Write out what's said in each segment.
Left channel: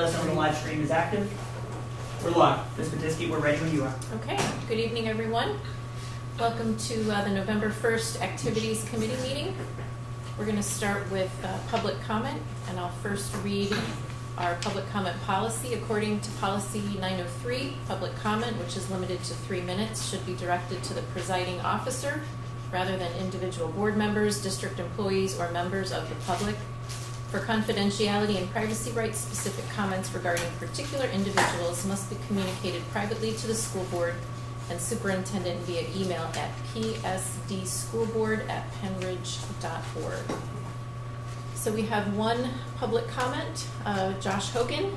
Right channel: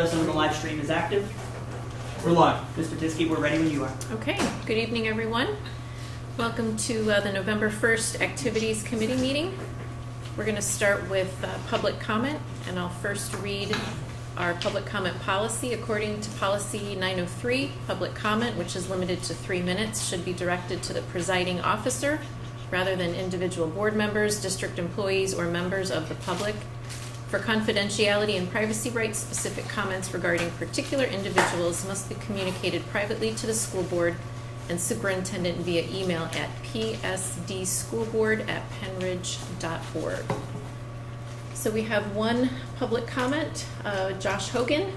Let us know when the live stream is active. We're live. Ms. Matisky, we're ready when you are. Okay, good evening, everyone. Welcome to the November 1st Activities Committee meeting. We're going to start with public comment, and I'll first read our public comment policy. According to policy 903, public comment, which is limited to 3 minutes, should be directed to the presiding officer rather than individual board members, district employees, or members of the public. For confidentiality and privacy rights, specific comments regarding particular individuals must be communicated privately to the school board and superintendent via email at psdschoolboard@penridge.org. So we have one public comment. Josh Hogan,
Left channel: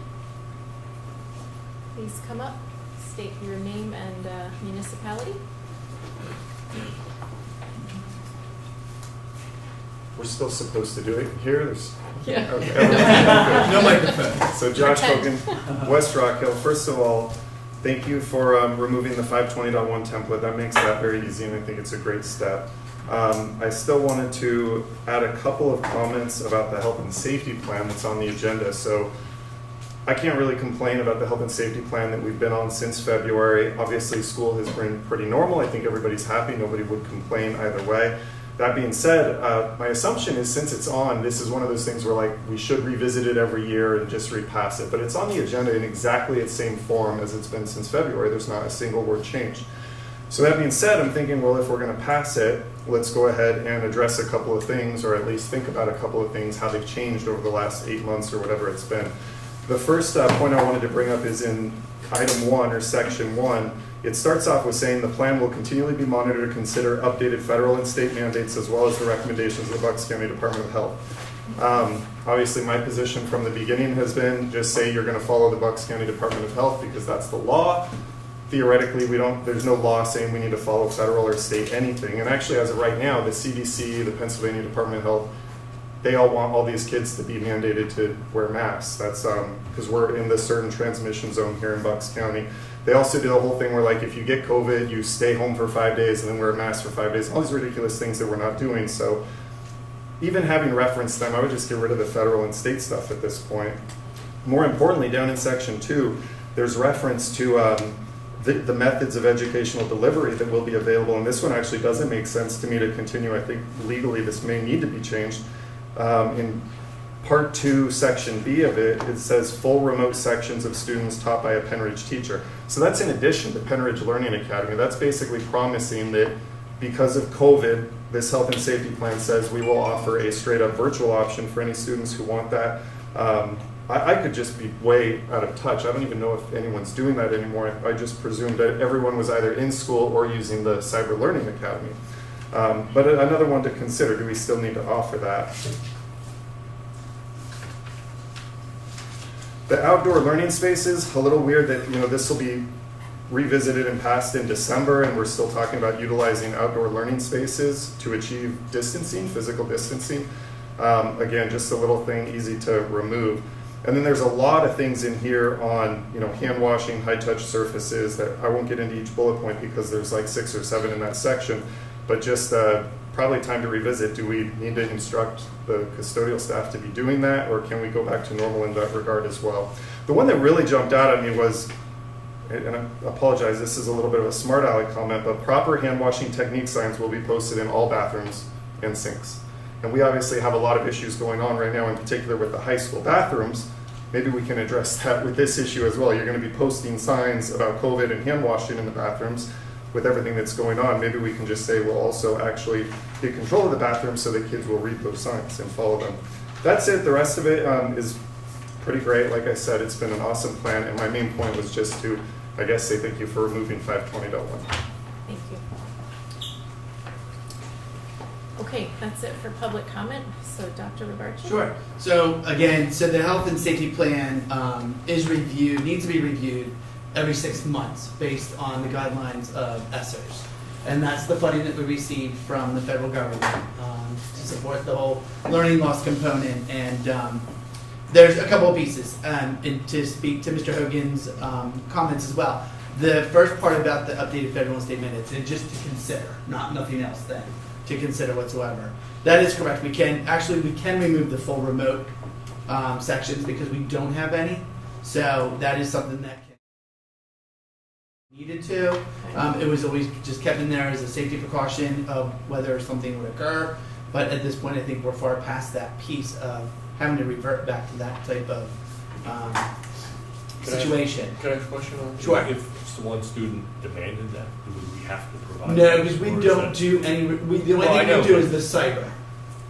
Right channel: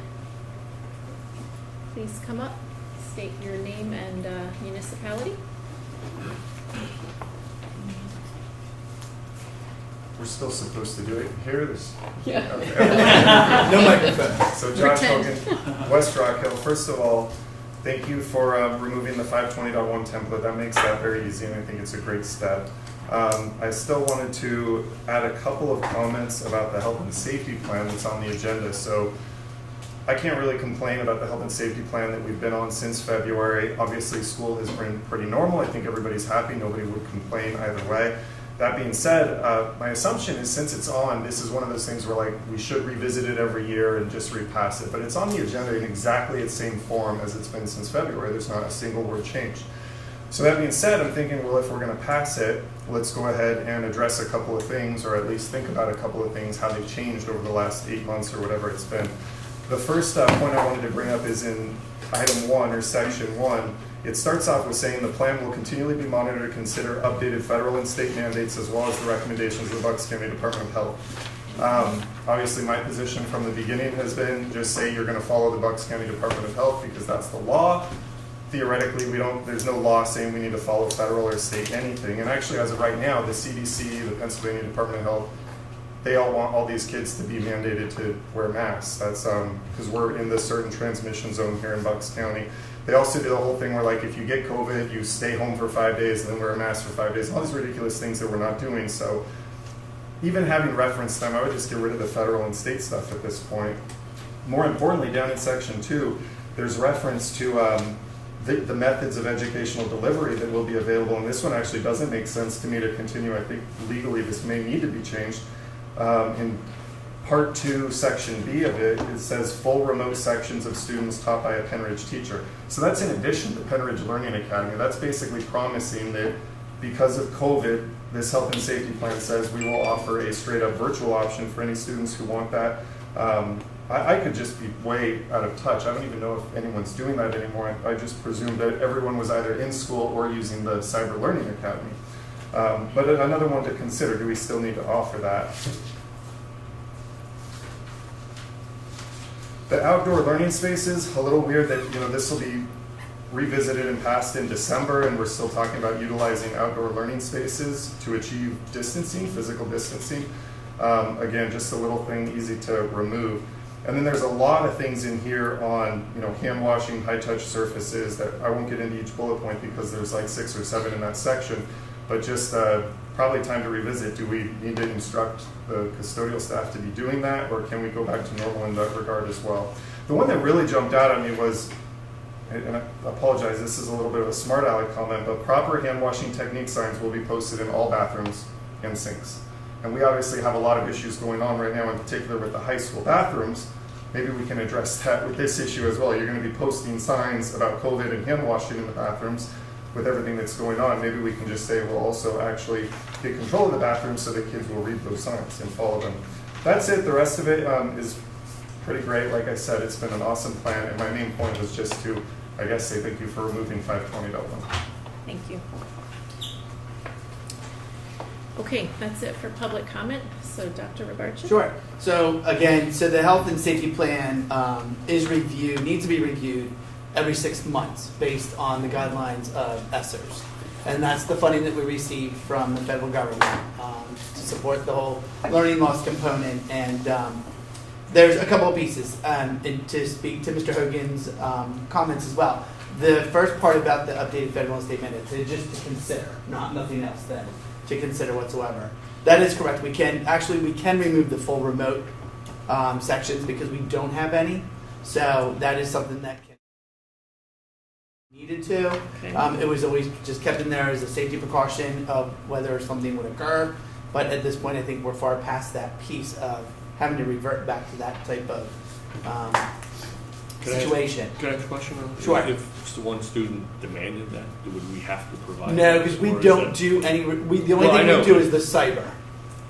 please come up, state your name and municipality. We're still supposed to do it here? Yeah. Okay. No microphone. So Josh Pretend. Hogan, West Rock Hill. First of all, thank you for removing the 520.1 template. That makes that very easy, and I think it's a great step. I still wanted to add a couple of comments about the health and safety plan that's on the agenda. So I can't really complain about the health and safety plan that we've been on since February. Obviously, school has been pretty normal. I think everybody's happy. Nobody would complain either way. That being said, my assumption is since it's on, this is one of those things where like we should revisit it every year and just repass it. But it's on the agenda in exactly its same form as it's been since February. There's not a single word change. So that being said, I'm thinking, well, if we're going to pass it, let's go ahead and address a couple of things, or at least think about a couple of things, how they've changed over the last 8 months or whatever it's been. The first point I wanted to bring up is in item 1 or section 1. It starts off with saying the plan will continually be monitored to consider updated federal and state mandates as well as the recommendations of the Bucks County Department of Health. Obviously, my position from the beginning has been just say you're going to follow the Bucks County Department of Health because that's the law. Theoretically, there's no law saying we need to follow federal or state anything. And actually, as of right now, the CDC, the Pennsylvania Department of Health, they all want all these kids to be mandated to wear masks. That's because we're in this certain transmission zone here in Bucks County. They also do the whole thing where, like, if you get COVID, you stay home for 5 days and then wear a mask for 5 days. All these ridiculous things that we're not doing. So even having referenced them, I would just get rid of the federal and state stuff at this point. More importantly, down in section 2, there's reference to the methods of educational delivery that will be available. And this one actually doesn't make sense to me to continue. I think legally this may need to be changed. In Part 2, Section B of it, it says full remote sections of students taught by a Penridge teacher. So that's in addition to Penridge Learning Academy. That's basically promising that because of COVID, this health and safety plan says we will offer a straight up virtual option for any students who want that. I could just be way out of touch. I don't even know if anyone's doing that anymore. I just presumed that everyone was either in school or using the Cyber Learning Academy. But another one to consider, do we still need to offer that? The outdoor learning spaces, a little weird that this will be revisited and passed in December, and we're still talking about utilizing outdoor learning spaces to achieve distancing, physical distancing. Again, just a little thing easy to remove. And then there's a lot of things in here on hand washing, high touch surfaces that I won't get into each bullet point because there's like 6 or 7 in that section. But just probably time to revisit. Do we need to instruct the custodial staff to be doing that, or can we go back to normal in that regard as well? The one that really jumped out at me was, and I apologize, this is a little bit of a smart aleck comment, but proper hand washing technique signs will be posted in all bathrooms and sinks. And we obviously have a lot of issues going on right now, in particular with the high school bathrooms. Maybe we can address that with this issue as well. You're going to be posting signs about COVID and hand washing in the bathrooms. With everything that's going on, maybe we can just say we'll also actually get control of the bathroom so that kids will read those signs and follow them. That's it. The rest of it is pretty great. Like I said, it's been an awesome plan, and my main point was just to, I guess, say thank you for removing 520.1. Thank you. Okay, that's it for public comment. So Dr. Rabarchi? Sure. So again, the health and safety plan needs to be reviewed every 6 months based on the guidelines of ESSERS. And that's the funding that we received from the federal government to support the whole learning loss component. And there's a couple of pieces to speak to Mr. Hogan's comments as well. The first part about the updated federal and state mandates, and just to consider, nothing else then, to consider whatsoever. That is correct. We can remove the full remote sections because we don't have any. So that is something that needed to. Okay. It was always just kept in there as a safety precaution of whether something would occur. But at this point, I think we're far past that piece of having to revert back to that type of situation. Can I ask a question on that? Sure. If the one student demanded that, would we have to provide? No, that, because we or is don't that- do any. The only No, I thing know. we do is the cyber.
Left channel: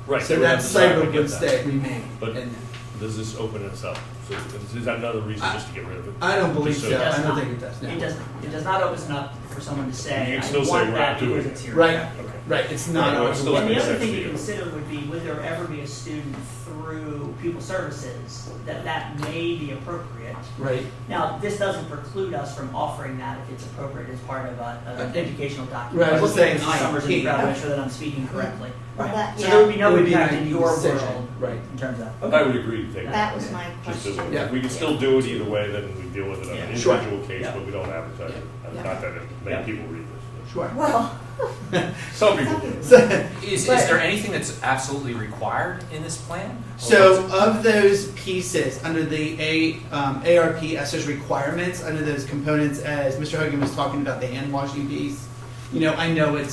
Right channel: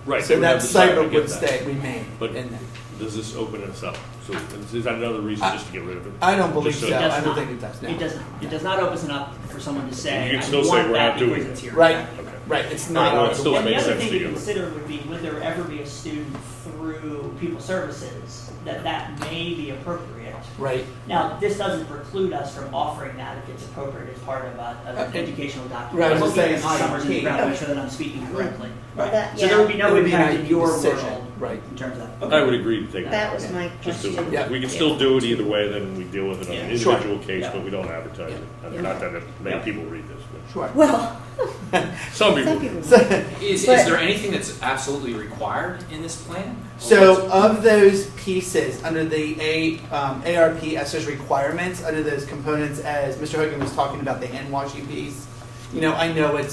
Right. So we that have the cyber, I cyber get would that. remain. But in there. does this open us up? So is that another reason just to get rid of it? I don't believe Just so. so- It does I don't not. think it does. No. It does. It does not open it up for someone to say, You can "I still say want we're that not doing because it." it's here." Right. Okay. Right. It's Right, not well, our it still And the makes other sense thing to to you. consider would be, would there ever be a student through People Services that may be appropriate? Right. Now, this doesn't preclude us from offering that if it's appropriate as part of an Okay. educational document. Right, I was I'm just looking saying at Summers and IEP. Proud to make sure that I'm speaking correctly. Well, that- So there would be It no would be an impact in IEP your decision. world Right. in terms of that. I would agree to take That was my Just to, question. Yeah. we can still do it either way, then we deal with it on an Yeah. Sure. individual case, Yeah. but we don't advertise it. Yeah. Not that many Yeah. people read this, Sure. Well, but some people some do. people. Is But- there anything that's absolutely required in this plan? So of those pieces, under the ARP ESSER's requirements, under those components, as Mr. Hogan was talking about the hand washing piece, I know it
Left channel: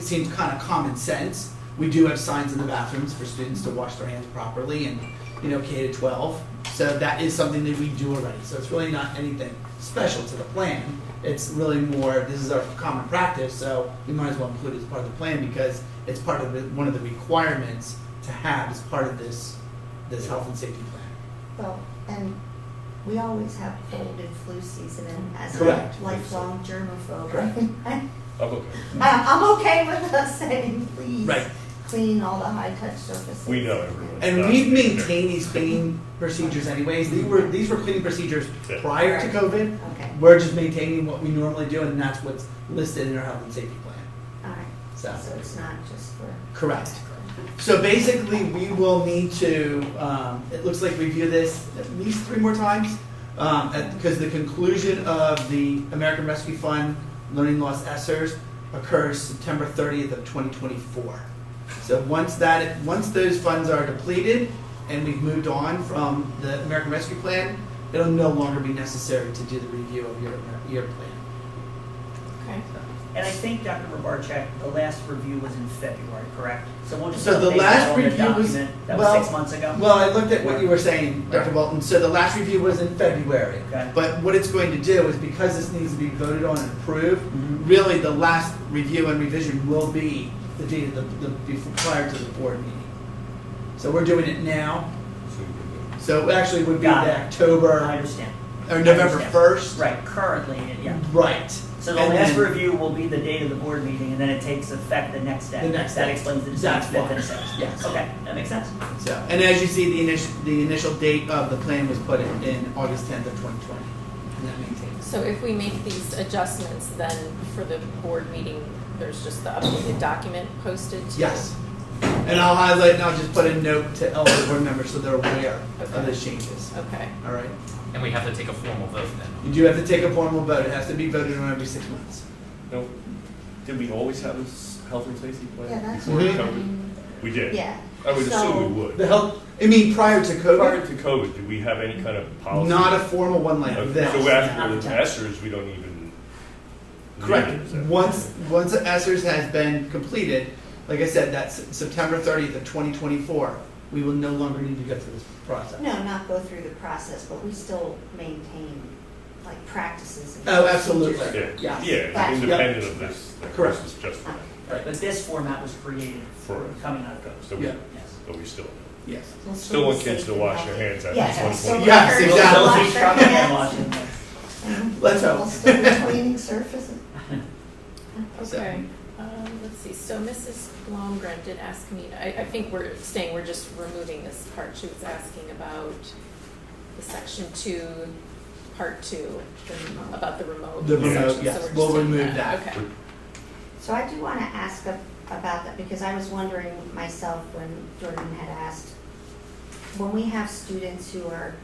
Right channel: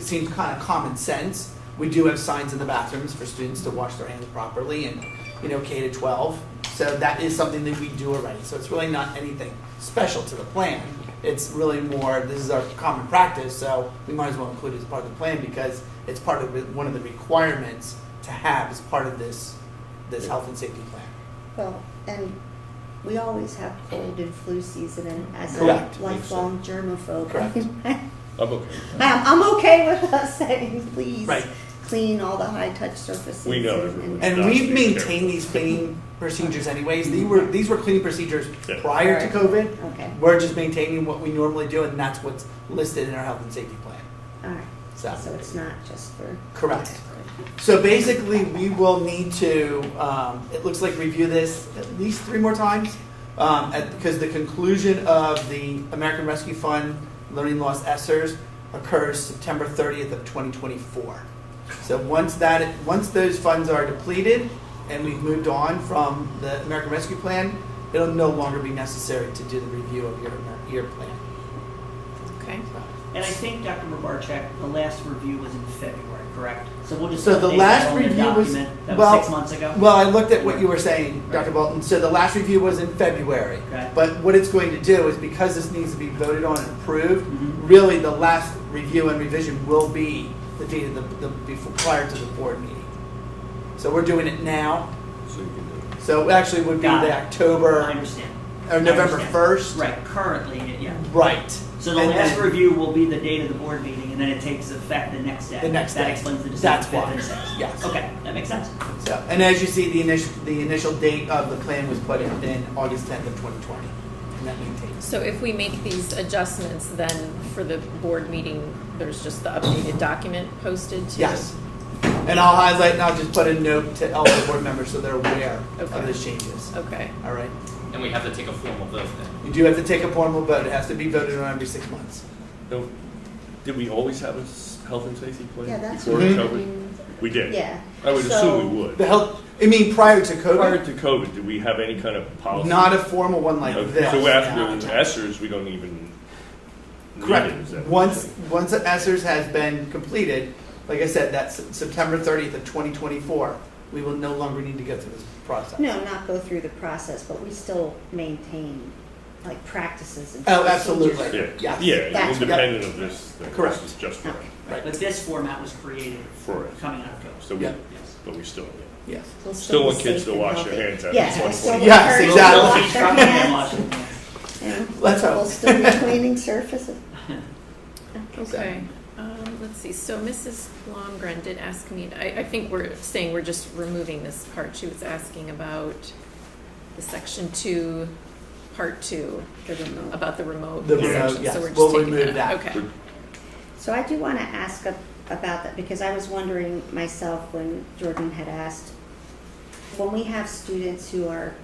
seems kind of common sense. We do have signs in the bathrooms for students to wash their hands properly and, K to 12. So that is something that we do already. So it's really not anything special to the plan. It's really more, this is our common practice, so we might as well include it as part of the plan because it's part of one of the requirements to have as part of this health and safety plan. Well, and we always have cold and flu season, and as Correct. a lifelong germaphobe, Correct. I'm okay. I'm okay with us saying, please Right. clean all the high-touch surfaces. We know and- everyone. And That's we've fair. maintained these cleaning procedures anyways. These were cleaning procedures Yeah. prior to COVID. Okay, We're just maintaining what we normally do, and that's what's listed in our health and safety plan. all right. So, So it's not just for. correct. So basically, we will need to, it looks like review this at least 3 more times, because the conclusion of the American Rescue Fund Learning Loss ESSERS occurs September 30th of 2024. So once those funds are depleted and we've moved on from the American Rescue Plan, it'll no longer be necessary to do the review of your plan. Okay. And I think, Dr. Mubarchak, the last review was in February, correct? So we'll just So the update last that on the review was- document. That well- was 6 months ago? Well, I looked at what you were saying, Dr. Bolton. So the last review was in February. Okay. But what it's going to do is because this needs to be voted on and approved, Mhm. really the last review and revision will be the date of before, prior to the board meeting. So we're doing it now. So you can do So it actually would be Got the it. I October understand. or November I understand. 1st. Right, currently, yeah. Right. So the And last then- review will be the date of the board meeting, and then it takes effect the next day. The next That day. explains the That's December why. 5th and 6th. Yes. Okay, that makes sense. So, and as you see, the initial date of the plan was put in August 10th of 2020. And that maintains. So if we make these adjustments, then for the board meeting, there's just the updated document posted to? Yes. And I'll highlight and I'll just put a note to all the board members so they're aware of Okay. those changes. Okay. All right. And we have to take a formal vote then. You do have to take a formal vote. It has to be voted on every 6 months. No, did we always have a health and safety plan? Yeah, that's Before what Mhm. COVID? We did. Yeah. I would So- assume we would. The health, I mean, prior to Prior COVID, to COVID, did we have any kind of policy? not a formal one like Okay, this. So after Yeah. the ESSERS, we don't even need Correct. it, is that- Once the ESSERS has been completed, like I said, that's September 30th of 2024, we will no longer need to go through this process. No, not go through the process, but we still maintain like practices and. Oh, absolutely. procedures. Yeah, Yes. yeah, That's- independent of this. Correct. This is just for Right, but this format was created For it. coming out of COVID. So we, Yeah. Yes. but we still do. Yes. We'll Still be want kids safe to and wash healthy. their hands after Yes, 20. we'll still Yes, encourage exactly. them to wash their Coming and hands. washing. And Let's hope. We'll still be cleaning surfaces. Okay. Let's see. So Mrs. Blomgren did ask me, I think we're saying we're just removing this part. She was asking about the section 2, part 2, about the remote. The remote, section. yes. So we're just We'll taking remove that. Okay. So I do want to ask about that because I was wondering myself when Jordan had asked, when we have students who are,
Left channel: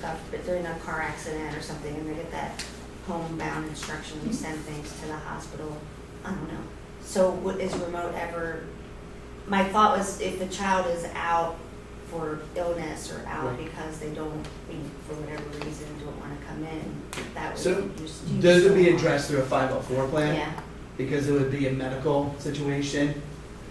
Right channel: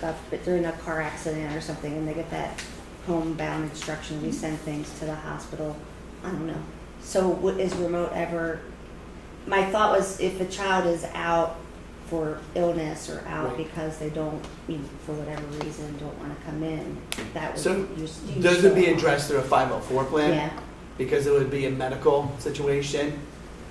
God forbid, they're in a car accident or something and they get that homebound instruction, we send things to the hospital, I don't know. So is remote ever, my thought was if a child is out for illness or out Right. because they don't, for whatever reason, don't want to come in, that would So, be your students. Those would be addressed through a 504 plan. Yeah, Because it would be a medical situation.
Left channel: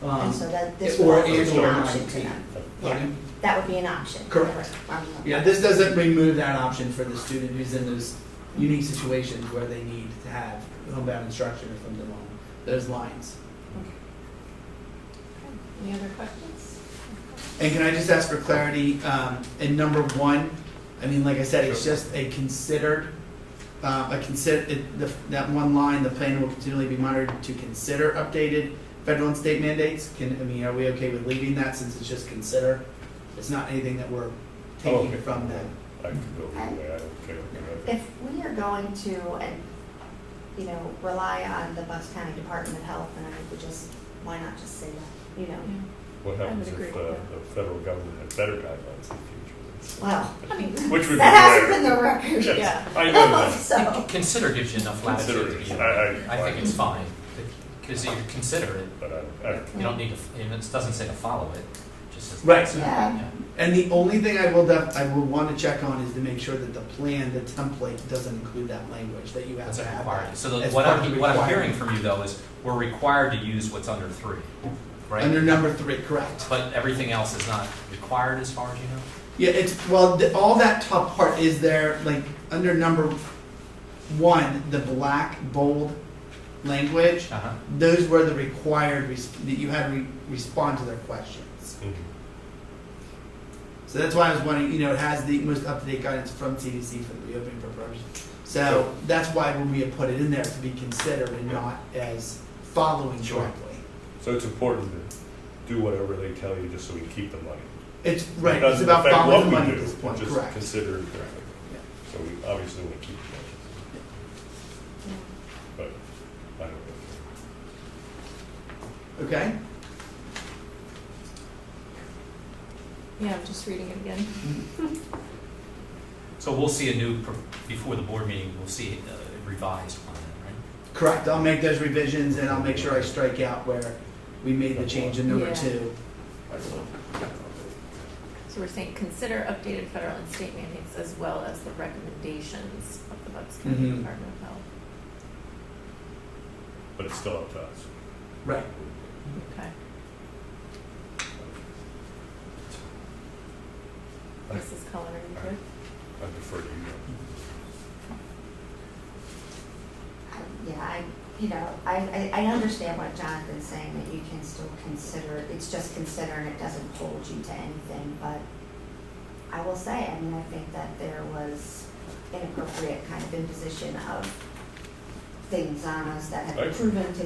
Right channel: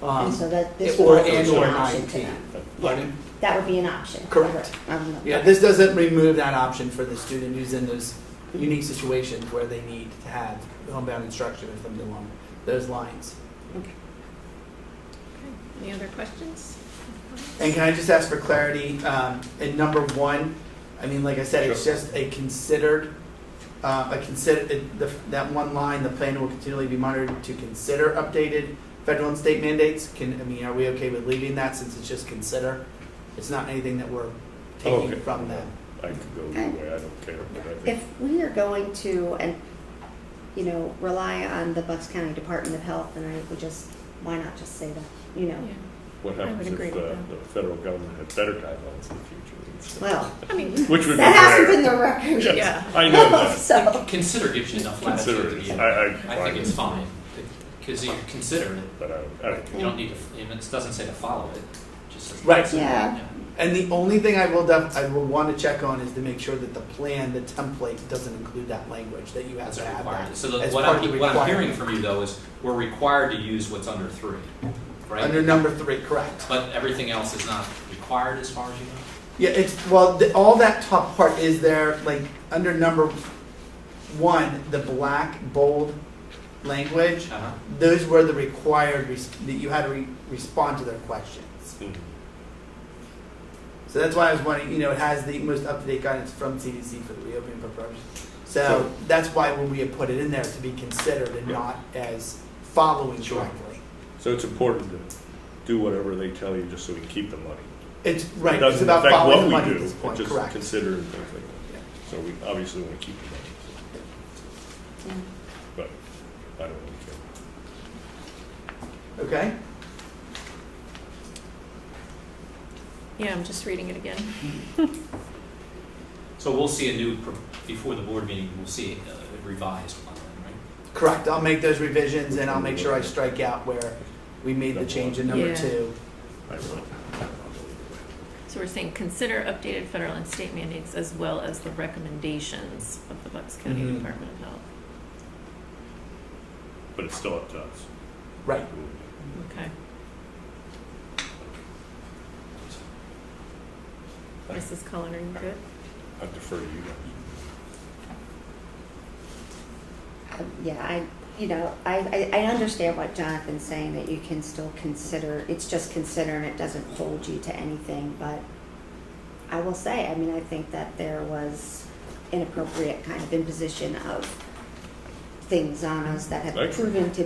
and so that, this or would also and be or an an option to IEP. them. Pardon? That would be an option. Correct. Um, Yeah, this doesn't remove that option for the student who's in those unique situations where they need to have homebound instruction or something along those lines. Any other questions? And can I just ask for clarity, in number 1, I mean, like I said, it's just a considered, that one line, the plan will continually be monitored to consider updated federal and state mandates. Are we okay with leaving that since it's just consider? It's not anything that we're taking Okay. from them. I could go either way, I don't care. but I think- If we are going to, rely on the Bucks County Department of Health, then I would just, why not just say that, Yeah. What I happens would if agree with that. the federal government had better guidelines in the future? Well, I mean, Which would be that hasn't rare. been the record. yeah. I know that. So, Consider gives you enough Consider latitude. it. Yeah. I I think it's fine, because you consider it, But you don't need to, and it doesn't say to follow it, just. Right. yeah, And the only thing I will want to check on is to make sure that the plan, the template, doesn't include that language, that you have That's to have required. that. So as what part of the I'm hearing requirement. from you though is, we're required to use what's under 3, right? Under number 3, correct. But everything else is not required as far as you know? Yeah, all that top part is there, like, under number 1, the black, bold language, Uh-huh. those were the required, that you had to respond to their questions. Mhm. So that's why I was wondering, it has the most up-to-date guidance from CDC for the reopening purposes. So that's why we have put it in there to be considered and not as following Sure. directly. So it's important to do whatever they tell you just so we can keep the money. It's, right, It it's doesn't about affect following what the we money do, at this point, just correct. consider and things like that. So we obviously want to keep the money. But I don't really care. Okay? Yeah, I'm just reading it again. So we'll see before the board meeting, we'll see a revised plan, right? Correct, I'll make those revisions and I'll make sure I strike out where we made the change in number Yeah. 2. I don't know. So we're saying consider updated federal and state mandates as well as the recommendations of the Bucks County Mhm. Department of Health. But it's still up to us. Right. Okay. Mrs. Cullen, are you good? I defer to you. yeah, I understand what Jonathan's saying, that you can still consider, it's just consider and it doesn't hold you to anything, but I will say, I think that there was inappropriate kind of imposition of things on us that have Right. proven to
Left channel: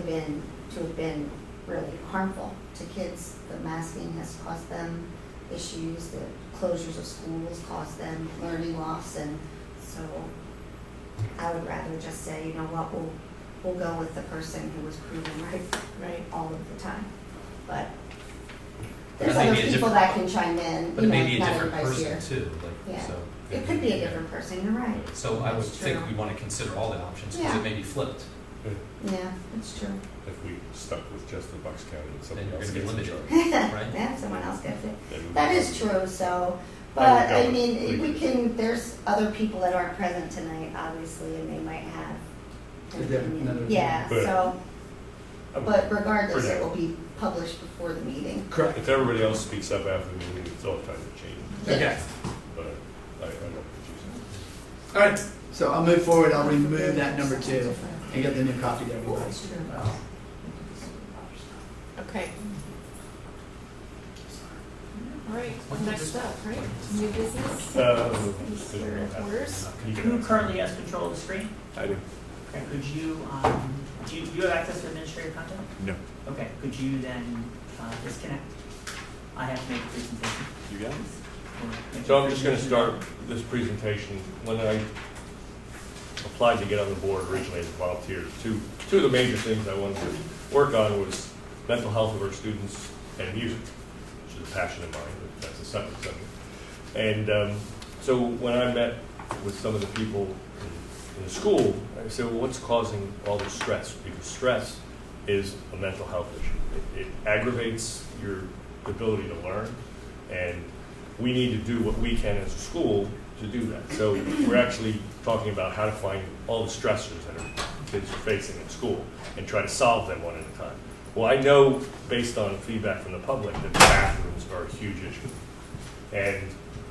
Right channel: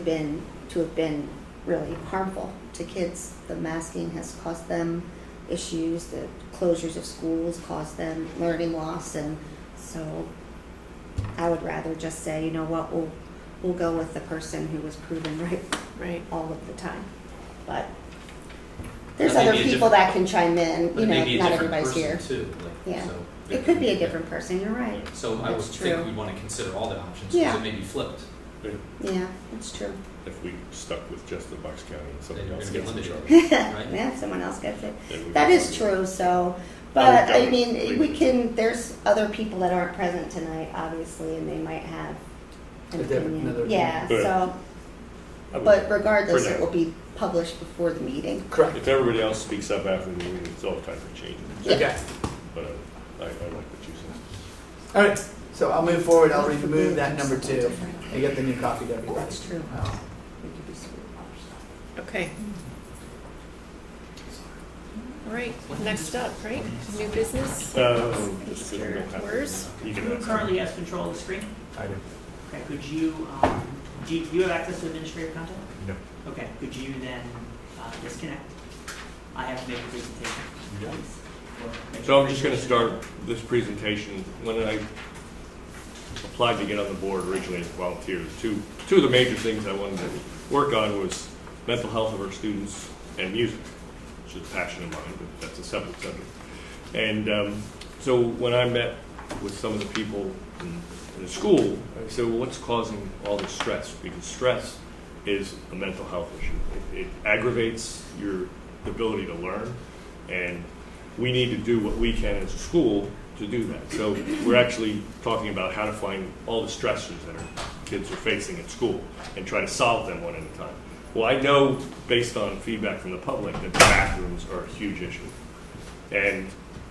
have been really harmful to kids. The masking has caused them issues, the closures of schools caused them learning loss, and so I would rather just say, you know what, we'll go with the person who was proven right Right. all of the time. But there's That may other be a people different- that can chime in, But it may be a not different everybody's person here. too, Yeah. so. It could be a different person, you're right. So I would That's think true. we want to consider all the options, Yeah. because it may be flipped. Yeah, that's true. If we stuck with just the Bucks County and Then somebody you're else gonna gets be in limited. trouble. Right. Yeah, someone else gets it. then we- That is true, so, I but would I go mean, with we three. can, there's other people that aren't present tonight, obviously, and they might have an A different- opinion. another Yeah, opinion. so, I would- but regardless, For it now. will be published before the meeting. Correct. If everybody else speaks up after the meeting, it's all kind of changes. Okay. But I like what you said. All right, so I'll move forward, I'll remove that number 2 and get the new copy to everybody. That's true. Okay. All right, next up, right? New business? Mr. Wers? You can Who answer. currently has control of the screen? I do. Okay, could you, do you have access to administrative content? No. Okay, could you then disconnect? I have to make a presentation. You got it? Or make So a I'm just going to presentation. start this presentation. When I applied to get on the board originally as a volunteer, two of the major things I wanted to work on was mental health of our students and music, which is a passion of mine, but that's a separate subject. And so when I met with some of the people in the school, I said, well, what's causing all this stress? Because stress is a mental health issue. It aggravates your ability to learn, and we need to do what we can as a school to do that. So we're actually talking about how to find all the stressors that our kids are facing at school and try to solve them one at a time. Well, I know based on feedback from the public that the bathrooms are a huge issue. And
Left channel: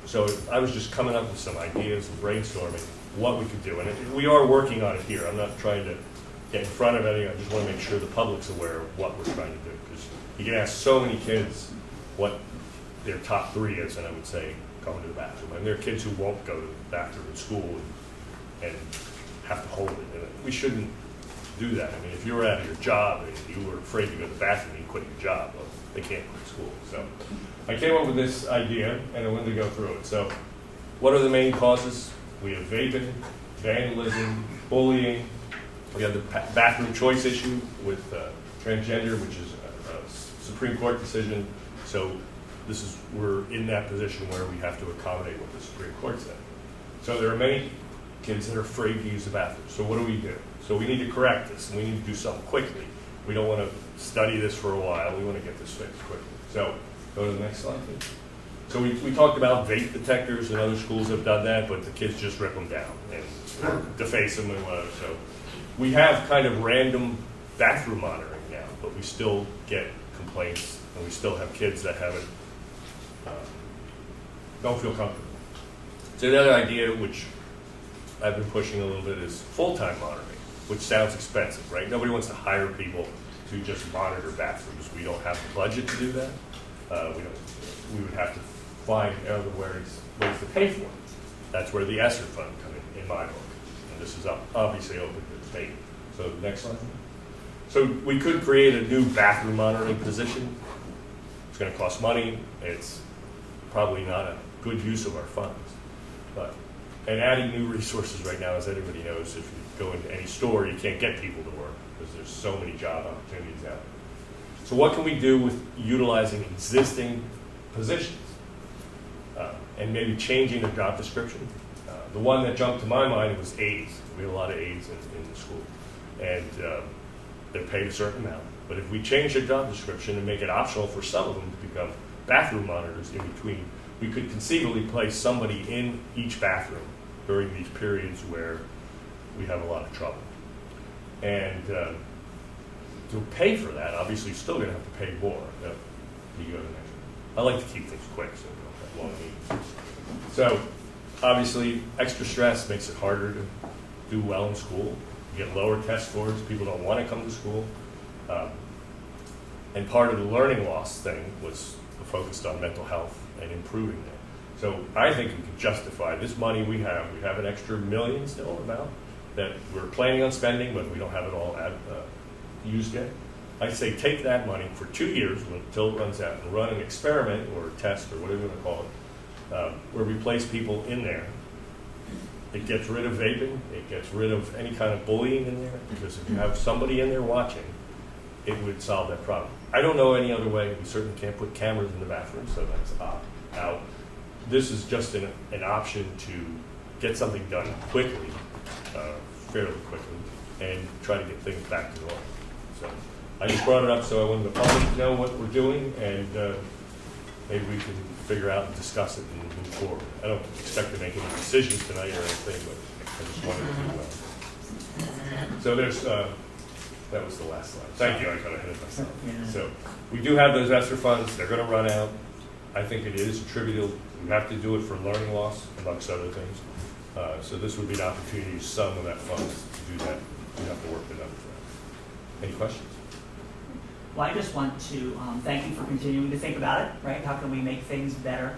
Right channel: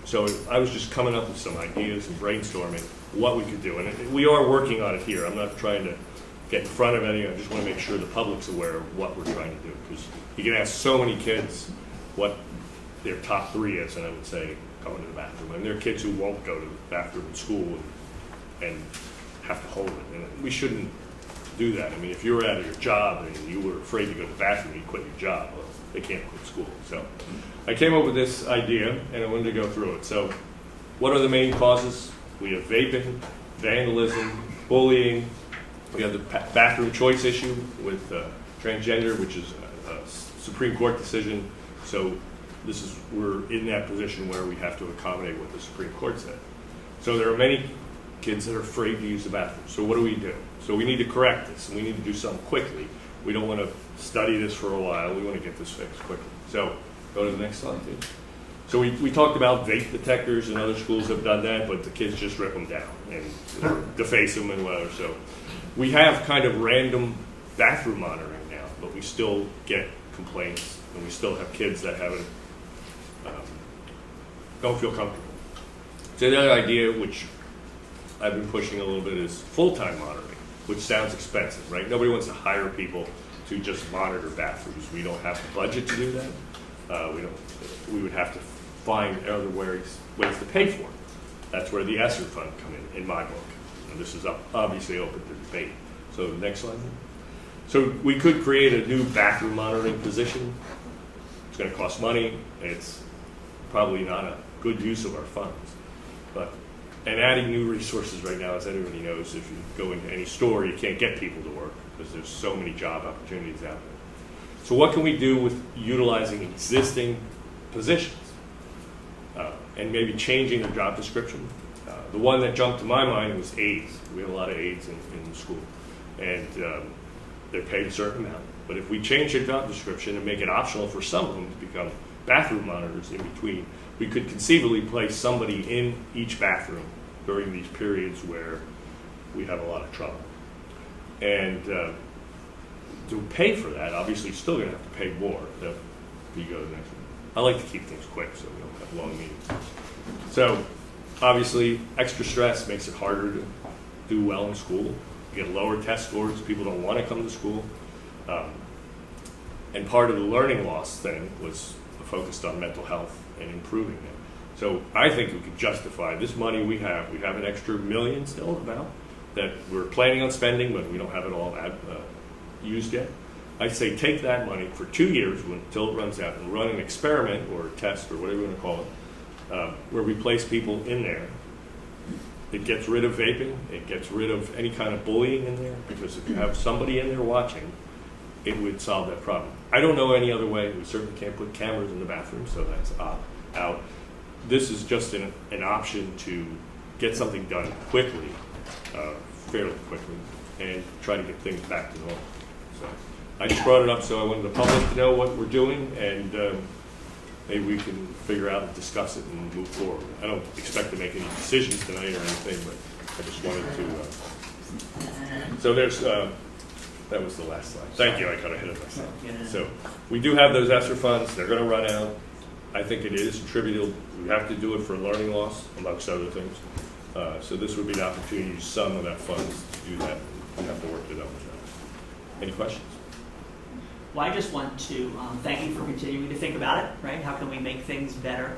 so I was just coming up with some ideas and brainstorming what we could do. And we are working on it here. I'm not trying to get in front of anything. I just want to make sure the public's aware of what we're trying to do. Because you can ask so many kids what their top 3 is, and I would say going to the bathroom. And there are kids who won't go to the bathroom in school and have to hold it. And we shouldn't do that. I mean, if you were out of your job and you were afraid to go to the bathroom, you quit your job. Well, they can't quit school. So I came up with this idea, and I wanted to go through it. So what are the main causes? We have vaping, vandalism, bullying. We have the bathroom choice issue with transgender, which is a Supreme Court decision. So we're in that position where we have to accommodate what the Supreme Court said. So there are many kids that are afraid to use the bathroom. So what do? So we need to correct this, and we need to do something quickly. We don't want to study this for a while. We want to get this fixed quickly. So go to the next slide, please. So we talked about vape detectors, and other schools have done that, but the kids just rip them down and deface them and whatever. So we have kind of random bathroom monitoring now, but we still get complaints, and we still have kids that don't feel comfortable. So the other idea, which I've been pushing a little bit, is full-time monitoring, which sounds expensive, right? Nobody wants to hire people to just monitor bathrooms. We don't have the budget to do that. We would have to find other ways to pay for it. That's where the ESSER fund come in my book. And this is obviously open for debate. So next slide. So we could create a new bathroom monitoring position. It's going to cost money. It's probably not a good use of our funds. And adding new resources right now, as everybody knows, if you go into any store, you can't get people to work because there's so many job opportunities out there. So what can we do with utilizing existing positions and maybe changing their job description? The one that jumped to my mind was aides. We had a lot of aides in the school, and they're paid a certain amount. But if we change their job description and make it optional for some of them to become bathroom monitors in between, we could conceivably place somebody in each bathroom during these periods where we have a lot of trouble. And to pay for that, obviously, you're still going to have to pay more. So you go to the next one. I like to keep things quick so we don't have long meetings. So obviously, extra stress makes it harder to do well in school. You get lower test scores. People don't want to come to school. And part of the learning loss thing was focused on mental health and improving that. So I think we could justify this money we have. We have an extra $1 million still about that we're planning on spending, but we don't have it all used yet. I'd say take that money for 2 years until it runs out and run an experiment or a test or whatever you want to call it, where we place people in there. It gets rid of vaping. It gets rid of any kind of bullying in there, because if you have somebody in there watching, it would solve that problem. I don't know any other way. We certainly can't put cameras in the bathroom, so that's out. This is just an option to get something done quickly, fairly quickly, and try to get things back to normal. So I just brought it up so I wanted the public to know what we're doing, and maybe we can figure out and discuss it and move forward. I don't expect to make any decisions tonight or anything, but I just wanted to. So there's. That was the last slide. Thank you. I got ahead of myself. So we do have those ESSER funds. They're going to run out. I think it is attributable. We have to do it for learning loss, amongst other things. So this would be an opportunity to use some of that funds to do that. We have to work it out. Any questions? Well, I just want to thank you for continuing to think about it, right? How can we make things better?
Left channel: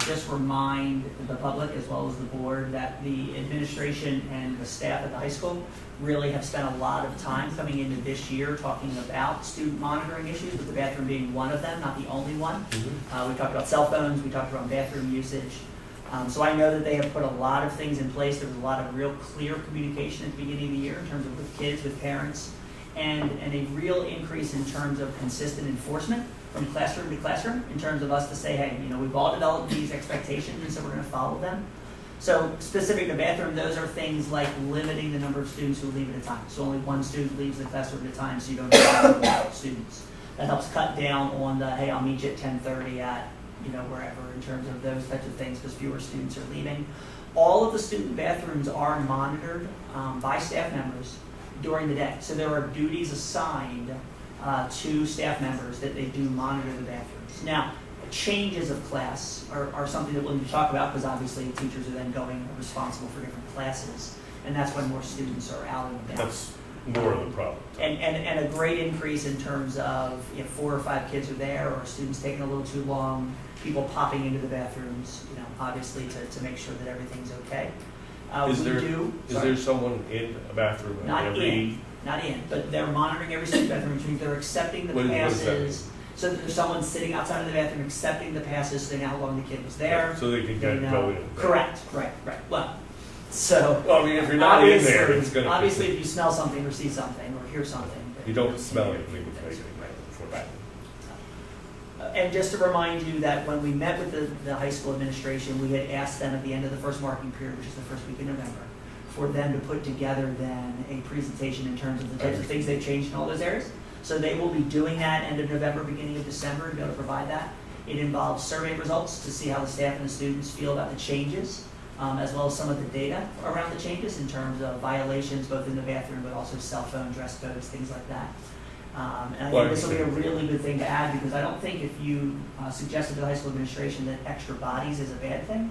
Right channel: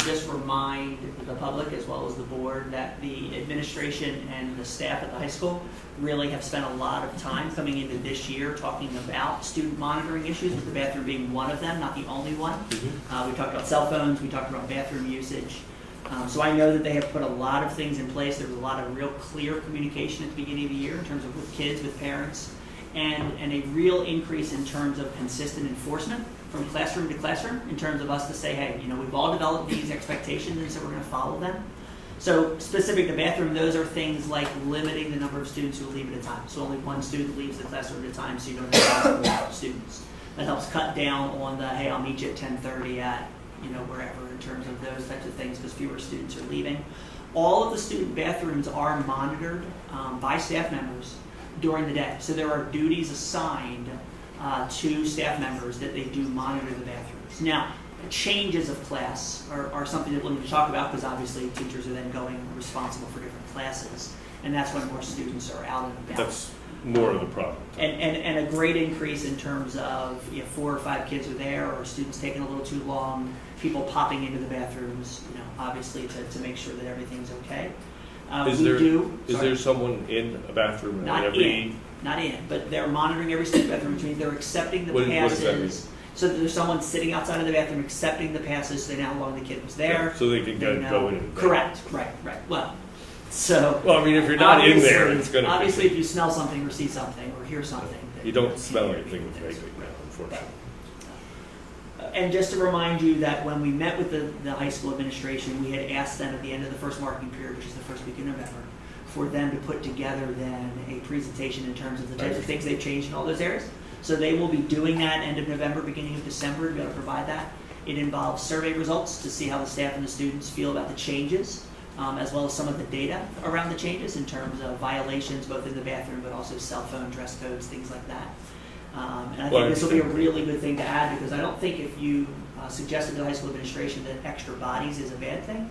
Just remind the public as well as the board that the administration and the staff at the high school really have spent a lot of time coming into this year talking about student monitoring issues, with the bathroom being one of them, not the only one. We talked about cell phones, we talked about bathroom usage. So I know that they have put a lot of things in place. There was a lot of real clear communication at the beginning of the year in terms of with kids, with parents, and a real increase in terms of consistent enforcement from classroom to classroom, in terms of us to say, hey, we've all developed these expectations and we're going to follow them. So specific to bathroom, those are things like limiting the number of students who leave at a time. So only one student leaves the classroom at a time, so you don't have multiple students. That helps cut down on the, hey, I'll meet you at 10:30 at wherever in terms of those types of things, because fewer students are leaving. All of the student bathrooms are monitored by staff members during the day. So there are duties assigned to staff members that they do monitor the bathrooms. Now, changes of class are something that we'll need to talk about, because obviously teachers are then going responsible for different classes, and that's when more students are out and about. That's more of the problem. And a great increase in terms of if 4 or 5 kids are there, or students taking a little too long, people popping into the bathrooms, obviously to make sure that everything's okay. Is there someone in a bathroom? Not every- not in, but they're monitoring every student bathroom, which means they're accepting the What does that mean? passes. So that there's someone sitting outside of the bathroom accepting the passes, so they know how long the kid was there. So they can They go know- in. Correct, right. Well, so. Well, I mean, if you're not in there, obviously- it's going to. Obviously, if you smell something or see something or hear something. then You don't smell anything things. with negative now, unfortunately. And just to remind you that when we met with the high school administration, we had asked them at the end of the first marketing period, which is the first week in November, for them to put together then a presentation in terms of the types of things they've changed in all those areas. So they will be doing that end of November, beginning of December, to be able to provide that. It involves survey results to see how the staff and the students feel about the changes, as well as some of the data around the changes in terms of violations, both in the bathroom, but also cell phone, dress codes, things like that. And I think this will be a really good thing to add, because I don't think if you suggested to the high school administration that extra bodies is a bad thing,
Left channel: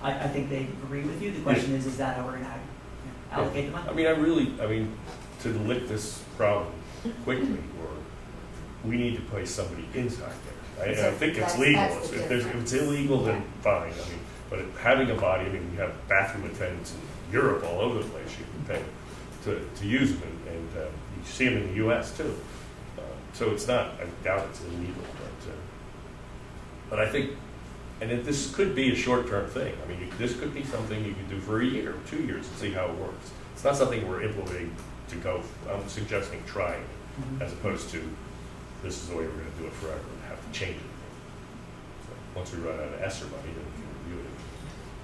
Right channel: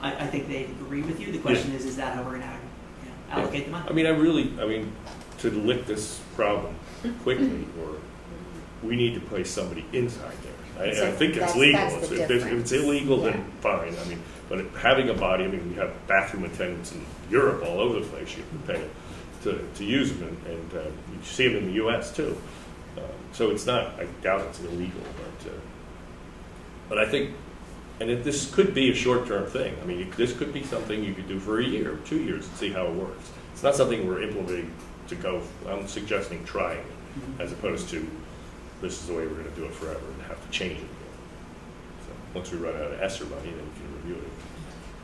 I think they agree with you. The question is that how we're going to allocate the money? I mean, to lick this problem quickly, or we need to place somebody inside there. I think it's legal. That's the If difference. it's illegal, then fine. I mean, but having a body, I mean, we have bathroom attendants in Europe all over the place. You can pay to use them, and you see them in the U.S. too. So it's not. I doubt it's illegal, but I think, this could be a short-term thing. I mean, this could be something you could do for a year, 2 years, and see how it works. It's not something we're implementing to go. I'm suggesting trying it, Mhm. as opposed to this is the way we're going to do it forever and have to change it. So once we run out of ESSER money, then we can review it.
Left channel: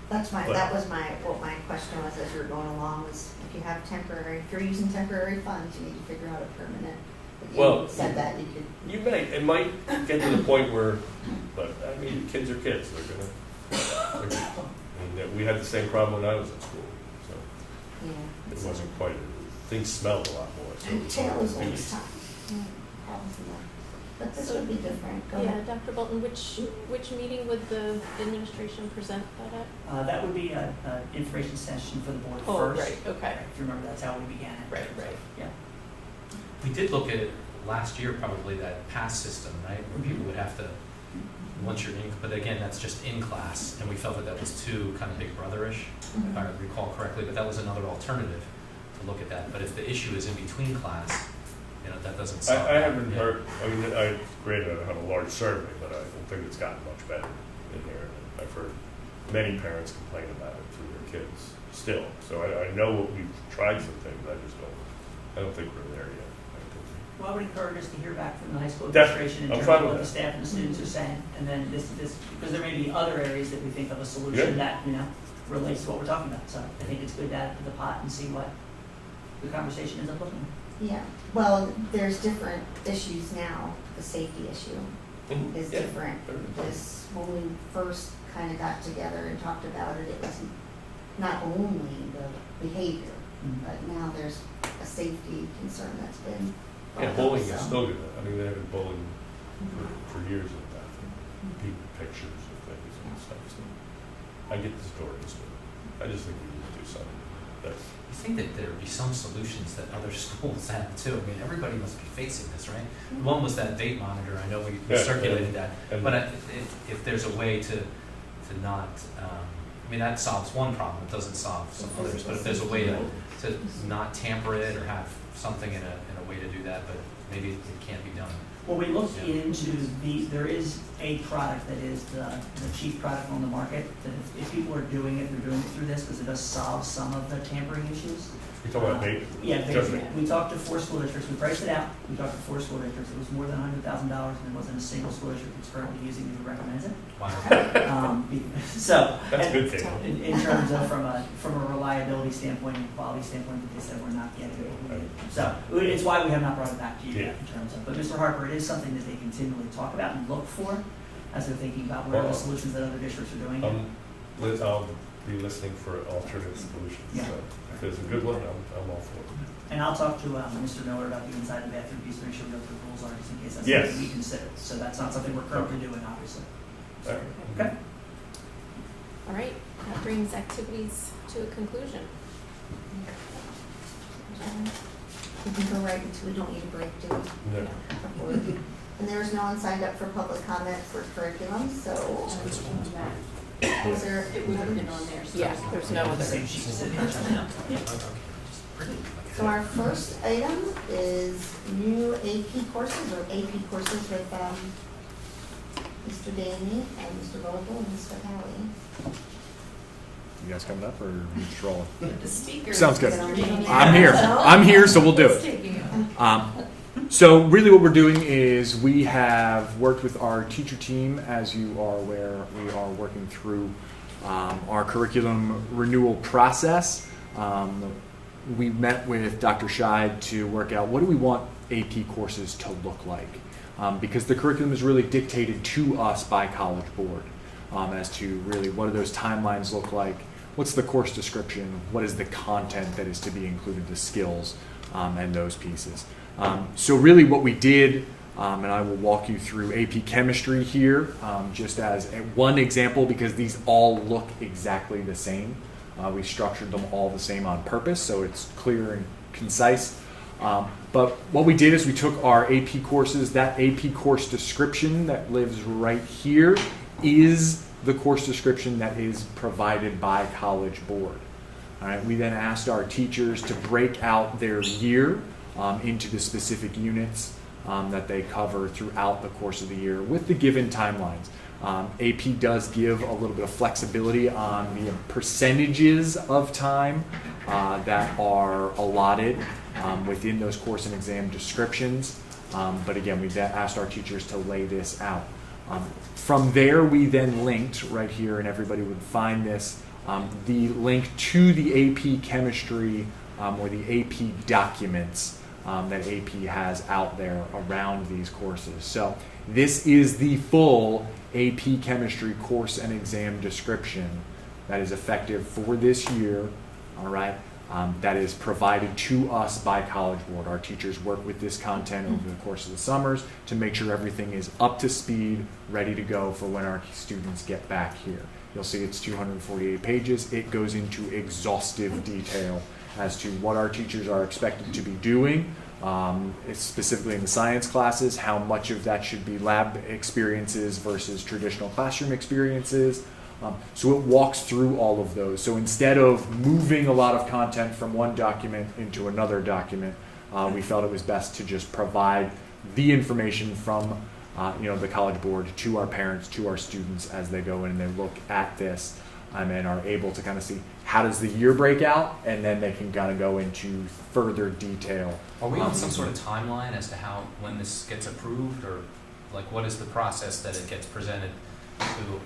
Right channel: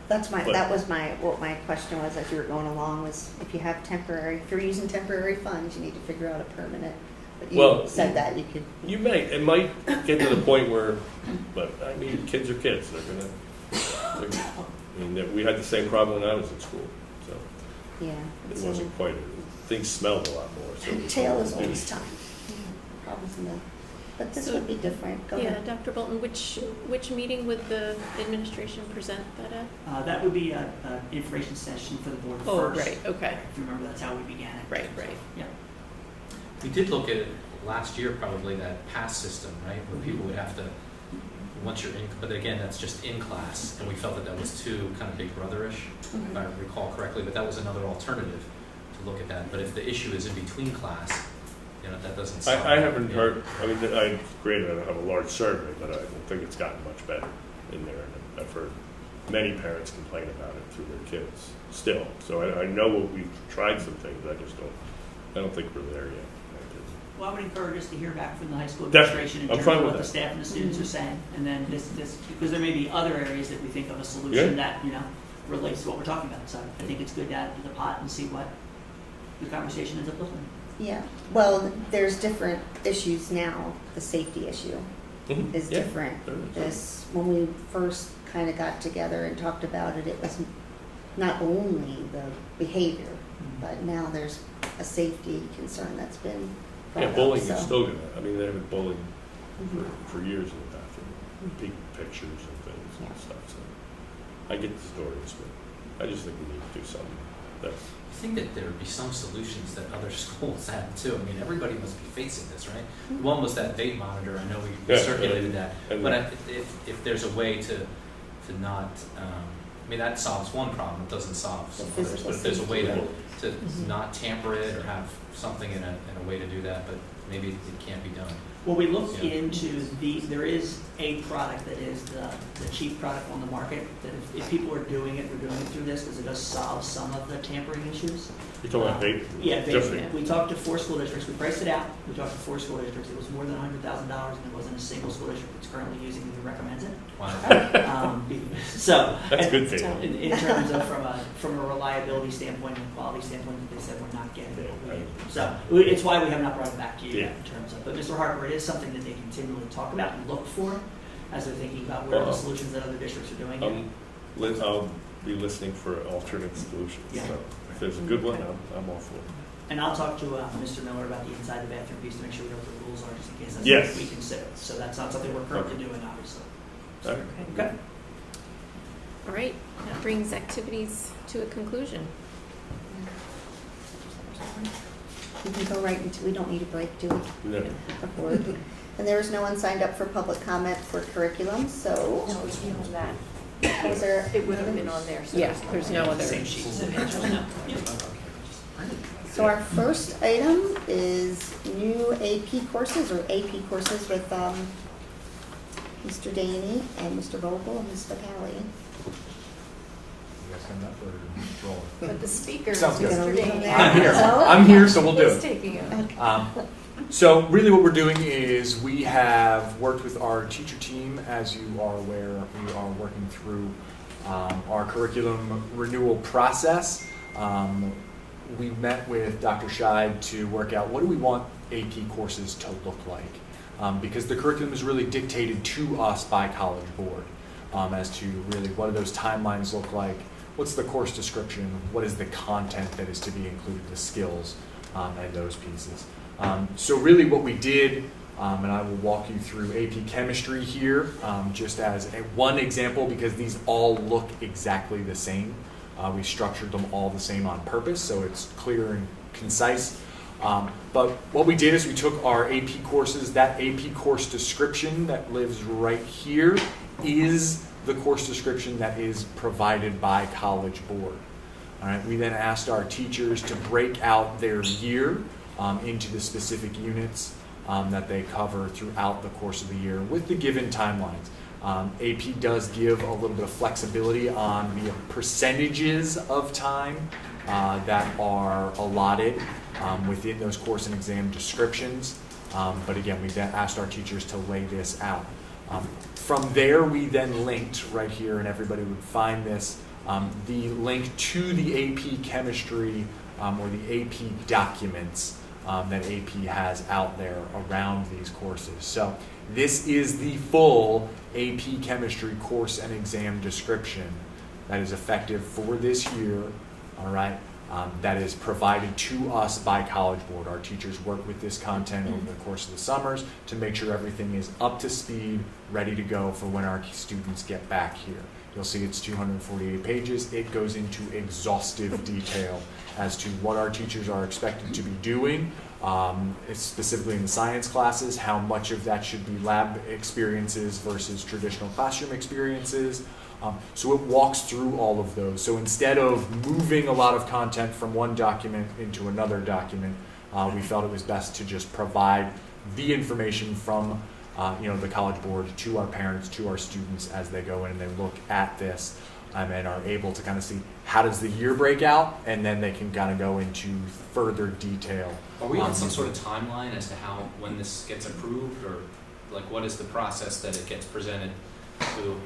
That was what my question was as you were going along, was if you have if you're using temporary funds, you need to figure out a permanent. But you Well, said that you could. It might get to the point where, but I mean, kids are kids. We had the same problem when I was in school, so Yeah. it so- wasn't quite. Things smelled a lot more. So Tail is always tough. Problems in that. But this would be different. Go Yeah, ahead. Dr. Bolton, which meeting would the administration present that at? That would be an information session for the board Oh, first. right, okay. If you remember, that's how we began it. Right. Yeah. We did look at it last year, probably, that pass system, right? Where people would have to, once you're in, but again, that's just in class, and we felt that was too kind of Big Brother-ish, if I recall correctly, but that was another alternative to look at that. But if the issue is in between class, that doesn't solve. I haven't heard. I mean, granted, I don't have a large survey, but I think it's gotten much better in there. I've heard many parents complain about it through their kids still. So I know we've tried some things. I don't think we're there yet. Well, I would encourage us to hear back from the high school Definitely. administration in I'm terms fine of with what the that. staff and the students are saying. And then this, because there may be other areas that we think of a solution that, relates to what we're talking about. So I think it's good to add to the pot and see what the conversation ends up looking like. Yeah. Well, there's different issues now. The safety issue is Yeah. different. When we first kind of got together and talked about it, it was not only the behavior, but now there's a safety concern that's been brought Yeah, up. bowling so. is still good. I mean, they have been bowling Mhm. for years in the bathroom, pictures and things and stuff. So I get the stories, but I just think we need to do something. I think that there would be some solutions that other schools have too. I mean, everybody must be facing this, right? One was that vape monitor. I know we Yeah. circulated that. And- But if there's a way to not, I mean, that solves one problem, it doesn't solve some others. But if there's a way to not tamper it or have something in a way to do that, but maybe it can't be done. Well, we looked Yeah. into there is a product that is the chief product on the market, that if people are doing it, they're doing it through this, because it does solve some of the tampering issues. You're talking about vape? Yeah, Just vape. We talked to 4 school districts, we priced it out, we talked to 4 school districts, it was more than $100,000, and there wasn't a single school district that's currently using it or recommends it. Wow. So. That's and- good data. In terms of from a reliability standpoint and quality standpoint, that they said we're not getting it. So it's why we have not brought it back to you Yeah. yet in terms of, but Mr. Harper, it is something that they continually talk about and look for. as they're thinking about where are the Well, solutions that other districts are doing. I'll be listening for alternate solutions. Yeah. So if there's a good one, I'm all for it. And I'll talk to Mr. Miller about the inside the bathroom piece to make sure we know what the rules are, just in case that's Yes. something we consider. So that's not something we're currently doing, obviously. All right. Okay. All right, that brings activities to a conclusion. We can go right into, we don't need a break, do we? No. Before. And there's no one signed up for public comment for curriculum, so. Was there? It would have been on there, so. Yeah, there's no other. Same sheet. So our first item is new AP courses or AP courses with Mr. Daney and Mr. Vogel and Ms. Vitale. You guys coming up or just rolling? But the speaker. Sounds good. Gonna read them now. I'm here. So- I'm here, so we'll do It's it. taking it. So really what we're doing is we have worked with our teacher team. As you are aware, we are working through our curriculum renewal process. We met with Dr. Scheid to work out what do we want AP courses to look like. Because the curriculum is really dictated to us by College Board as to really what do those timelines look like, what's the course description, what is the content that is to be included, the skills, and those pieces. So really what we did, and I will walk you through AP Chemistry here, just as one example because these all look exactly the same. We structured them all the same on purpose, so it's clear and concise. But what we did is we took our AP courses, that AP course description that lives right here is the course description that is provided by College Board. All right, we then asked our teachers to break out their year into the specific units that they cover throughout the course of the year with the given timelines. AP does give a little bit of flexibility on the percentages of time that are allotted within those course and exam descriptions. But again, we asked our teachers to lay this out. From there, we then linked right here, and everybody would find this, the link to the AP Chemistry or the AP documents that AP has out there around these courses. So this is the full AP Chemistry course and exam description that is effective for this year, all right, that is provided to us by College Board. Our teachers work with this content over the course of the summers to make sure everything is up to speed, ready to go for when our students get back here. You'll see it's 248 pages. It goes into exhaustive detail as to what our teachers are expected to be doing, specifically in the science classes, how much of that should be lab experiences versus traditional classroom experiences. So it walks through all of those. So instead of moving a lot of content from one document into another document, we felt it was best to just provide the information from the College Board to our parents, to our students as they go in and they look at this and are able to kind of see how does the year break out, and then they can kind of go into further detail. Are we on some sort of timeline as to how, when this gets approved, or like what is the process that it gets presented to,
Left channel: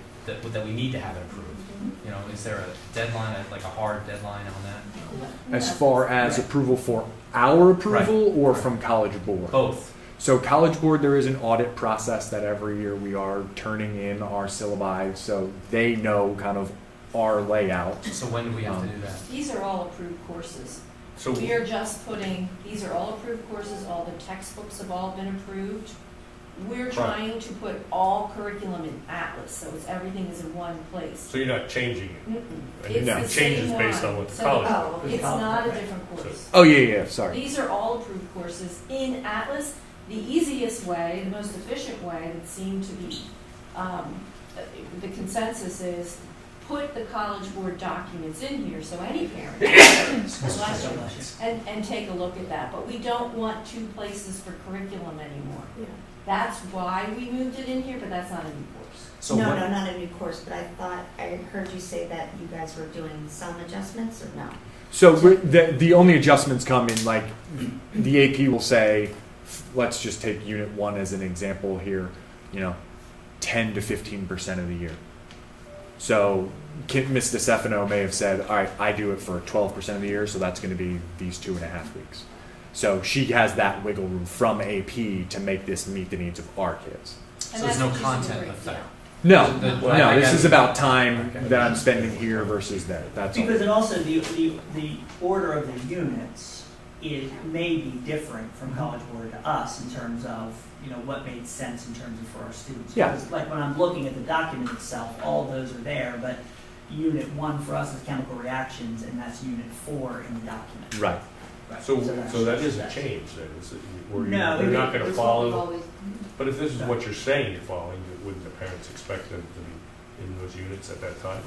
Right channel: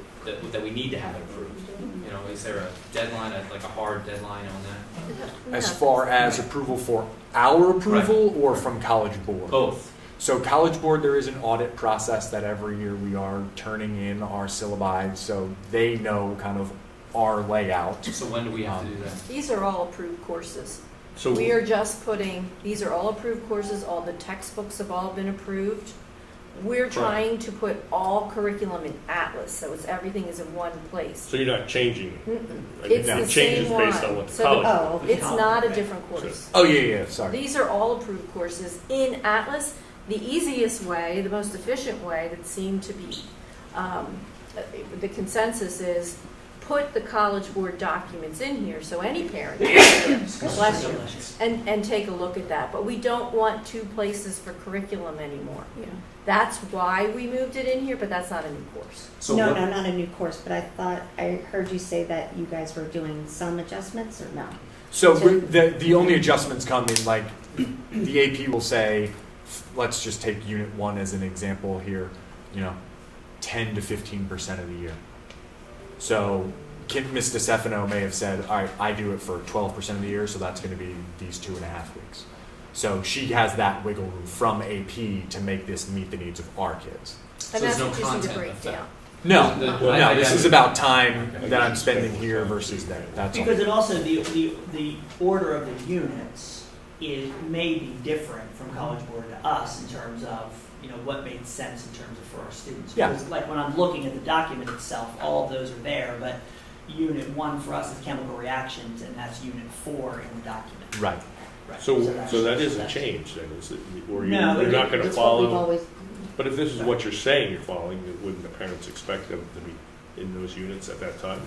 that we need to have it approved? You know, is there a deadline, like a hard deadline on that? As far as approval for our approval or from College Board? Both. So College Board, there is an audit process that every year we are turning in our syllabi, so they know kind of our layout. So when do we have to do that? These are all approved courses. So We are just putting, these are all approved courses, all the textbooks have all been approved. We're trying to put all curriculum in Atlas, so everything is in one place. So you're not changing it. Mm-mm. And It's now the changes same based one. on what the So college. Oh, It's not a different course. Oh, yeah, sorry. These are all approved courses in Atlas. The easiest way, the most efficient way that seemed to be, the consensus is put the College Board documents in here so any parent bless you, and take a look at that. But we don't want two places for curriculum anymore. Yeah. That's why we moved it in here, but that's not a new course. So No, what- no, not a new course, but I thought, I heard you say that you guys were doing some adjustments, or no? So the only adjustments come in, like, the AP will say, let's just take Unit 1 as an example here, 10 to 15% of the year. So Ms. DeStefano may have said, all right, I do it for 12% of the year, so that's going to be these 2.5 weeks. So she has that wiggle room from AP to make this meet the needs of our kids. So And there's that's no what you need to content break effect. down. No, Well, no, I this got is it. about time that I'm spending here versus there. That's all. Because it also, the order of the units may be different from College Board to us in terms of, what made sense in terms of for our students. Yeah. Because, like when I'm looking at the document itself, all those are there, but Unit 1 for us is chemical reactions, and that's Unit 4 in the document. Right. So that's- that isn't that's- changed then, is it? Or No, you're not gonna That's what we've follow? always, But if this is what you're saying you're following, wouldn't the parents expect them to be in those units at that time?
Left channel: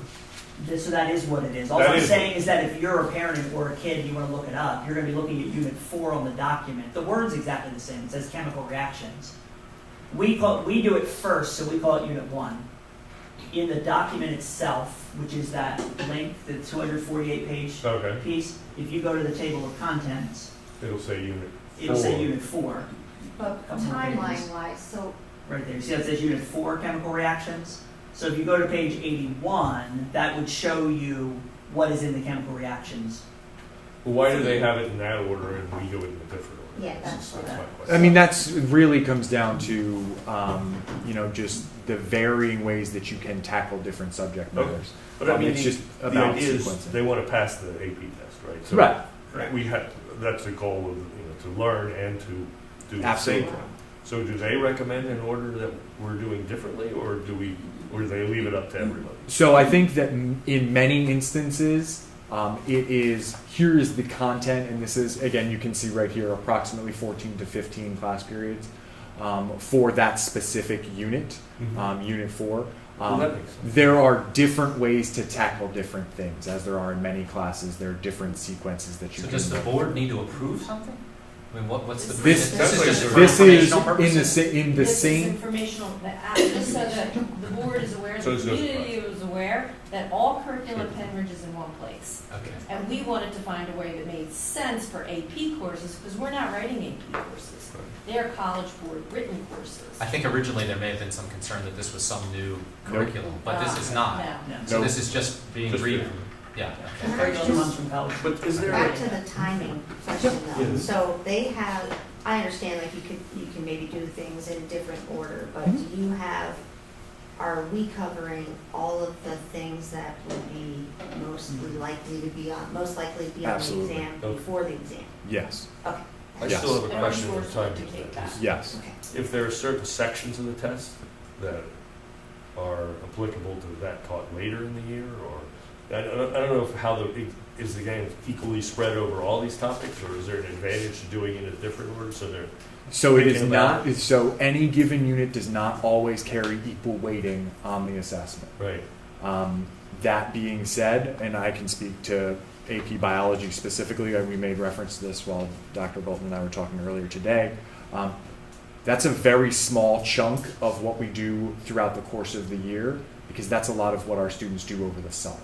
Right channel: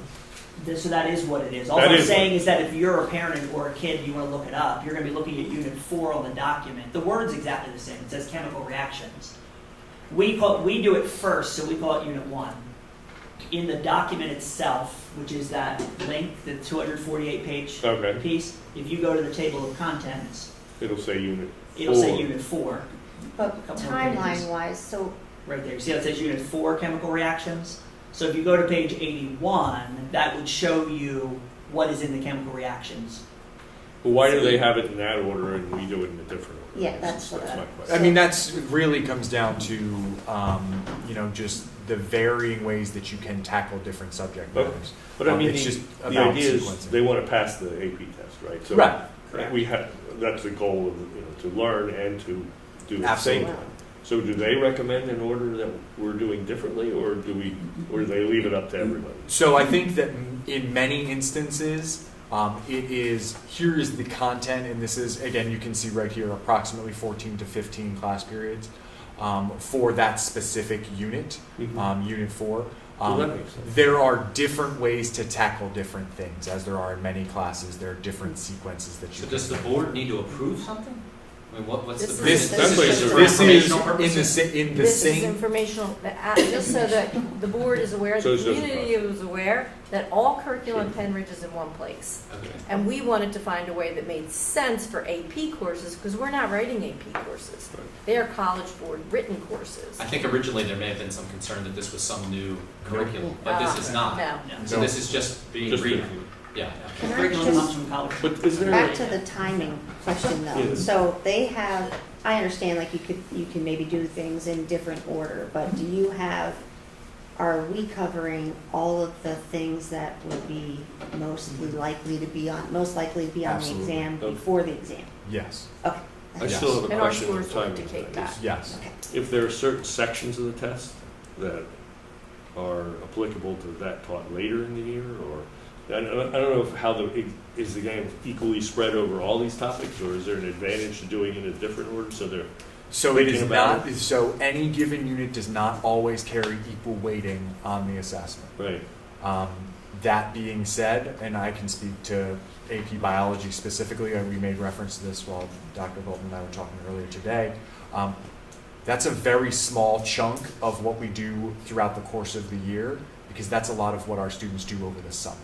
So that is what it is. All That I'm is- saying is that if you're a parent or a kid and you want to look it up, you're going to be looking at Unit 4 on the document. The word's exactly the same. It says chemical reactions. We do it first, so we call it Unit 1. In the document itself, which is that link, the 248-page Okay, piece, if you go to the table of contents, it'll say unit it'll say 4. Unit 4 but Couple more timeline-wise, so right there. See how it says Unit 4 chemical reactions? So if you go to page 81, that would show you what is in the chemical reactions. But why do they have it in that order and we do it in a different order? Yeah, that's what my I- question. I mean, that's it really comes down to just the varying ways that you can tackle different subject matters. But I mean, it's just the about idea is sequencing. they want to pass the AP test, right? So Right. We have, that's the goal of, to learn and to do the Absolutely. same time. So do they recommend an order that we're doing differently, or do they leave it up to everybody? So I think that in many instances, it is here is the content, and this is again you can see right here approximately 14 to 15 class periods for that specific unit, Unit 4. Well, that makes sense. There are different ways to tackle different things, as there are in many classes. There are different sequences that you So can. does the board need to approve something? I mean, what's the? This That's what just it's- for this is informational in the purposes? in the This is same. informational, just so that the board is aware, So the it's just- community is aware that all curriculum in Penridge is in one place. Okay. And we wanted to find a way that made sense for AP courses, because we're not writing AP courses. They are College Board written courses. I think originally there may have been some concern that this was some new curriculum, but this is not. No. No. So No. this is just being Just read. the- Yeah. can I Curriculum just comes from college. But is there? back to the timing question though. Yeah. So they have, I understand like you can maybe do things in different order, but do you have, are we covering all of the things that would be most likely to be on the Absolutely. exam Okay. before the exam? Yes. Okay. I Yes. still have a And our question on scores will timing. dictate that. Yes. Okay. If there are certain sections of the test that are applicable to that taught later in the year, or I don't know is the game equally spread over all these topics, or is there an advantage to doing it in a different order so they're So it is Thinking about not. So any given unit does not always carry equal weighting on the assessment. right? That being said, and I can speak to AP Biology specifically, we made reference to this while Dr. Bolton and I were talking earlier today. That's a very small chunk of what we do throughout the course of the year, because that's a lot of what our students do over the summer,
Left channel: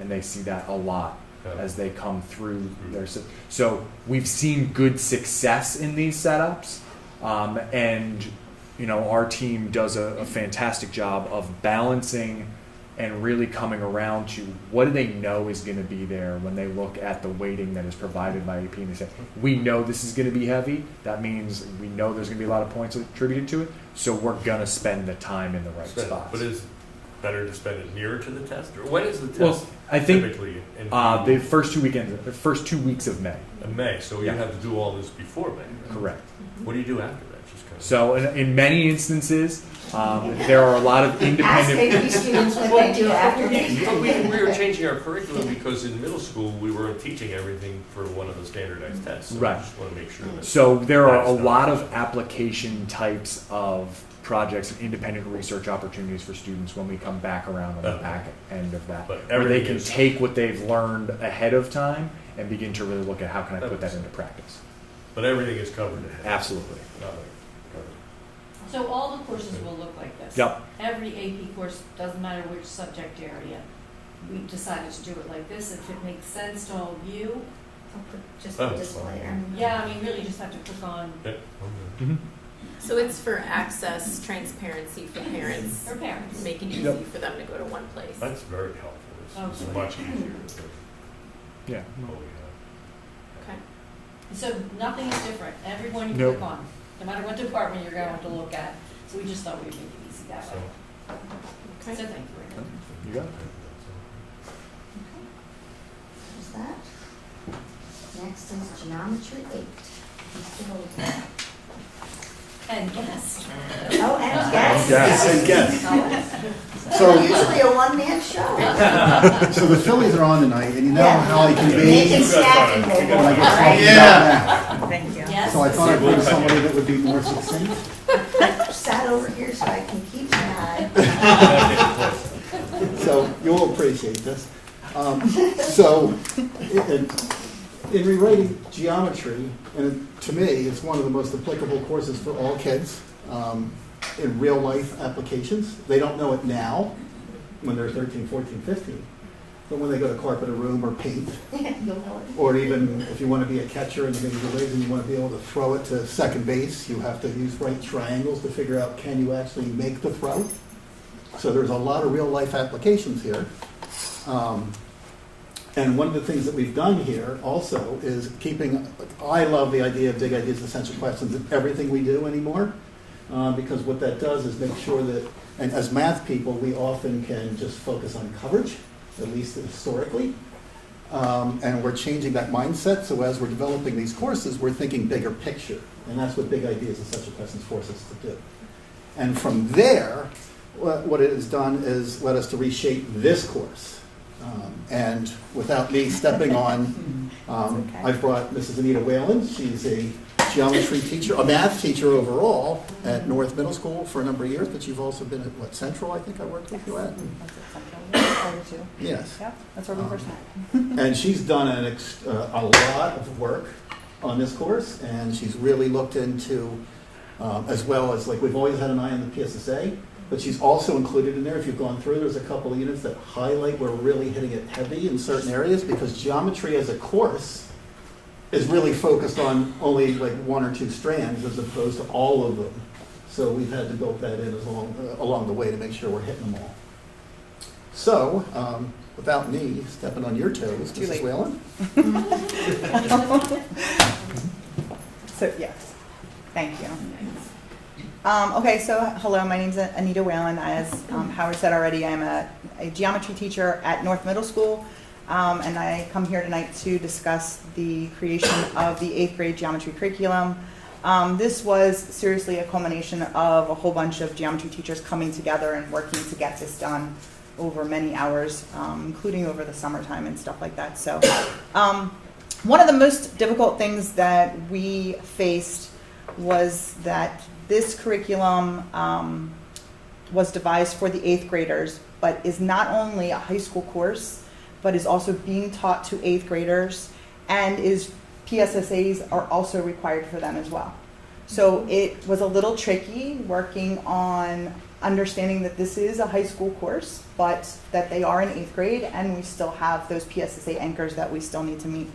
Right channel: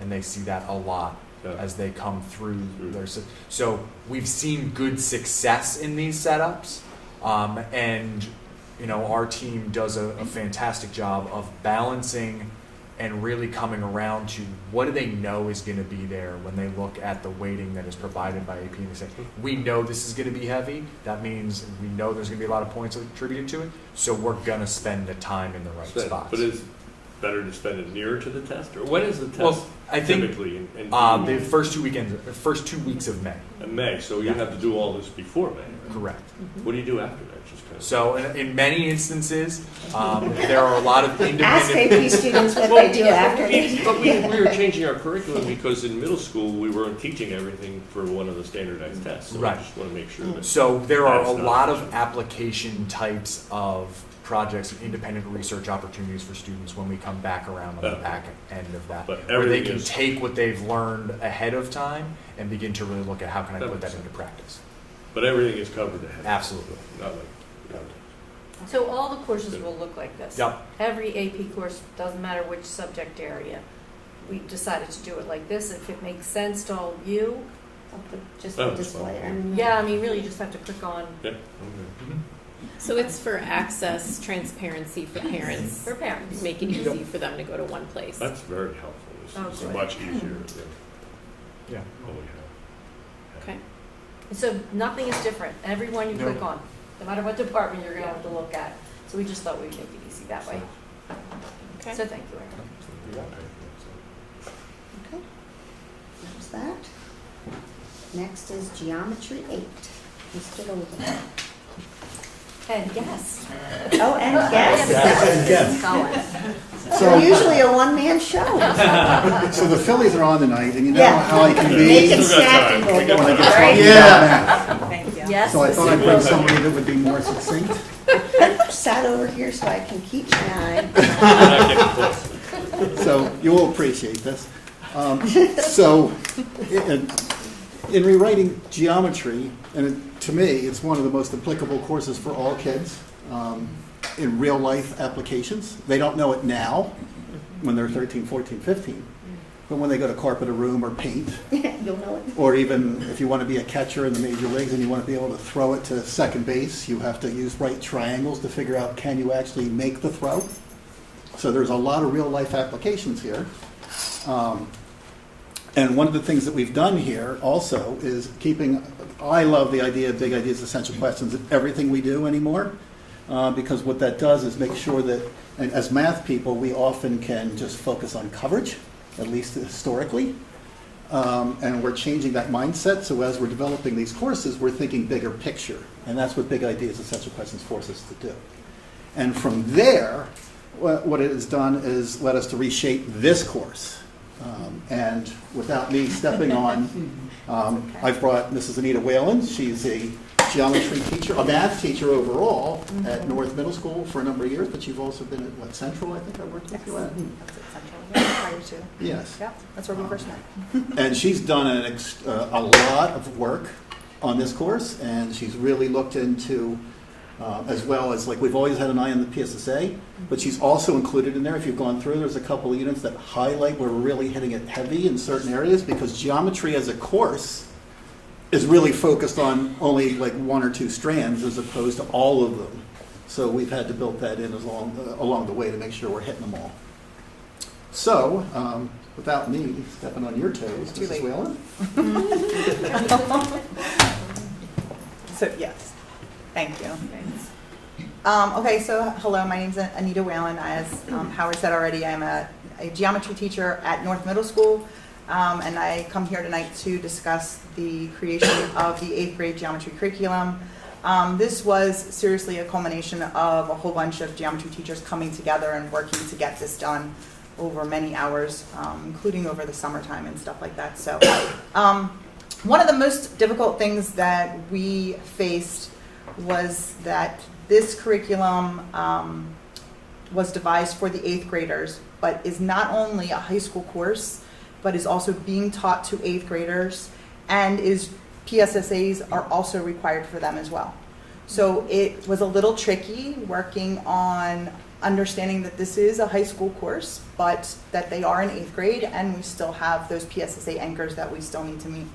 and they see that a lot as they come through their. So we've seen good success in these setups, and our team does a fantastic job of balancing and really coming around to what do they know is going to be there when they look at the weighting that is provided by AP, and they say, we know this is going to be heavy. That means we know there's going to be a lot of points attributed to it, so we're going to spend the time in the right spots. But is it better to spend it nearer to the test, or when is the test Well, I think typically? In the first 2 weeks of May. in May, so you Yeah. have to do all this before May. Correct. What do you do after that? Just kind of. So in many instances, there are a lot of Ask independent. AP students what they do after But we they. were changing our curriculum because in middle school we weren't teaching everything for one of the standardized tests. So Right. I just want to make sure that. So there are a That's not- lot of application types of projects and independent research opportunities for students when we come back around on the Okay. back end of that, But where they everything can is- take what they've learned ahead of time and begin to really look at how can I That put that makes into practice. But everything is covered ahead. Absolutely. Not like- So all the courses will look like this. Yep. Every AP course, doesn't matter which subject area. We decided to do it like this. If it makes sense to all of you, Just Oh, the that's display there. yeah, I mean, really, you just have to click on Yeah, I'm good. So it's for access, transparency for parents, for parents. make it easy for them to go to one place. That's very helpful. This Oh, is good. much easier. Yeah. Oh, yeah. Okay. And so nothing is different. Everyone you Nope. click on, no matter what department you're going to have to look at. So we just thought we'd make it easy that way. Okay. So thank you, Erin. You got it. Okay. There's that. Next is Geometry 8. Mr. Golden. And guest. Oh, and guests. And guests. We're So, usually a one-man show. so the Phillies are on tonight, and you know Yeah. how I can be. Make it Still got snappy, time. little Still boy, got right? Yeah. Thank you. Yes. So I thought I'd bring somebody that would be more succinct. Sat over here so I can keep my eye. So you'll appreciate this. So in rewriting geometry, and to me, is one of the most applicable courses for all kids in real life applications. They don't know it now when they're 13, 14, 15. But when they go to carpet a room or paint, You'll know it. or even if you want to be a catcher in the major leagues and you want to be able to throw it to second base, you have to use right triangles to figure out can you actually make the throw. So there's a lot of real life applications here. And one of the things that we've done here also is I love the idea of big ideas, essential questions in everything we do anymore, because what that does is make sure that, and as math people, we often can just focus on coverage, at least historically. And we're changing that mindset, so as we're developing these courses, we're thinking bigger picture. And that's what big ideas, essential questions force us to do. And from there, what it has done is led us to reshape this course. And without me stepping on, I've brought Mrs. Anita Whalen. She's a geometry teacher, a math teacher overall at North Middle School for a number of years, but you've also been at Central, I think I worked with you at. Yes. That's where we first met. And she's done a lot of work on this course, and she's really looked into, as well as, like, we've always had an eye on the PSSA, but she's also included in there, if you've gone through, there's a couple of units that highlight where we're really hitting it heavy in certain areas, because geometry as a course is really focused on only like one or two strands as opposed to all of them. So we've had to build that in along the way to make sure we're hitting them all. So, without me stepping on your toes, Mrs. Whalen? So, yes, thank you. Okay, so hello, my name's Anita Whalen. As Howard said already, I'm a geometry teacher at North Middle School, and I come here tonight to discuss the creation of the 8th grade geometry curriculum. This was seriously a culmination of a whole bunch of geometry teachers coming together and working to get this done over many hours, including over the summertime and stuff like that. So one of the most difficult things that we faced was that this curriculum was devised for the 8th graders, but is not only a high school course, but is also being taught to 8th graders, and PSSAs are also required for them as well. So it was a little tricky working on understanding that this is a high school course, but that they are in 8th grade, and we still have those PSSA anchors that we still need to meet.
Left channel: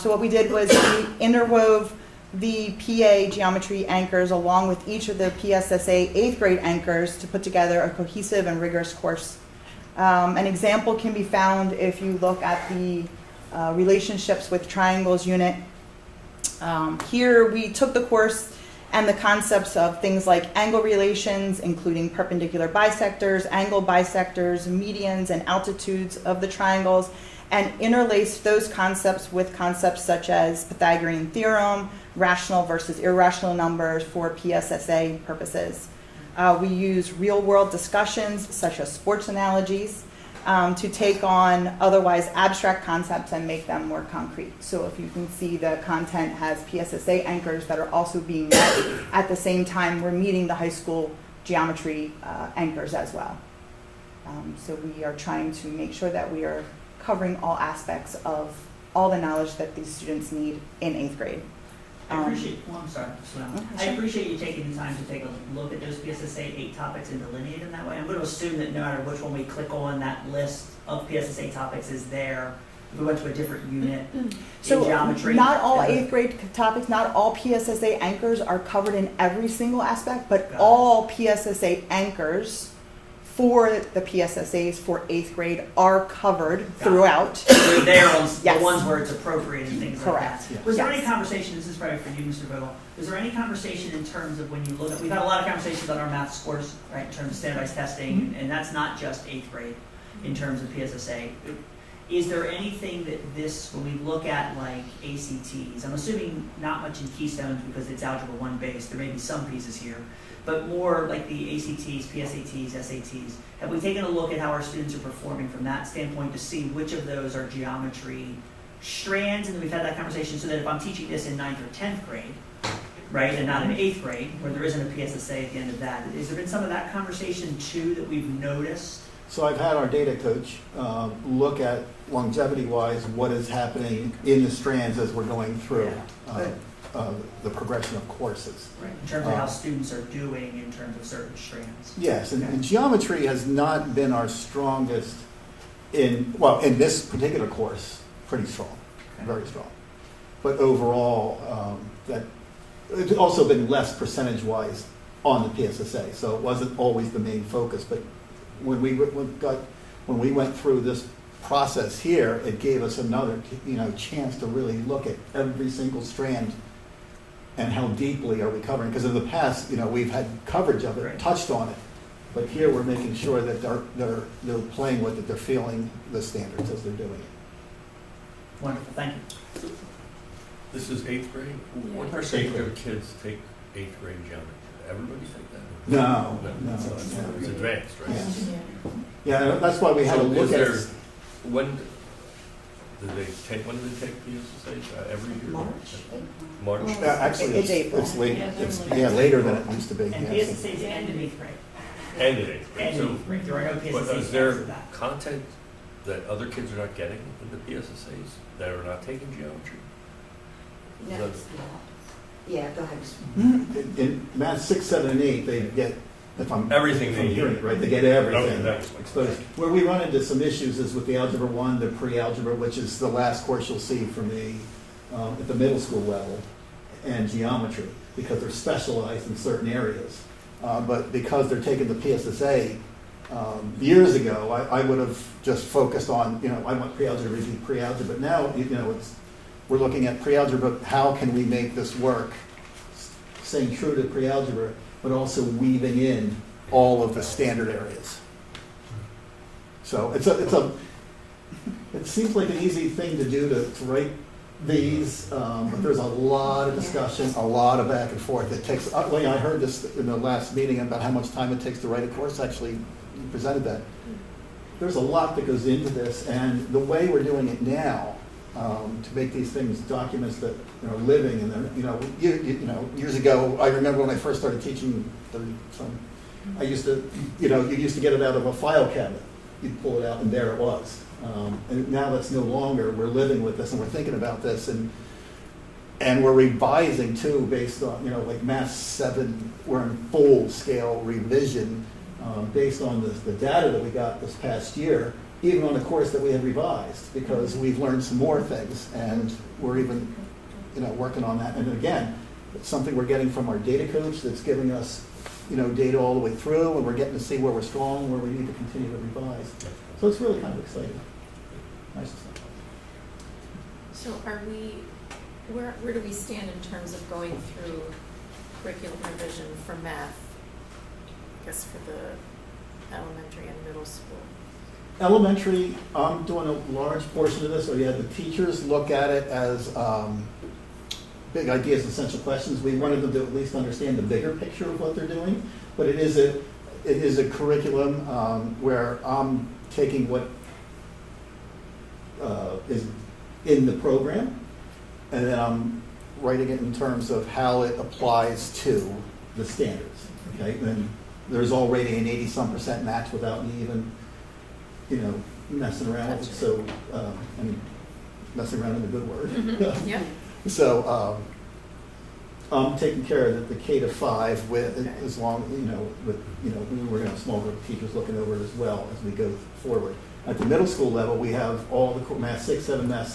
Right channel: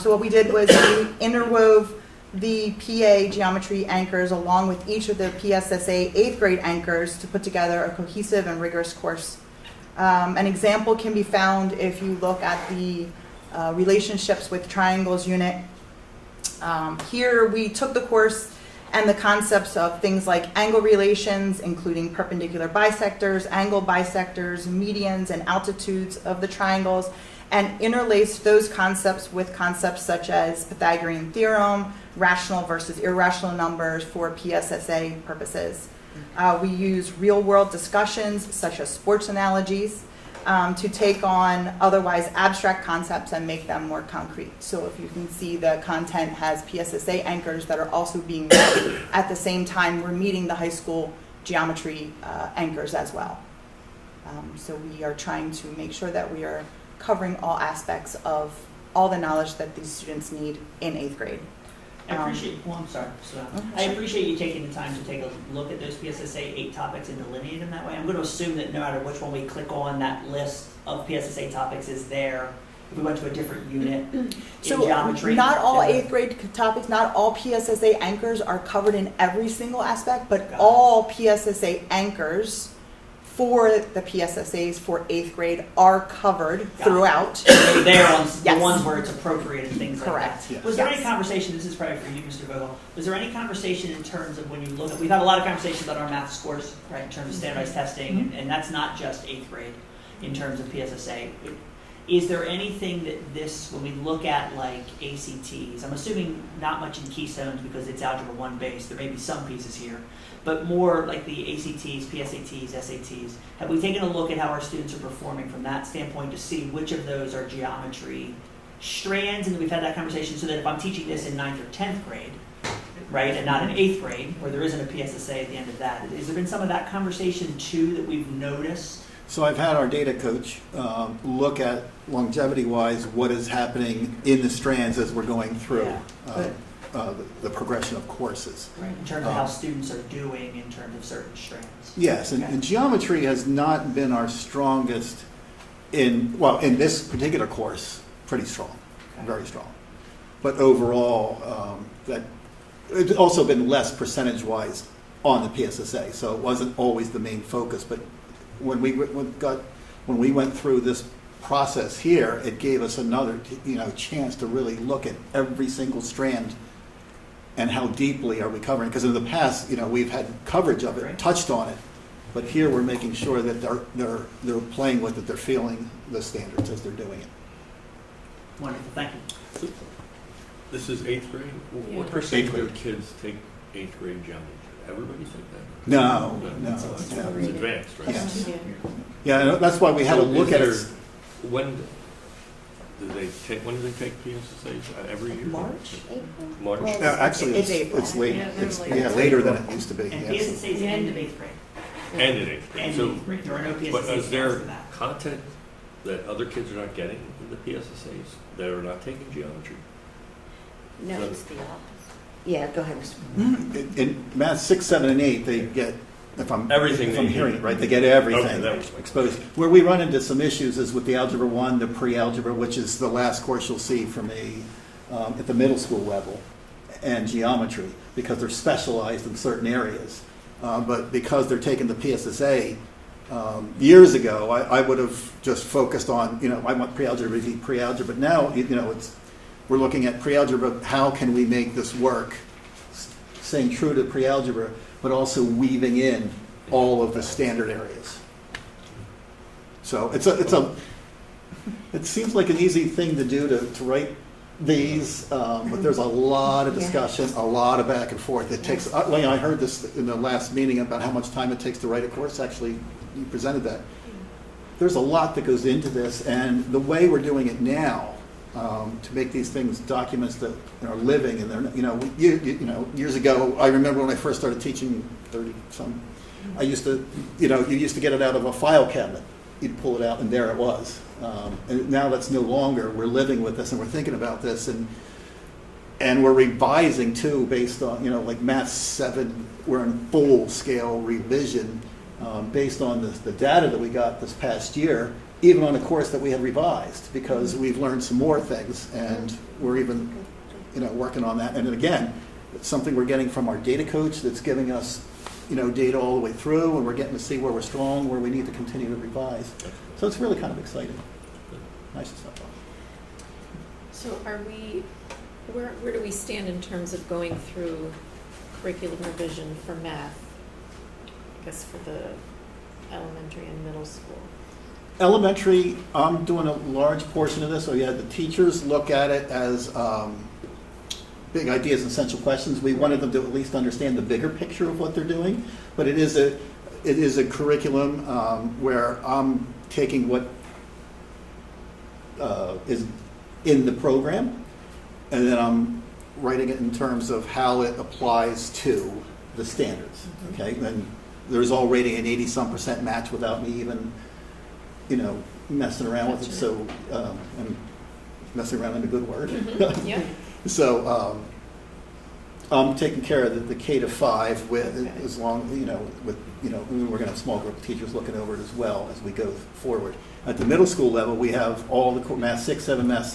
So what we did was we interwove the PA geometry anchors along with each of the PSSA 8th grade anchors to put together a cohesive and rigorous course. An example can be found if you look at the relationships with triangles unit. Here we took the course and the concepts of things like angle relations, including perpendicular bisectors, angle bisectors, medians, and altitudes of the triangles, and interlaced those concepts with concepts such as Pythagorean theorem, rational versus irrational numbers for PSSA purposes. We use real-world discussions, such as sports analogies, to take on otherwise abstract concepts and make them more concrete. So if you can see, the content has PSSA anchors that are also being met. At the same time, we're meeting the high school geometry anchors as well. So we are trying to make sure that we are covering all aspects of all the knowledge that these students need in 8th grade. I appreciate, I'm sorry, I appreciate you taking the time to take a look at those PSSA 8 topics and delineate them that way. I'm going to assume that no matter which one we click on, that list of PSSA topics is there. If we went to a different unit in geometry. Not all 8th grade topics, not all PSSA anchors are covered in every single aspect, but all PSSA anchors for the PSSAs for 8th grade are covered Got it. throughout. They're ones, the Yes. ones where it's appropriate and things like Correct. that. Was there any Yes. conversation, this is probably for you, Mr. Vogel, was there any conversation in terms of when you look at, we've had a lot of conversations on our math scores, right, in terms of standardized testing, and that's not just 8th grade in terms of PSSA. Is there anything that this, when we look at like ACTs, I'm assuming not much in Keystones because it's Algebra 1 based, there may be some pieces here, but more like the ACTs, PSATs, SATs. Have we taken a look at how our students are performing from that standpoint to see which of those are geometry strands? And we've had that conversation so that if I'm teaching this in 9th or 10th grade, right, and not in 8th grade, where there isn't a PSSA at the end of that, has there been some of that conversation too that we've noticed? So I've had our data coach look at longevity-wise what is happening in the strands as we're going through the progression of courses. Right, in terms of how students are doing in terms of certain strands. Yes, and geometry has not been our strongest in this particular course, pretty strong, very strong. But overall, that it's also been less percentage-wise on the PSSA, so it wasn't always the main focus. But when we went through this process here, it gave us another chance to really look at every single strand and how deeply are we covering. Because in the past, we've had coverage of it, Right. touched on it, but here we're making sure that they're playing with it, they're feeling the standards as they're doing it. Wonderful, thank you. This is 8th grade? Yeah. What percentage of kids take 8th grade geometry? Everybody take that? No. It's advanced, right? Yeah, that's why we had to So look is at there- it. When do they take PSSA? Every year? March? Well, Yeah, actually, It's it's late. Yeah, they're It's late. later than it used to be. And yes. PSSA is end of 8th grade. And in 8th grade. End So, of 8th grade, there are no PSSAs but is after there that. content that other kids are not getting in the PSSAs that are not taking geometry? No. Is Yeah, go ahead, Mr. In math 6, 7, and 8, they get, if I'm Everything if they I'm need. hearing it right, they get everything Okay, that was my exposed. Where we run into some issues is with the Algebra 1, the pre-algebra, which is the last course you'll see for me at the middle school level, and geometry, because they're specialized in certain areas. But because they're taking the PSSA, years ago, I would have just focused on, I want pre-algebra, pre-algebra, but now, we're looking at pre-algebra, how can we make this work, staying true to pre-algebra, but also weaving in all of the standard areas. So it seems like an easy thing to do to write these, but there's a lot of discussion, a lot of back and forth. It takes, I heard this in the last meeting about how much time it takes to write a course. Actually, you presented that. There's a lot that goes into this, and the way we're doing it now, to make these things documents that are living, and they're, years ago, I remember when I first started teaching 30-some, I used to, you used to get it out of a file cabinet. You'd pull it out, and there it was. And now that's no longer. We're living with this, and we're thinking about this, and we're revising too, based on, like Math 7, we're in full scale revision based on the data that we got this past year, even on a course that we had revised, because we've learned some more things, and we're even, working on that. And again, it's something we're getting from our data coach that's giving us, data all the way through, and we're getting to see where we're strong, where we need to continue to revise. So it's really kind of exciting. Nice stuff. So are we, where do we stand in terms of going through curriculum revision for math? I guess for the elementary and middle school. Elementary, I'm doing a large portion of this, so the teachers look at it as big ideas, essential questions. We wanted them to at least understand the bigger picture of what they're doing, but it is a curriculum where I'm taking what is in the program, and then I'm writing it in terms of how it applies to the standards. Okay, and there's already an 80-some% match without me even, messing around with it. So, and messing around in a good word. Yeah. So, I'm taking care of the K to 5 with, Okay. as long, we're going to have small group of teachers looking over it as well as we go forward. At the middle school level, we have all the math 6, 7, math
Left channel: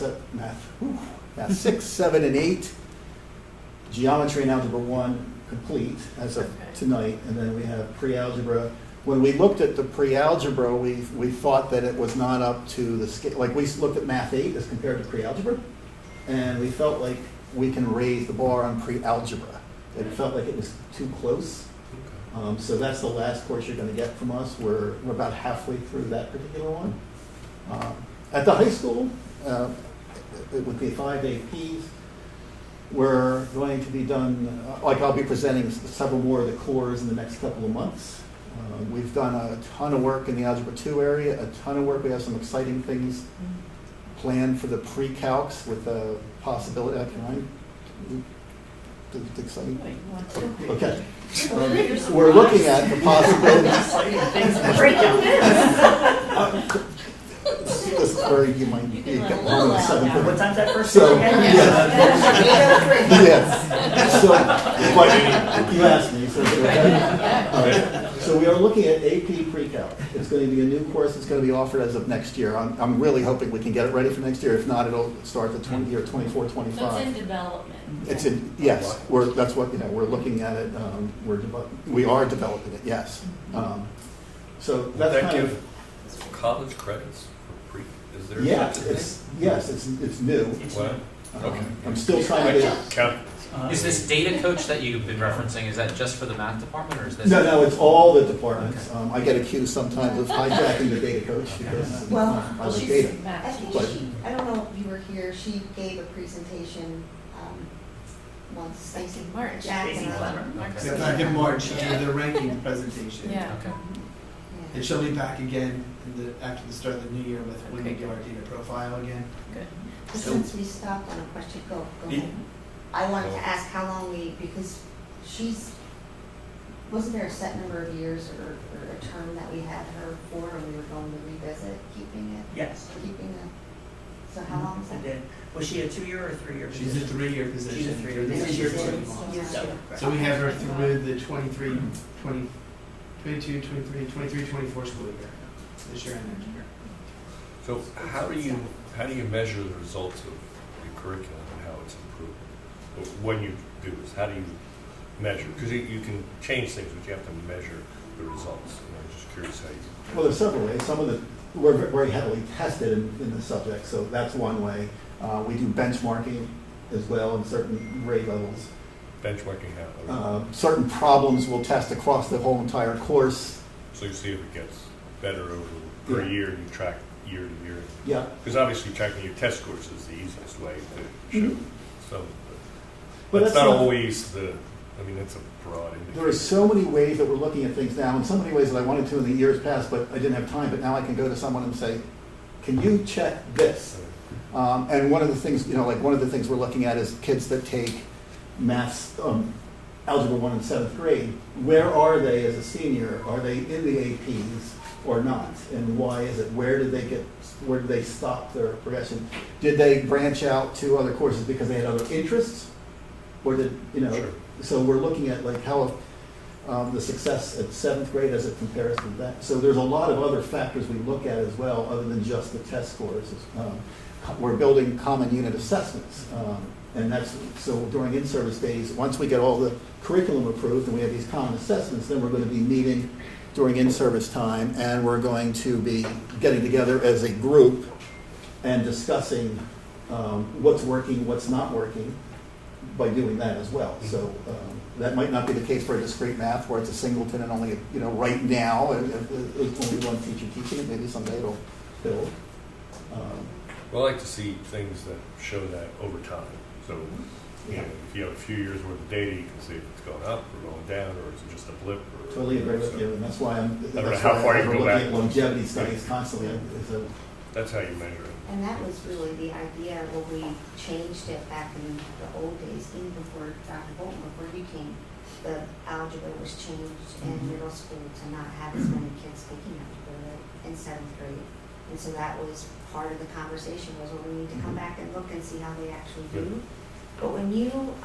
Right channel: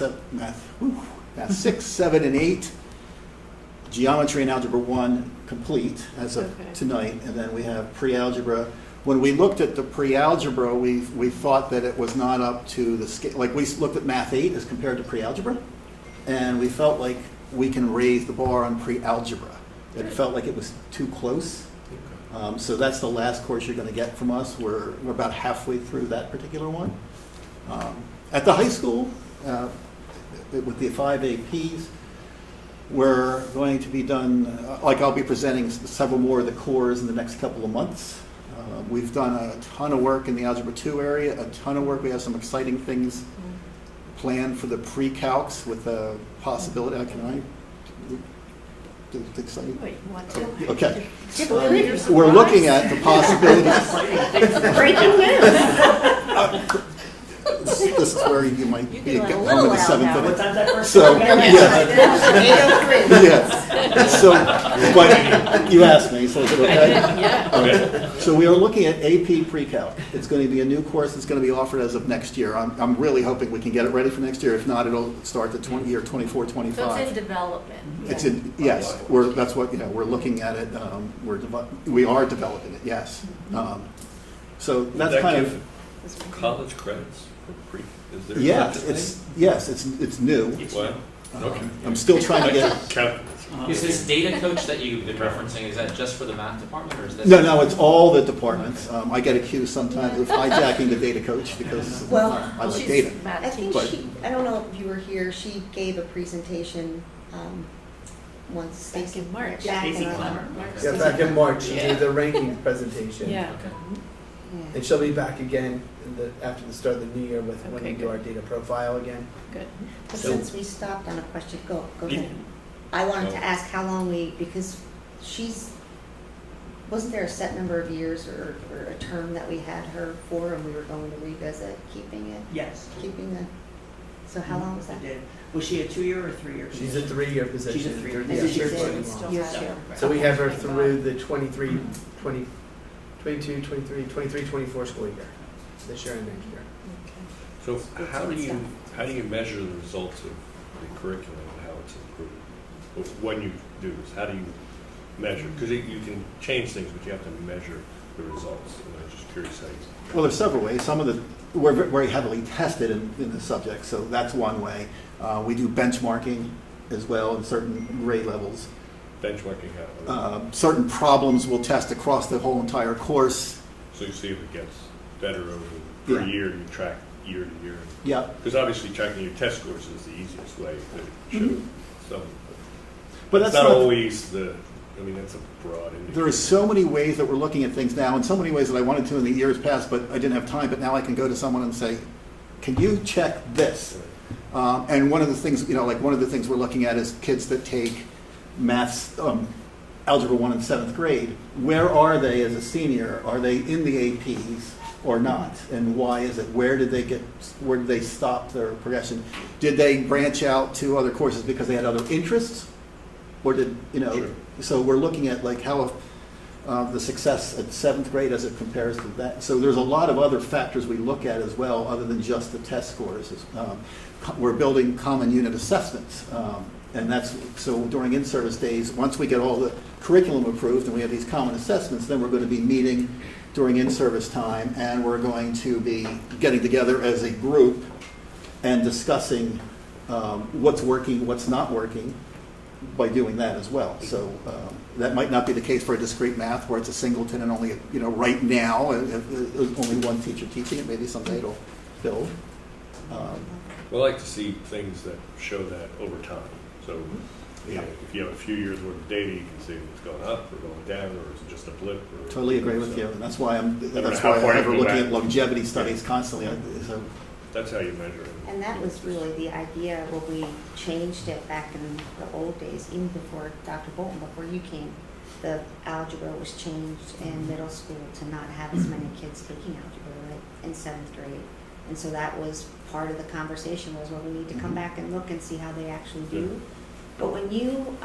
6, 7, and 8, geometry and algebra 1 complete as of Okay. tonight, and then we have pre-algebra When we looked at the pre-algebra, we thought that it was not up to the scale. Like we looked at Math 8 as compared to pre-algebra, and we felt like we can raise the bar on pre-algebra. It felt like it was too close. So that's the last course you're going to get from us. We're about halfway through that particular one. At the high school, with the 5 APs, we're going to be done, like I'll be presenting several more of the cores in the next couple of months. We've done a ton of work in the Algebra 2 area, a ton of work. We have some exciting things planned for the pre-calcs with the possibility, can I? Exciting? Wait, you want to? Okay. We're looking at the possibility. Breaking news. This is where you might be can getting let a home little in the out seventh. now. What time's that first? So, Yeah. yes. So, but you asked me, so is it okay? Yeah. All right. So we are looking at AP Pre-Calc. It's going to be a new course that's going to be offered as of next year. I'm really hoping we can get it ready for next year. If not, it'll start the year 24, 25. So it's in development. It's in, yes, that's what, we're looking at it, we are developing it, yes. So Will that's that kind give of, college credits for pre, is there? yeah, such a it's new. thing? What? Okay. I'm still trying to get, Count. Is this data coach that you've been referencing, is that just for the math department, or is this? no, it's all the departments. I get accused sometimes of hijacking the data coach because Well, I like She's data. math I think teacher. But- I don't know if you were here, she gave a presentation once. Back in March. Back in Stacy our- Clemmer. Yeah, back in March, she did the ranking presentation. Yeah. Okay. Yeah. And she'll be back again after the start of the new year with when we Okay, do good. our data profile again. Good. But So- since we stopped on a question, go Yeah. ahead. I wanted to ask how long because wasn't there a set number of years or a term that we had her for and we were going to revisit keeping so how long was that? Did- Was she a 2-year or a 3-year? She's a 3-year position. She's a 3-year through the position. year This year 21. Yeah. So we have her through the 22, 23, 24 school year, this year and next year. So how do you measure the results of the curriculum and how it's improved? When you do this, how do you measure? Because you can change things, but you have to measure the results. And I was just curious how you. Well, there's several ways. Some of we're very heavily tested in the subject, so that's one way. We do benchmarking as well in certain grade levels. Benchmarking how? Certain problems we'll test across the whole entire course. So you see if it gets better over per Yeah. year, you track year to year. Yeah. Because obviously tracking your test scores is the easiest way to show some. But it's that's not not- always that's a broad indicator. There are so many ways that we're looking at things now, and so many ways that I wanted to in the years past, but I didn't have time. But now I can go to someone and say, "Can you check this?" And one of the things, one of the things we're looking at is kids that take maths, algebra 1 in 7th grade. Where are they as a senior? Are they in the APs or not? And why is it? Where did they stop their progression? Did they branch out to other courses because they had other interests? Or did, Sure. So we're looking at like how the success at 7th grade as it compares to that. So there's a lot of other factors we look at as well, other than just the test scores. We're building common unit assessments. And that's, so during in-service days, once we get all the curriculum approved and we have these common assessments, then we're going to be meeting during in-service time, and we're going to be getting together as a group and discussing what's working, what's not working by doing that as well. So that might not be the case for a discrete math where it's a singleton and only, right now, and only one teacher teaching it. Maybe someday it'll build. Well, I like to see things that show that over time. So, if you have a few years worth of data, you can see if it's going up or going down, or is it just a blip? Or, Totally agree with you, and that's why know that's how why far you we're go looking back. at longevity studies constantly. So That's how you measure it. And that was really the idea when we changed it back in the old days, even before Dr. Bolton, before you came. The algebra was changed in middle school to not have as many kids taking algebra in 7th grade. And so that was part of the conversation was, well, we need to come back and look and see how they actually do. But when you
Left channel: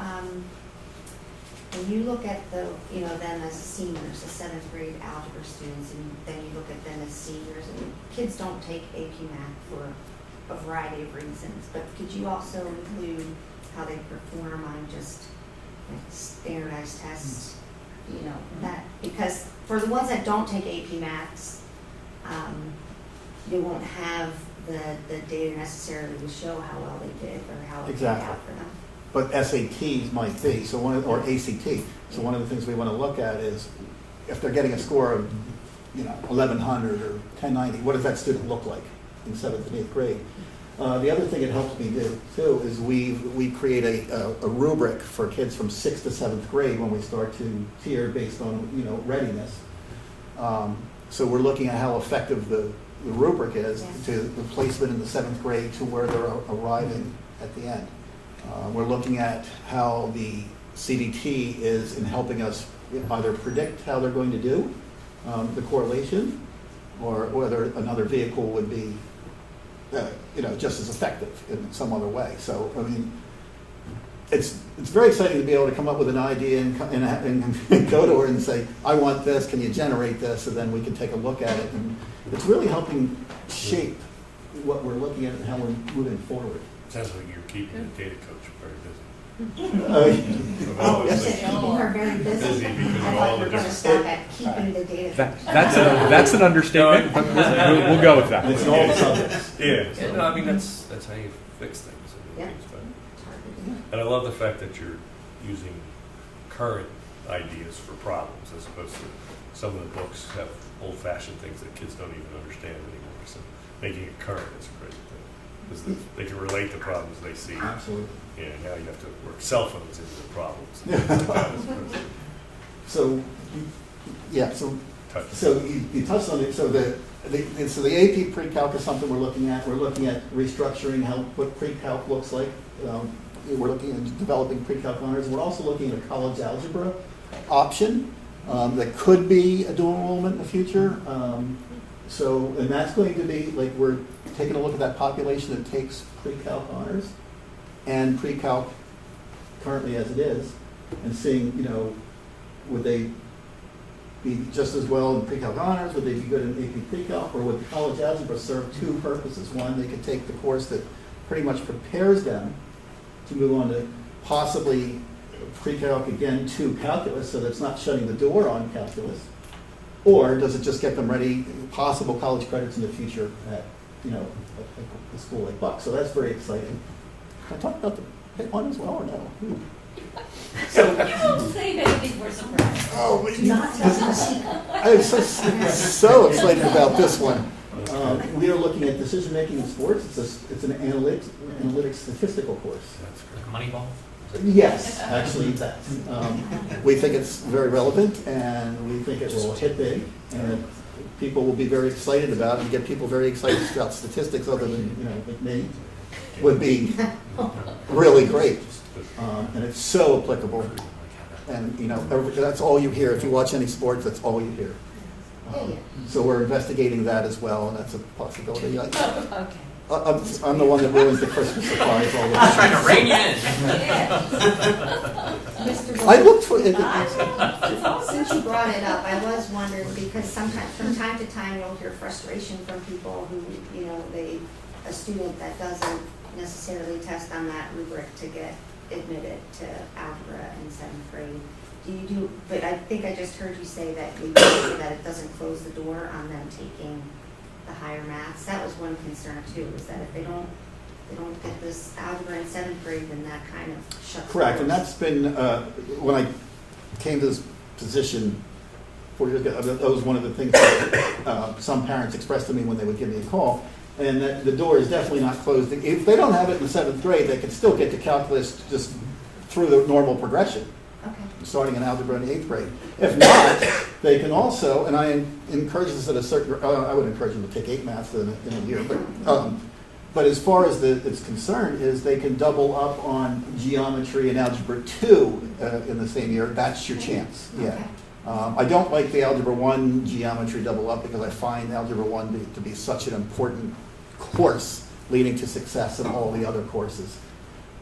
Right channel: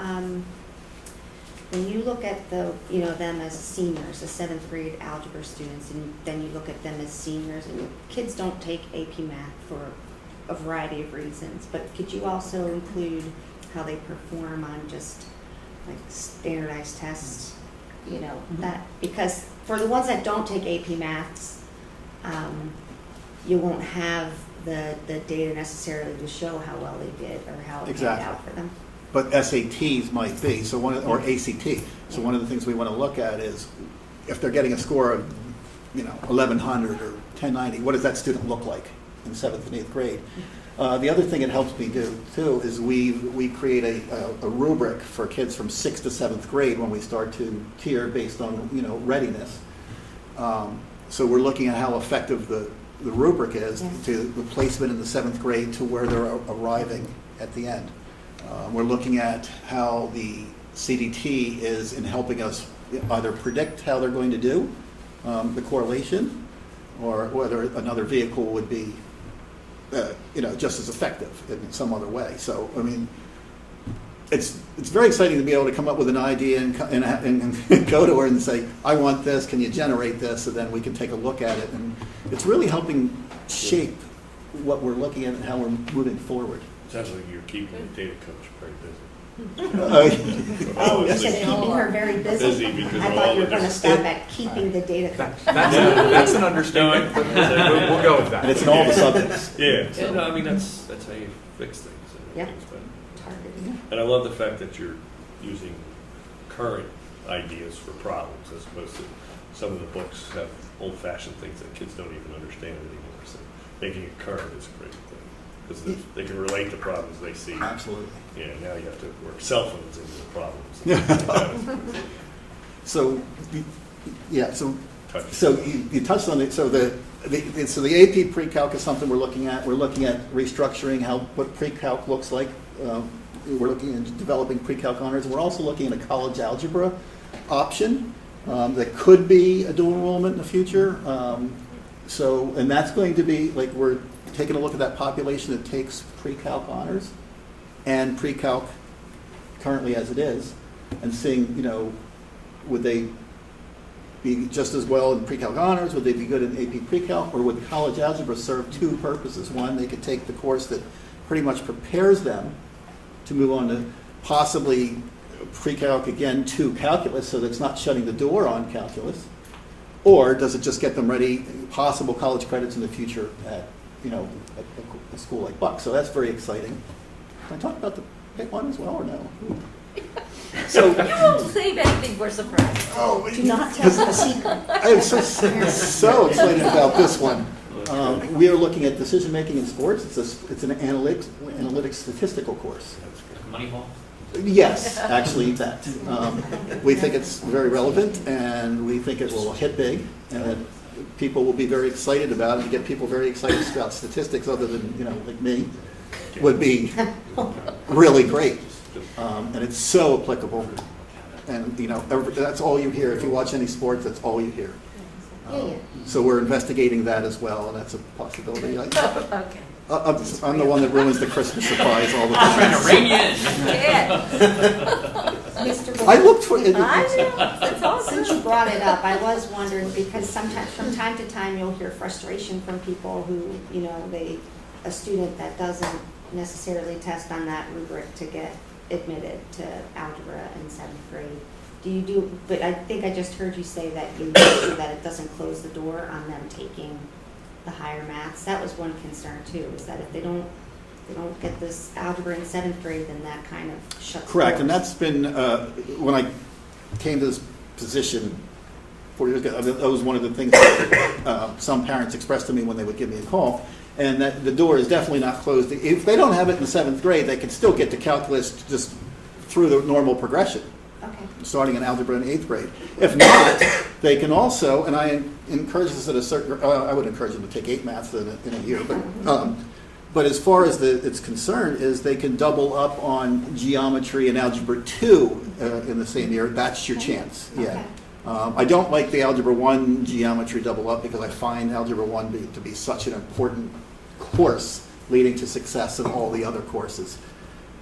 look at them as seniors, the 7th grade algebra students, and then you look at them as seniors, and kids don't take AP Math for a variety of reasons, but could you also include how they perform on just like standardized tests you know, that, because for the ones that don't take AP Maths, you won't have the data necessarily to show how well they did or how it panned Exactly. out for them. But SATs might be, so or ACT. So one of the things we want to look at is if they're getting a score of, 1100 or 1090, what does that student look like in 7th and 8th grade? The other thing it helps me do too is we create a rubric for kids from 6th to 7th grade when we start to tier based on readiness. So we're looking at how effective the rubric is Yes. to the placement in the 7th grade to where they're arriving at the end. We're looking at how the CDT is in helping us either predict how they're going to do, the correlation, or whether another vehicle would be, just as effective in some other way. So, I mean, it's very exciting to be able to come up with an idea and go to her and say, I want this, can you generate this? And then we can take a look at it. And it's really helping shape what we're looking at and how we're moving forward. Sounds like you're keeping the data coach quite busy. Oh, you said keeping her very busy. Busy because I of thought all you the were going to different- stop at keeping the data. That's an understatement, but we'll go with that. And it's in all the subjects. Yeah, no, I mean, that's how you fix things. Yeah. Things better. Targeting. And I love the fact that you're using current ideas for problems as opposed to some of the books have old-fashioned things that kids don't even understand anymore. So making it current is a great thing because they can relate to problems they see. Absolutely. Yeah, now you have to work cell phones into the problems. So, yeah, so Touch. So you touched on it. So the AP pre-calc is something we're looking at. We're looking at restructuring what pre-calc looks like. We're looking at developing pre-calc honors. We're also looking at a college algebra option that could be a dual enrollment in the future. And that's going to be like we're taking a look at that population that takes pre-calc honors and pre-calc currently as it is, and seeing would they be just as well in pre-calc honors? Would they be good in AP pre-calc? Or would college algebra serve two purposes? One, they could take the course that pretty much prepares them to move on to possibly pre-calc again to calculus, so that's not shutting the door on calculus. Or does it just get them ready, possible college credits in the future at a school like Buck? So that's very exciting. Can I talk about the Pitt one as well or no? So, You won't save anything for surprise. Do not tell them a secret. I'm so excited about this one. We are looking at decision making in sports. It's an analytics statistical course. Moneyball? Yes, actually that. We think it's very relevant, and we think it will hit big, and that people will be very excited about it, and get people very excited about statistics other than like me would be really great. And it's so applicable, and that's all you hear. If you watch any sports, that's all you hear. So we're investigating that as well, and that's a possibility. Okay. I'm the one that ruins the Christmas surprise all the Trying time. to rein you in. Yeah. Mr. I looked for. I know, it's awesome. Since you brought it up, I was wondering, because sometimes, from time to time, you'll hear frustration from people who, a student that doesn't necessarily test on that rubric to get admitted to algebra in 7th grade. But I think I just heard you say that you make sure that it doesn't close the door on them taking the higher maths. That was one concern too, is that if they don't get this algebra in 7th grade, then that kind of shuts Correct, and doors. that's been, when I came to this position 4 years ago, that was one of the things that some parents expressed to me when they would give me a call, and that the door is definitely not closed. If they don't have it in 7th grade, they can still get to calculus just through the normal progression, Okay. starting in algebra in 8th grade. If not, they can also, and I encourage this at a certain, I would encourage them to take 8 maths in a year, but as far as it's concerned, is they can double up on geometry and algebra 2 in the same year. That's your chance. Yeah. Okay. I don't like the algebra 1 geometry double up because I find algebra 1 to be such an important course leading to success in all the other courses.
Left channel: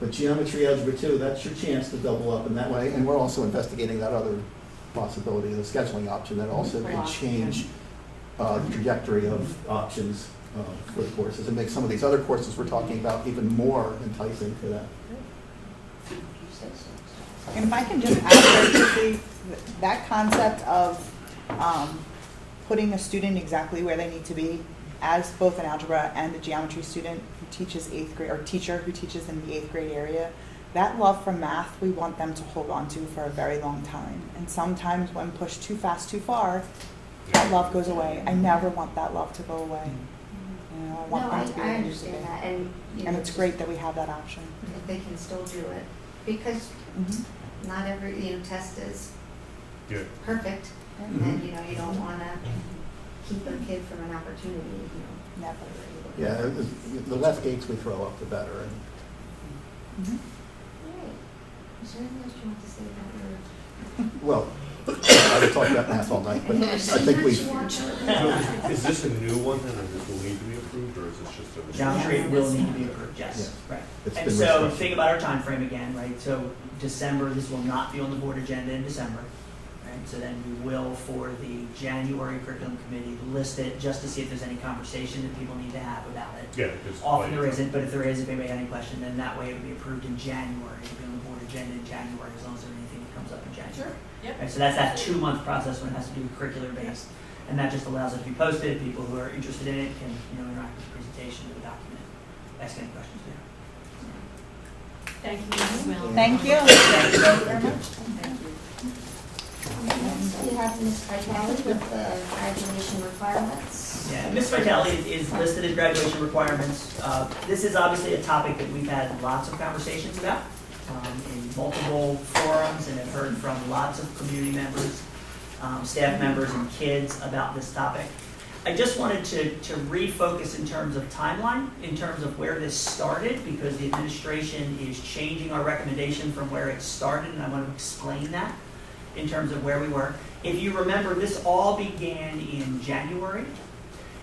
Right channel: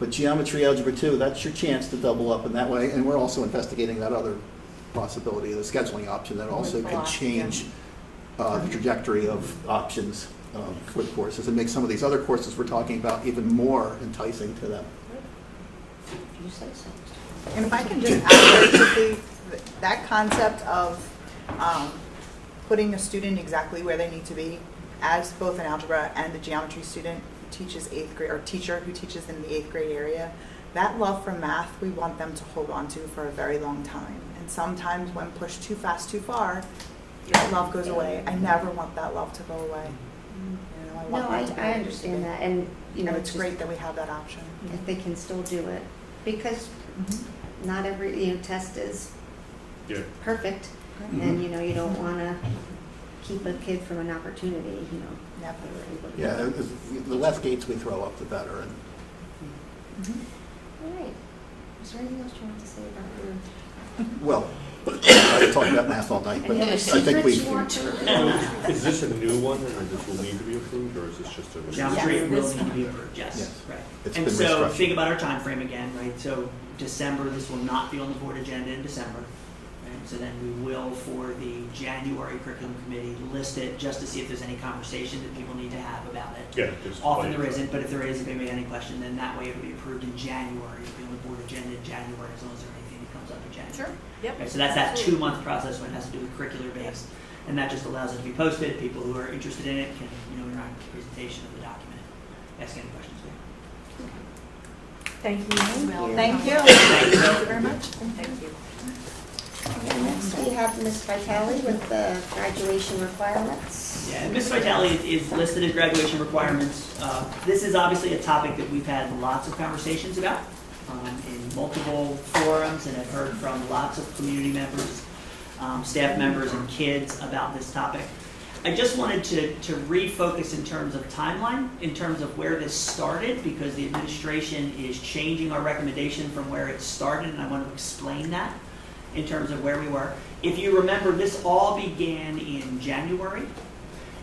But geometry, algebra 2, that's your chance to double up in that way. And we're also investigating that other possibility, the scheduling option that also can change the trajectory of options for the courses and make some of these other courses we're talking about even more enticing to them. You say so. And if I can just add very quickly, that concept of putting a student exactly where they need to be, as both an algebra and a geometry student who teaches 8th grade, or teacher who teaches in the 8th grade area, that love for math we want them to hold on to for a very long time. And sometimes when pushed too fast, too far, that love goes away. I never want that love to go away. You know, I want No, them to be I able to understand do it. that, and, you know, And it's great that we have that option. that they can still do it, because not every, test is Yeah. perfect, and, you don't wanna keep a kid from an opportunity, Never. Yeah, the less gates we throw up, the better. All right. Is there anything else you want to say about your? Well, I could talk about math all night, but Any other I think secrets we've, you want to? Is this a new one, and this will need to be approved, or is this just a? Geometry Yes. will need to be approved, yes, Yes. right. It's And been so restructured. think about our time frame again, right? So December, this will not be on the board agenda in December. Right? So then we will, for the January curriculum committee, list it just to see if there's any conversation that people need to have about it. Yeah. just Often like- there isn't, but if there is, if anybody had any question, then that way it would be approved in January. It'll be on the board agenda in January as long as there's anything that comes up in January. Sure, yep. Right, so that's that 2-month process when it has to do with curricular base. And that just allows it to be posted. People who are interested in it can, interact with the presentation of the document. Ask any questions we have. Thank you, Mrs. Miller. Thank you. Thank you. very much. Thank you. Next, we have Ms. Vitale with the graduation requirements. Yeah, and Ms. Vitale is listed as graduation requirements. This is obviously a topic that we've had lots of conversations about in multiple forums, and have heard from lots of community members, staff members, and kids about this topic. I just wanted to refocus in terms of timeline, in terms of where this started, because the administration is changing our recommendation from where it started, and I want to explain that in terms of where we were. If you remember, this all began in January,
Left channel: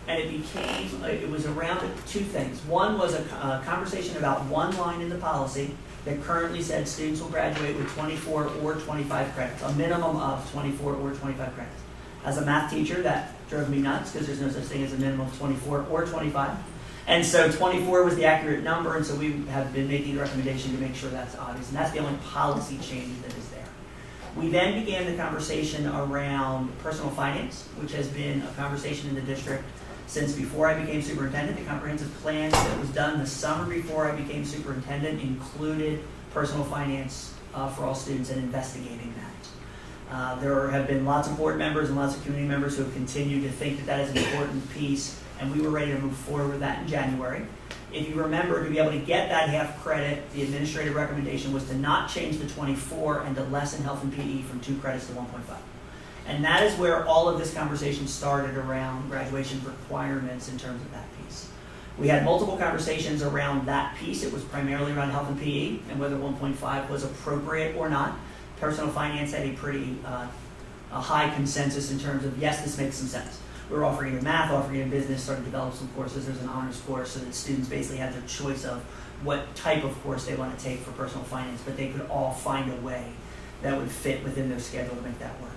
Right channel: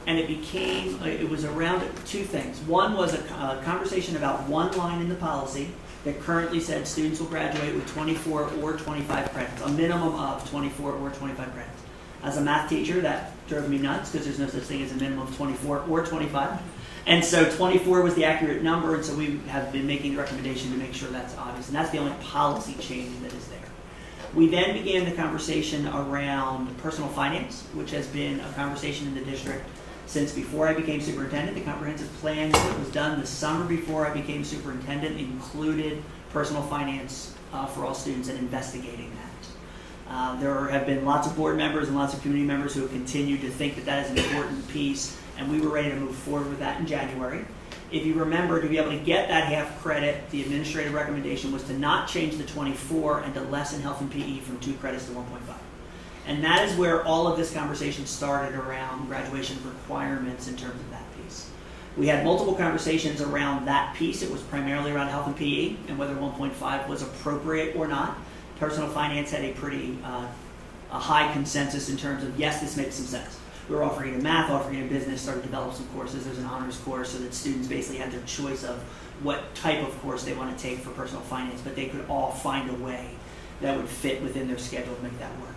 and it was around 2 things. One was a conversation about one line in the policy that currently said students will graduate with 24 or 25 credits, a minimum of 24 or 25 credits. As a math teacher, that drove me nuts, because there's no such thing as a minimum of 24 or 25. And so 24 was the accurate number, and so we have been making a recommendation to make sure that's obvious. And that's the only policy change that is there. We then began the conversation around personal finance, which has been a conversation in the district since before I became superintendent. The comprehensive plan that was done the summer before I became superintendent included personal finance for all students and investigating that. There have been lots of board members and lots of community members who have continued to think that that is an important piece, and we were ready to move forward with that in January. If you remember, to be able to get that half credit, the administrative recommendation was to not change the 24 and to lessen health and PE from 2 credits to 1.5. And that is where all of this conversation started around graduation requirements in terms of that piece. We had multiple conversations around that piece. It was primarily around health and PE and whether 1.5 was appropriate or not. Personal finance had a pretty a high consensus in terms of, yes, this makes some sense. We were offering in math, offering in business, started to develop some courses. There's an honors course so that students basically had their choice of what type of course they want to take for personal finance, but they could all find a way that would fit within their schedule and make that work.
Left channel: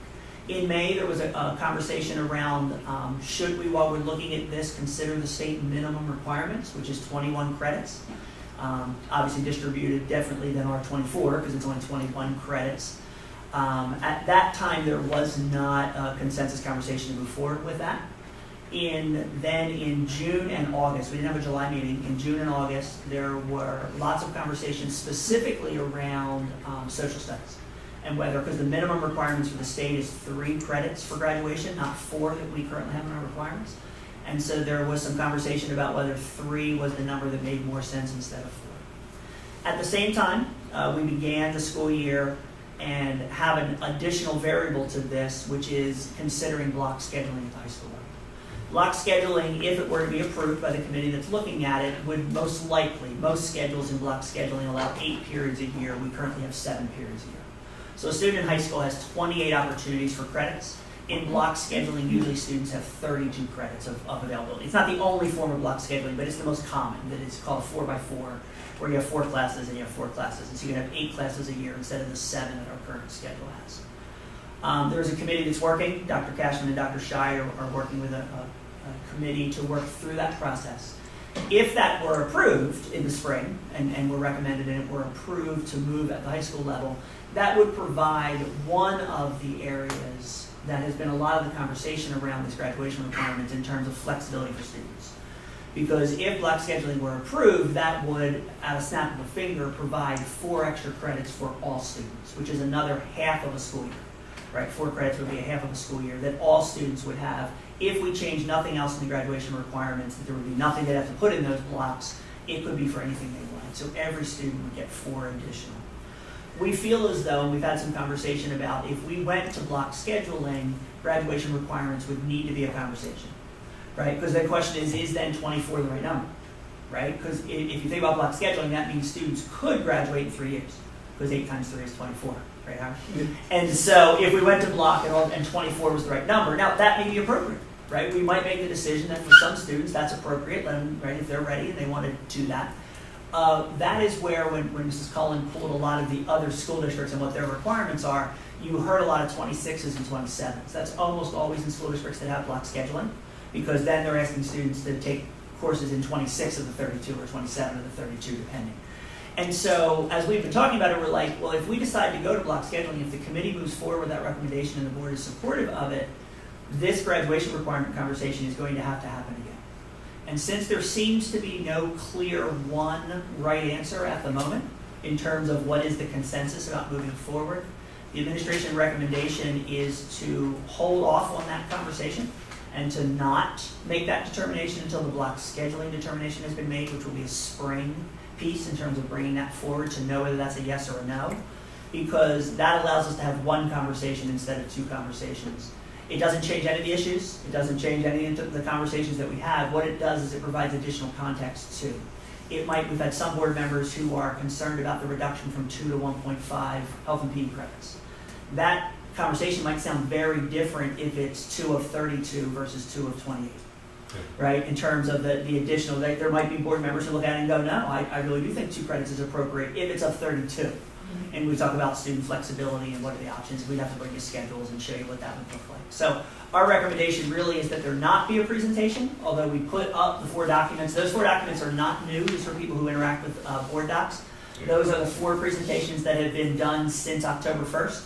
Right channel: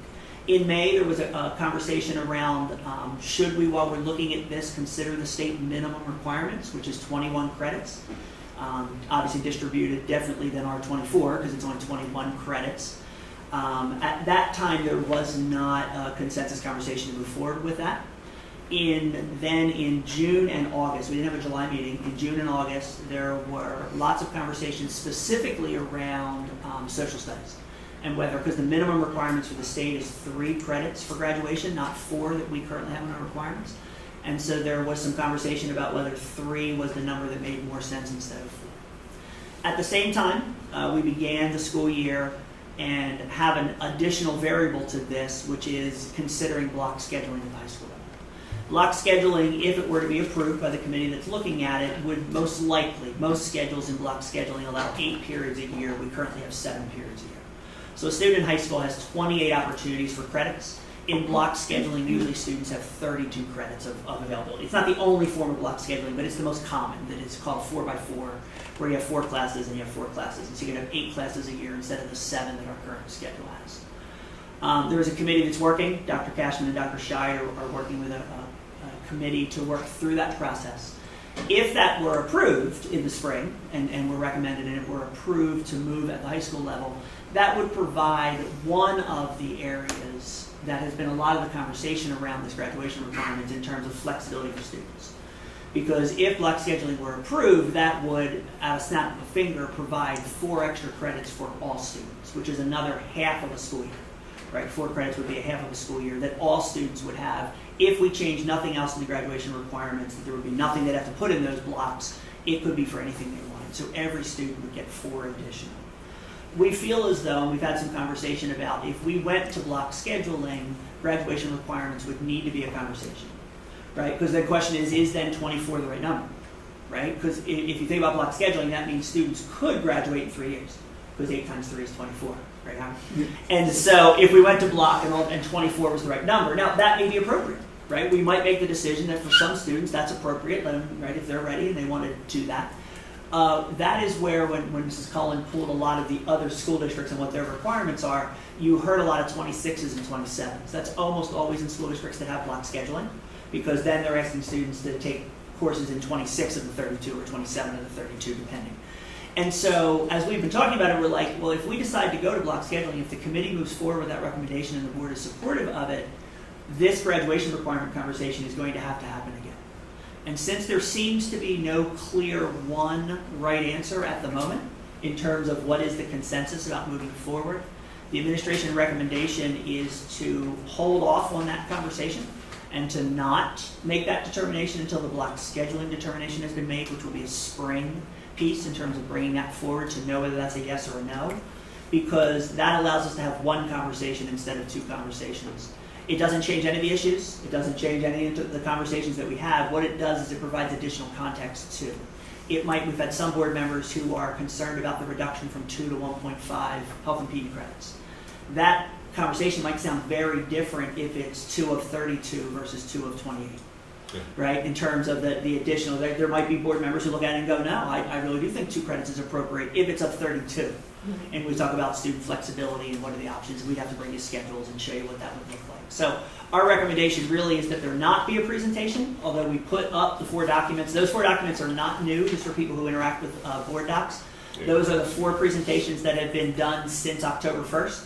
In May, there was a conversation around should we, while we're looking at this, consider the state minimum requirements, which is 21 credits. Obviously distributed differently than our 24 because it's only 21 credits. At that time, there was not a consensus conversation to move forward with that. Then in June and August, we didn't have a July meeting. In June and August, there were lots of conversations specifically around social studies. And whether, because the minimum requirements for the state is 3 credits for graduation, not 4 that we currently have in our requirements. And so there was some conversation about whether 3 was the number that made more sense instead of 4. At the same time, we began the school year and have an additional variable to this, which is considering block scheduling at the high school level. Block scheduling, if it were to be approved by the committee that's looking at it, would most likely, most schedules in block scheduling allow 8 periods a year. We currently have 7 periods a year. So a student in high school has 28 opportunities for credits. In block scheduling, usually students have 32 credits of availability. It's not the only form of block scheduling, but it's the most common. That it's called 4x4, where you have 4 classes and you have 4 classes. And so you can have 8 classes a year instead of the 7 that our current schedule has. There's a committee that's working. Dr. Cashman and Dr. Shire are working with a committee to work through that process. If that were approved in the spring, and were recommended and it were approved to move at the high school level, that would provide one of the areas that has been a lot of the conversation around this graduation requirement in terms of flexibility for students. Because if block scheduling were approved, that would, at a snap of a finger, provide 4 extra credits for all students, which is another half of a school year, right? 4 credits would be a half of a school year that all students would have. If we change nothing else in the graduation requirements, there would be nothing they'd have to put in those blocks. It could be for anything they wanted. So every student would get 4 additional. We feel as though, we've had some conversation about, if we went to block scheduling, graduation requirements would need to be a conversation, right? Because the question is then 24 the right number, right? Because if you think about block scheduling, that means students could graduate in 3 years, because 8 times 3 is 24, right, Howard? And so if we went to block and 24 was the right number, now that may be appropriate, right? We might make the decision that for some students that's appropriate, let them, right, if they're ready and they want to do that. That is where, when Mrs. Cullen pulled a lot of the other school districts and what their requirements are, you heard a lot of 26s and 27s. That's almost always in school districts that have block scheduling, because then they're asking students to take courses in 26 of the 32 or 27 of the 32, depending. And so, as we've been talking about it, we're like, well, if we decide to go to block scheduling, if the committee moves forward with that recommendation and the board is supportive of it, this graduation requirement conversation is going to happen again. And since there seems to be no clear one right answer at the moment in terms of what is the consensus about moving forward, the administration recommendation is to hold off on that conversation and to not make that determination until the block scheduling determination has been made, which will be a spring piece in terms of bringing that forward to know whether that's a yes or a no, because that allows us to have one conversation instead of 2 conversations. It doesn't change any of the issues. It doesn't change any of the conversations that we have. What it does is it provides additional context too. We've had some board members who are concerned about the reduction from 2 to 1.5 health and PD credits. That conversation might sound very different if it's 2 of 32 versus 2 of 28. Right, in terms of the additional, there might be board members who look at it and go, no, I really do think 2 credits is appropriate if it's of 32. And we talk about student flexibility and what are the options. We'd have to bring you schedules and show you what that would look like. So our recommendation really is that there not be a presentation, although we put up the 4 documents. Those 4 documents are not new, just for people who interact with board docs. Those are the 4 presentations that have been done since October 1st.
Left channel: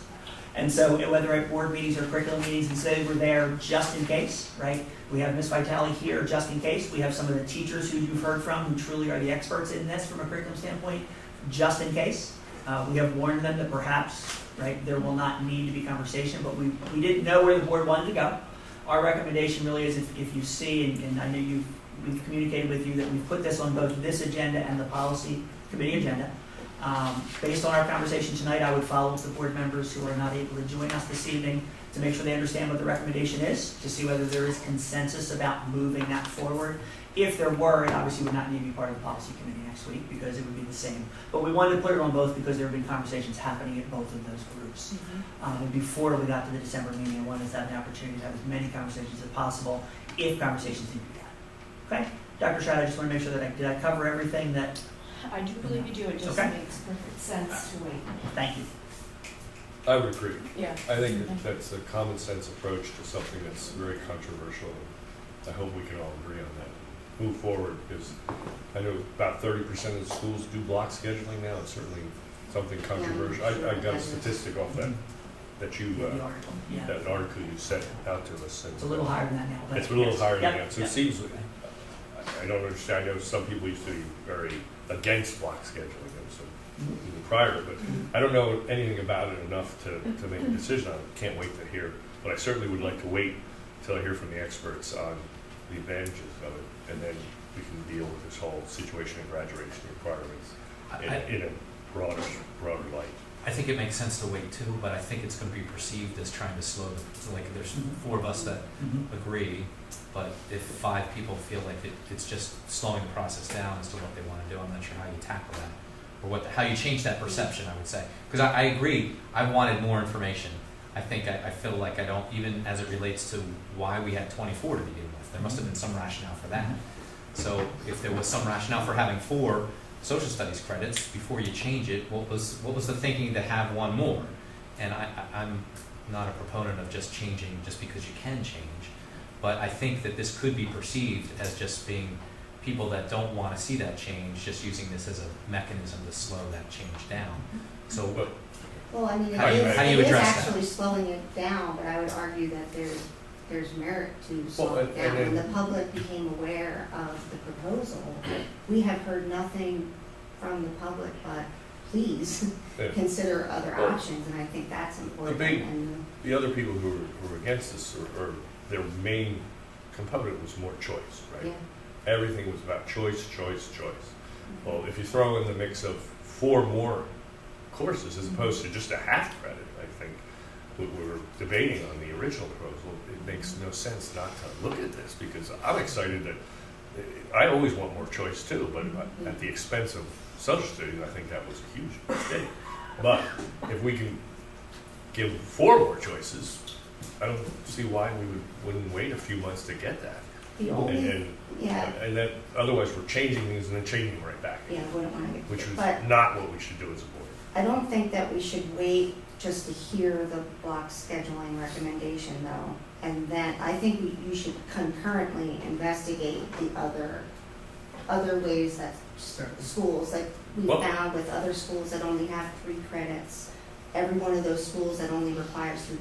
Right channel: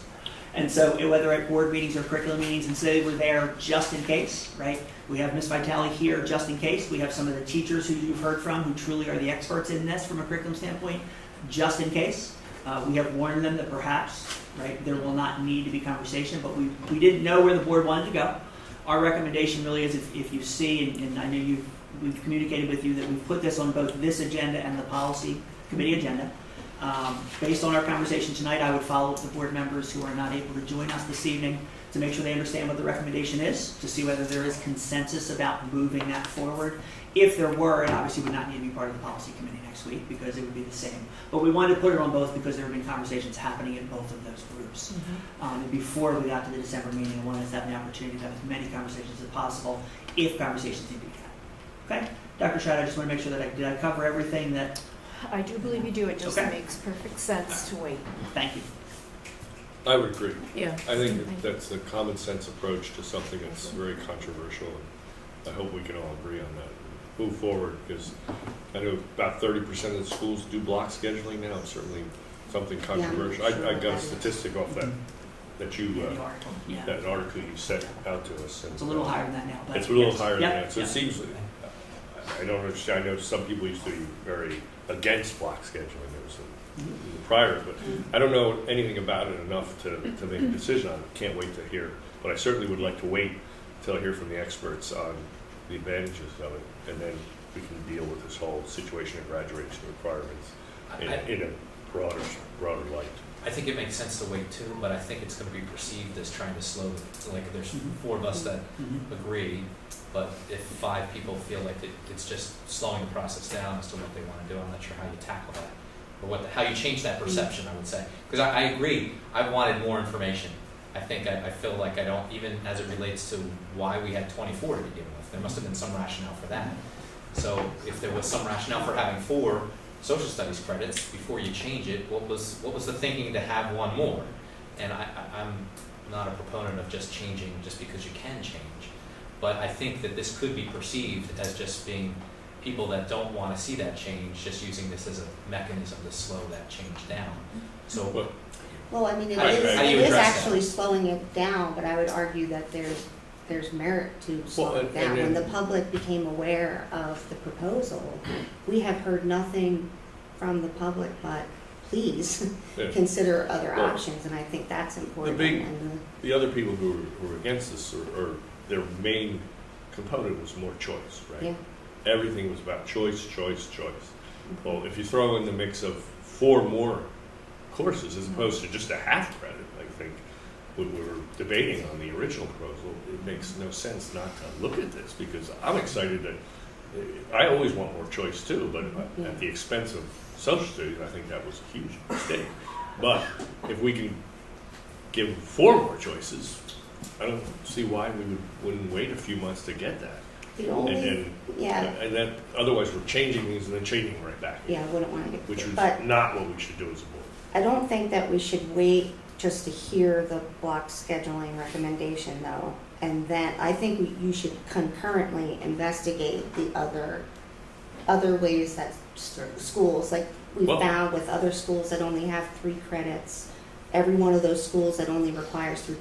And so whether at board meetings or curriculum meetings, and so they were there just in case, right? We have Ms. Vitale here just in case. We have some of the teachers who you've heard from who truly are the experts in this from a curriculum standpoint, just in case. We have warned them that perhaps, right, there will not need to be conversation, but we didn't know where the board wanted to go. Our recommendation really is if you see, and I know we've communicated with you that we've put this on both this agenda and the policy committee agenda. Based on our conversation tonight, I would follow with the board members who are not able to join us this evening to make sure they understand what the recommendation is, to see whether there is consensus about moving that forward. If there were, it obviously would not need to be part of the policy committee next week because it would be the same. But we wanted to put it on both because there have been conversations happening in both of those groups. And before we got to the December meeting, we wanted to have an opportunity to have as many conversations as possible if conversations need to be had. Okay? Dr. Schrader, I just want to make sure that did I cover everything that... I do believe you do. It just Okay. makes perfect sense to wait. Thank you. I would agree. Yeah. I think that's a common sense approach to something that's very controversial. I hope we can all agree on that. Move forward, because I know about 30% of the schools do block scheduling now. It's certainly something controversial. I got a statistic off that you The article. Yeah. that article you sent out to us. And It's a little higher than that now. It's a little higher than Yep. that. So Yep. it seems like, I don't understand. I know some people used to be very against block scheduling. There was some prior, but I don't know anything about it enough to make a decision on it. Can't wait to hear. But I certainly would like to wait until I hear from the experts on the advantages of it, and then we can deal with this whole situation of graduation requirements in a broader light. I think it makes sense to wait too, but I think it's going to be perceived as trying to slow like there's 4 of us that agree, but if 5 people feel like it's just slowing the process down as to what they want to do, I'm not sure how you tackle that or how you change that perception, I would say. Because I agree, I wanted more information. I think I feel like I don't, even as it relates to why we had 24 to begin with, there must have been some rationale for that. So if there was some rationale for having 4 social studies credits before you change it, what was the thinking to have 1 more? And I'm not a proponent of just changing just because you can change, but I think that this could be perceived as just being people that don't want to see that change, just using this as a mechanism to slow that change down. So But Well, I mean, How do you it is address that? actually slowing it down, but I would argue that there's merit to slowing it and- down. When and- the public became aware of the proposal, we have heard nothing from the public but, please, Yeah. consider other Well, options, and I think that's important. big- And the other people who were against this, or their main component was more choice, right? Yeah. Everything was about choice, choice, choice. Well, if you throw in the mix of 4 more courses as opposed to just a half credit, I think we were debating on the original proposal, it makes no sense not to look at this, because I'm excited that, I always want more choice too, but at the expense of social studies, I think that was a huge mistake. But if we can give 4 more choices, I don't see why we wouldn't wait a few months to get that. the And only, then, yeah, and then otherwise we're changing these and then changing right back, yeah, I wouldn't want to get, which is but not what we should do as a board. I don't think that we should wait just to hear the block scheduling recommendation though. And then I think you should concurrently investigate the other ways that schools, like we Well- found with other schools that only have 3 credits. Every one of those schools that only requires 3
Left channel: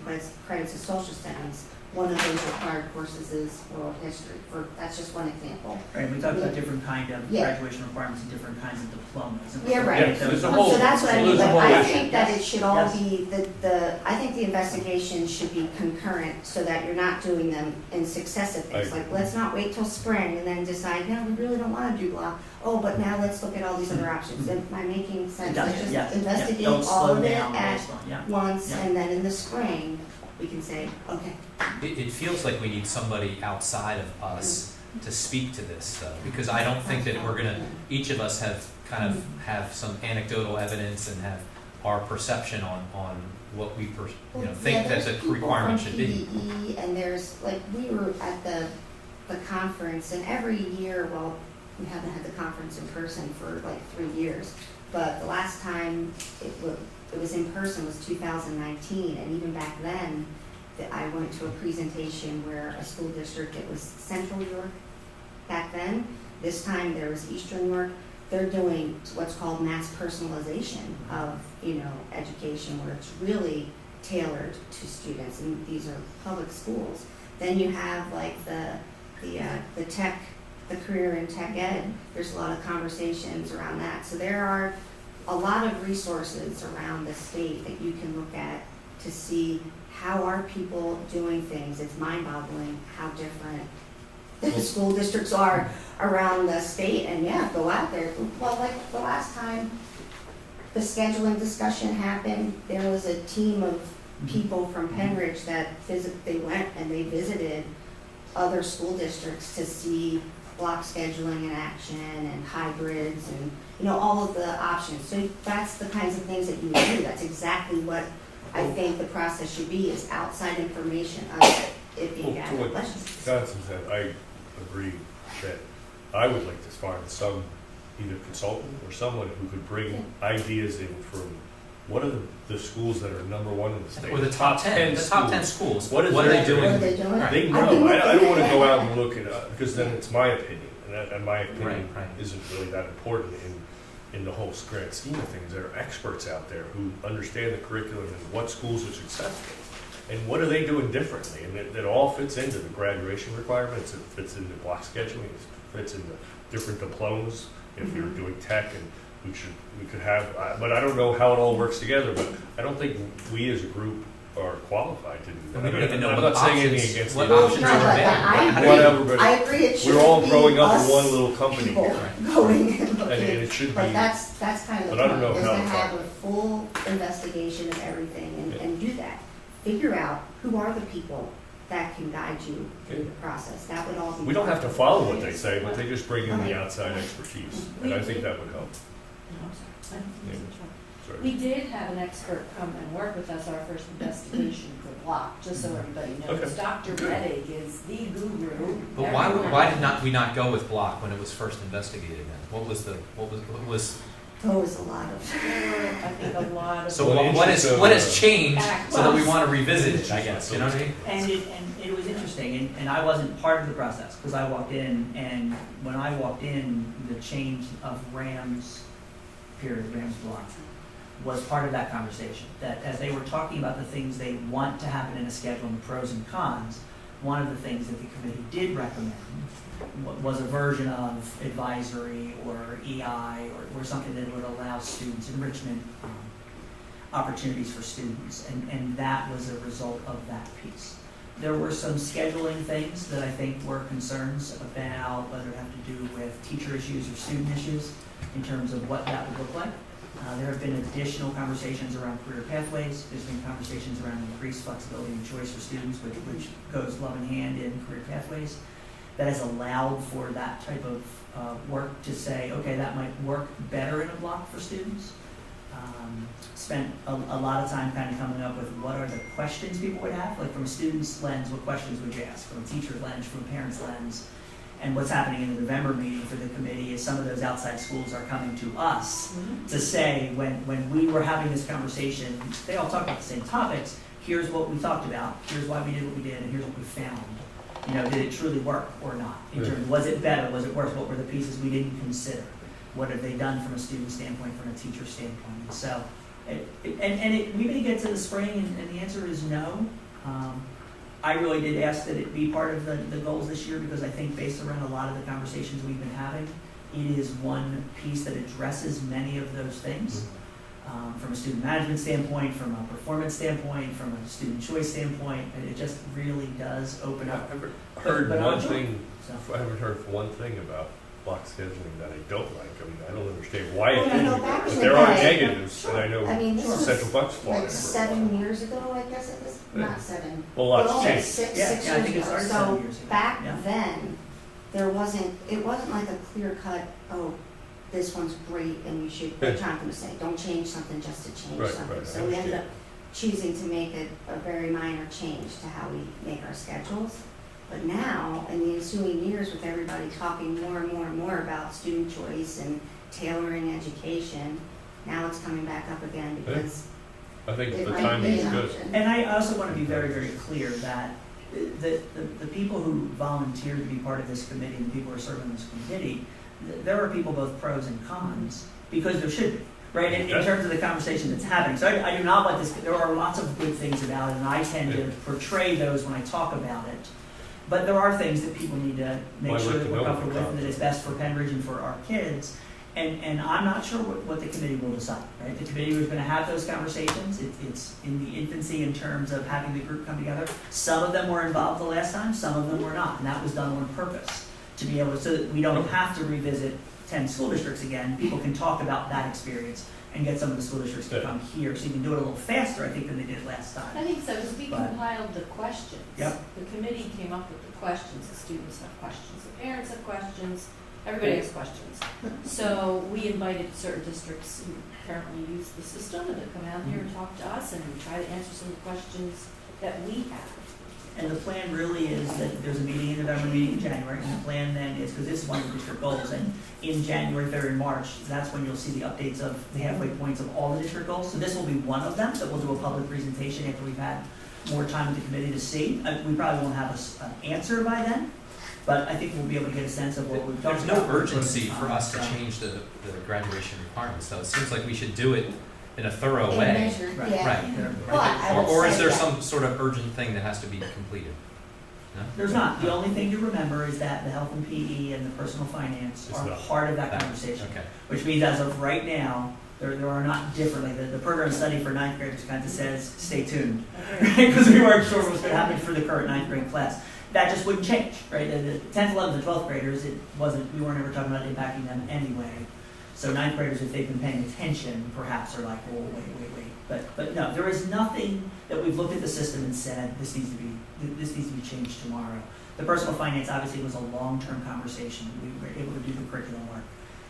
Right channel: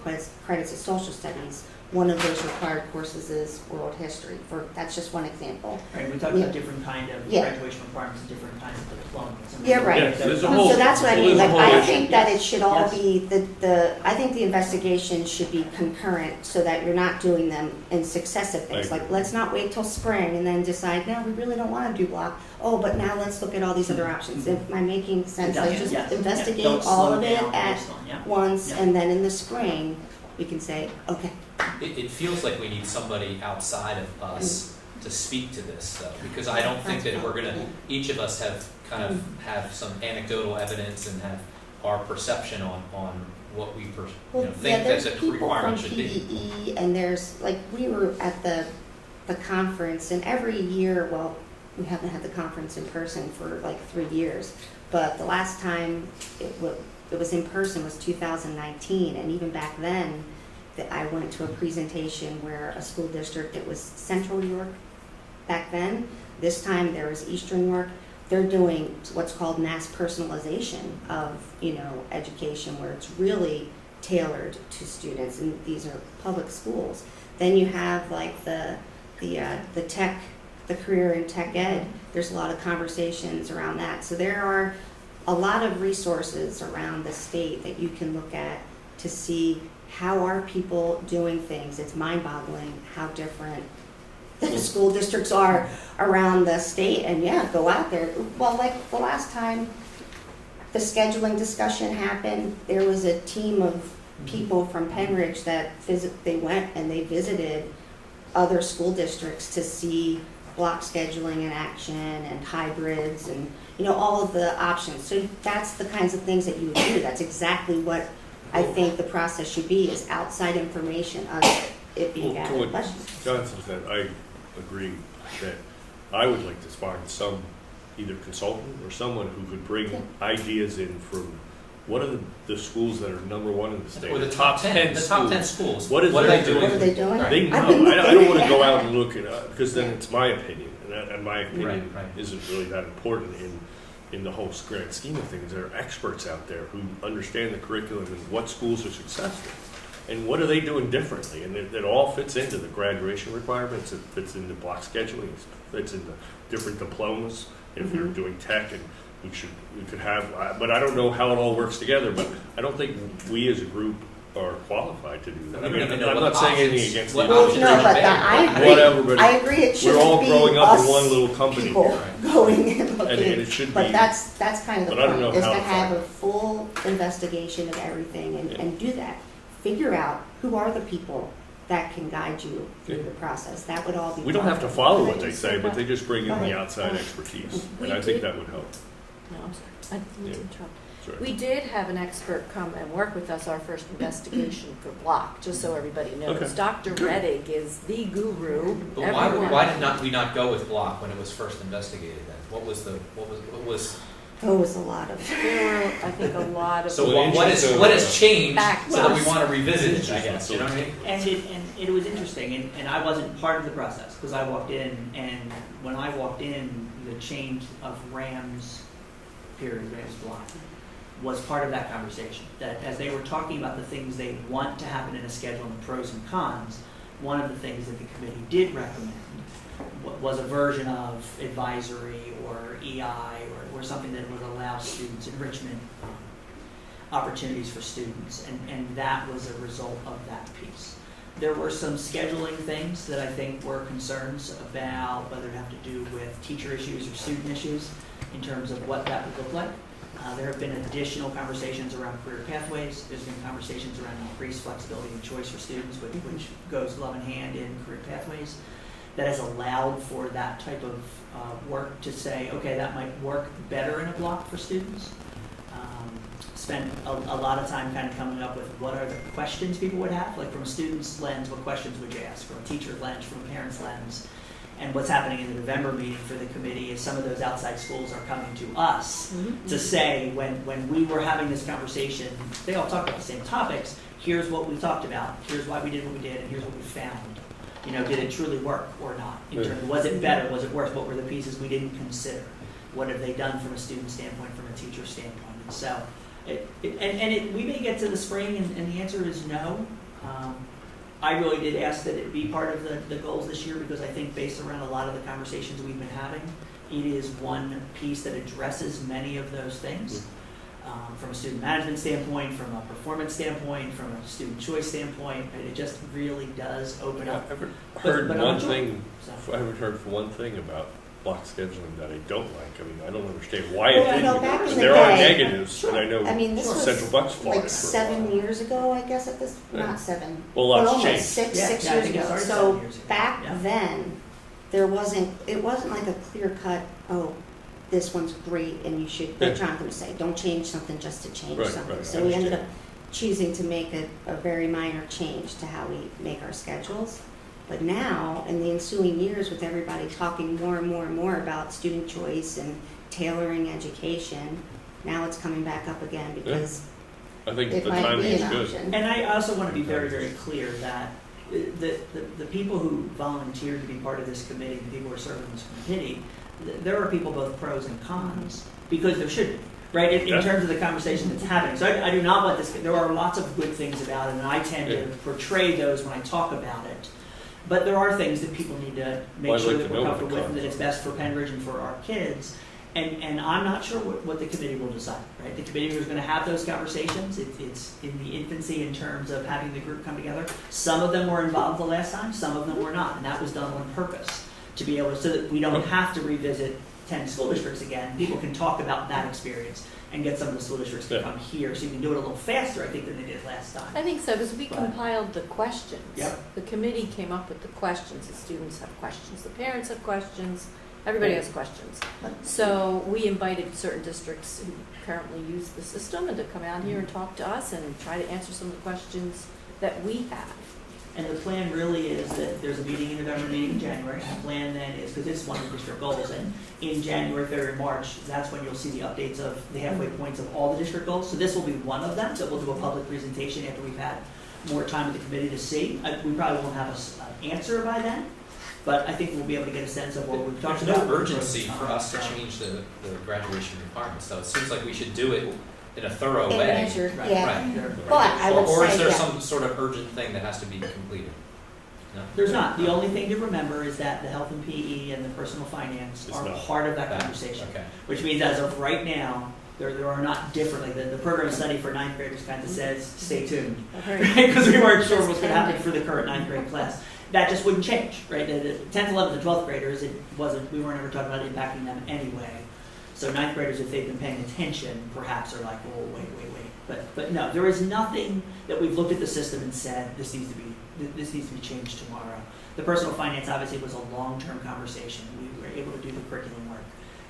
credits is social studies. One of those required courses is world history. That's just one example. Right, we talked Yeah. about different kind of Yeah. graduation requirements and different kinds of diplomas. And Yeah, so right. Yeah, there's a whole- So that's what I mean, there's a like, whole I issue. think that it should all Yes. be, I think the investigation should be concurrent so that you're not doing them in successive things. I Like, agree. let's not wait till spring and then decide, no, we really don't wanna do block. Oh, but now let's look at all these other options. Am I making sense? Let's just Yes, investigate yeah, don't all slow of it down at based on- yeah. once, Yeah. and then in the spring, we can say, okay, it feels like we need somebody outside of us to speak to this though, because I don't think that we're gonna, each of us have kind of have some anecdotal evidence and have our perception on what we think that the requirement should be. PVE, and there's, like, we were at the conference, and every year, well, we haven't had the conference in person for like 3 years, but the last time it was in person was 2019, and even back then, that I went to a presentation where a school district, it was Central York back then. This time there was Eastern York. They're doing what's called mass personalization of, education, where it's really tailored to students, and these are public schools. Then you have like the tech, the career in tech ed. There's a lot of conversations around that. So there are a lot of resources around the state that you can look at to see how are people doing things. It's mind-boggling how different the school districts are around the state, and yeah, go out there. Well, like the last time the scheduling discussion happened, there was a team of people from Penridge that they went and they visited other school districts to see block scheduling in action and hybrids and, all of the options. So that's the kinds of things that you would do. That's exactly what I think the process should be, is outside information of it being Well, to added what questions. Johnson said, I agree that I would like to find some, either consultant or someone who could bring ideas in from what are the schools that are number 1 in the state? Or the top 10, the top 10 schools. schools. What is What are their they doing? What are they doing? Right. They I've been know. I don't looking want to at go it. out and look it up, because then it's my opinion, and my opinion Right. isn't really that important in the whole grand scheme of things. There are experts out there who understand the curriculum and what schools are successful, and what are they doing differently, and it all fits into the graduation requirements, it fits into block scheduling, it fits into different diplomas, if you're doing tech, and we could have, but I don't know how it all works together, but I don't think we as a group are qualified to do that. We don't even know I'm what not saying anything options- against what the options No, are but available. I agree. Whatever, but I agree, it shouldn't we're all be growing up in us one little company people here. going and And looking. it should But be, that's kind of the but I don't know point, is how to to have find a full investigation of everything Yeah. and do that. Figure out who are the people that can guide you through Yeah. the process. That would all be. we don't have to part of it. follow what they say, but they just bring in the outside expertise, We and I think did- that would help. No, I'm sorry. I didn't mean to interrupt. Sorry. We did have an expert come and work with us our first investigation for block, just so everybody knows. Okay. Dr. Reddick is the guru. But why did we not go with block when it was first investigated then? What was Oh, it was a lot of. There were, I think, a lot of. So Well, what interesting. has changed Back so that we to us. want to revisit it, I guess, you know what I mean? And it was interesting, and I wasn't part of the process, because I walked in, and when I walked in, the change of Rams block, was part of that conversation. That as they were talking about the things they want to happen in a schedule and pros and cons, one of the things that the committee did recommend was a version of advisory or EI or something that would allow students enrichment opportunities for students, and that was a result of that piece. There were some scheduling things that I think were concerns about whether it had to do with teacher issues or student issues in terms of what that would look like. There have been additional conversations around career pathways. There's been conversations around increased flexibility and choice for students, which goes love in hand in career pathways. That has allowed for that type of work to say, okay, that might work better in a block for students. Spent a lot of time kind of coming up with what are the questions people would have, like from a student's lens, what questions would you ask, from a teacher's lens, from a parent's lens. And what's happening in the November meeting for the committee is some of those outside schools are coming to us to say, when we were having this conversation, they all talked about the same topics. Here's what we talked about. Here's why we did what we did, and here's what we found. You know, did it truly work or not? In terms of, was it better? Was it worse? What were the pieces we didn't consider? What have they done from a student standpoint, from a teacher standpoint? And so, we may get to the spring, and the answer is no. I really did ask that it be part of the goals this year, because I think based around a lot of the conversations we've been having, it is one piece that addresses many of those things. From a student management standpoint, from a performance standpoint, from a student choice standpoint, and it just really does open up. I haven't heard one So- thing. I haven't heard one thing about block scheduling that I don't like. I mean, I don't understand why Well, it I didn't. thought back But in the there are day- negatives, and I know I mean, this was Central Bucks fought it like for a 7 while. years ago, I guess, at this, not 7. Well, lots almost changed. six Yeah, I years think it ago. started So 7 years ago. back Yeah. then, it wasn't like a clear cut, oh, this one's great and you should, what Jonathan going to say, don't change something just to change Right, something. right, I So we ended up understand. choosing to make a very minor change to how we make our schedules. But now, in the ensuing years, with everybody talking more and more and more about student choice and tailoring education, now it's coming back up again because I think it the might timing be is an good. option. And I also want to be very, very clear that the people who volunteer to be part of this committee, and the people who are serving this committee, there are people both pros and cons, because there should be, right, in terms of the conversation that's happening. So I do not want this, there are lots of good things about it, and I tend to portray those when I talk about it. But there are things that people need to make Well, I'd sure like that to we're know what comfortable the with, cons that it's best for Penridge and for our kids. And I'm not sure what the committee will decide, right? The committee is going to have those conversations. It's in the infancy in terms of having the group come together. Some of them were involved the last time, some of them were not, and that was done on purpose to be able to, so that we don't have to revisit 10 school districts again. People can talk about that experience and get some of the school districts to Yeah. come here, so you can do it a little faster, I think, than they did last I time. think so, because we But- compiled the questions. Yep. The committee came up with the questions, the students have questions, the parents have questions, everybody has questions. So we invited certain districts who currently use the system and to come out here and talk to us and try to answer some of the questions that we have. And the plan really is that there's a meeting in November, meeting in January. And the plan then is, because it's one of the district goals, and in January, February, March, that's when you'll see the updates of the halfway points of all the district goals. So this will be one of them that we'll do a public presentation after we've had more time with the committee to see. We probably won't have an answer by then, but I think we'll be able to get a sense of what we've talked There's about. no urgency for us to change the graduation requirements, though. It seems like we should do it in a thorough And way. measured, Right. yeah. Right. Well, I would Or is say there that- some sort of urgent thing that has to be completed? No? There's not. The only thing to remember is that the health and PE and the personal finance It's are not. part of that conversation. Okay. Which means as of right now, there are not differently. The program study for ninth graders kind of says, stay tuned. Because we weren't sure what was going to happen for the current ninth grade class. That just wouldn't change, right? The 10th, 11th, and 12th graders, we weren't ever talking about impacting them anyway. So ninth graders, if they've been paying attention, perhaps are like, oh, wait. But no, there is nothing that we've looked at the system and said, this needs to be changed tomorrow. The personal finance obviously was a long-term conversation. We were able to do the curriculum work.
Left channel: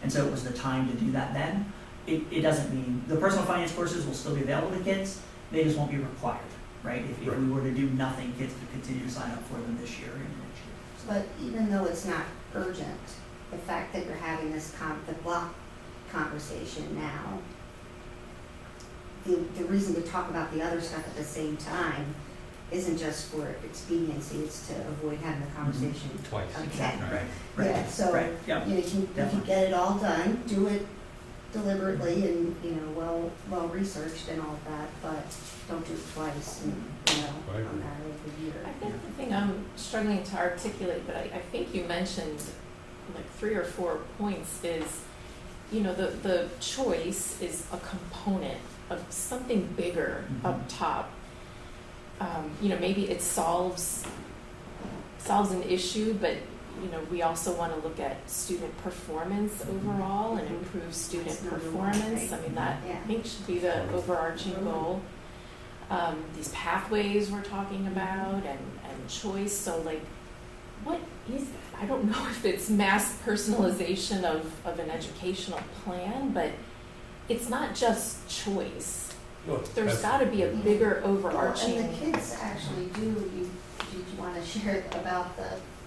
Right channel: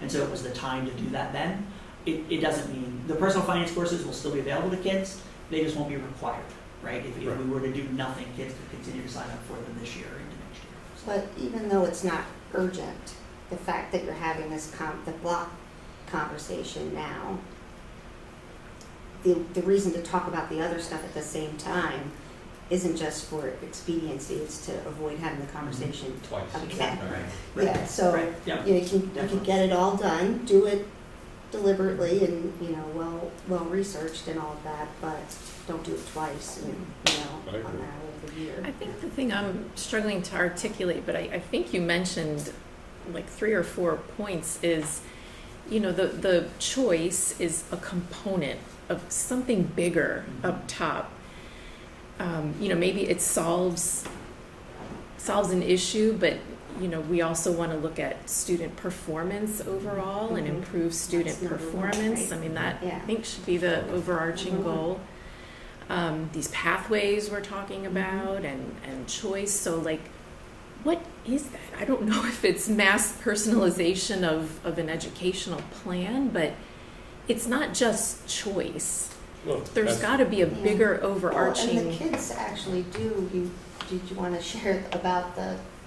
And so it was the time to do that then. It doesn't mean, the personal finance courses will still be available to kids, they just won't be required, right? If we were to do nothing, kids could continue to sign up for them this year or into next year. So- But even though it's not urgent, the fact that you're having this the block conversation now, the reason to talk about the other stuff at the same time isn't just for expediency, it's to avoid having the conversation Twice. again. Right. Yeah, so, Right, yeah. you can Definitely. get it all done, do it deliberately and, well researched and all of that, but don't do it twice, and, Right. on that over the year. I think the thing I'm struggling to articulate, but I think you mentioned like 3 or 4 points is, the choice is a component of something bigger up top. Maybe it solves an issue, but we also want to look at student performance overall and Mhm. improve student That's number one, performance. right? I mean, that Yeah. I think should be the overarching Mhm. goal. These pathways we're talking about and choice. So like, what is that? I don't know if it's mass personalization of an educational plan, but it's not just choice. Well, There's that's- got to be a Yeah. bigger Well, overarching. and the kids actually do, did you want to share about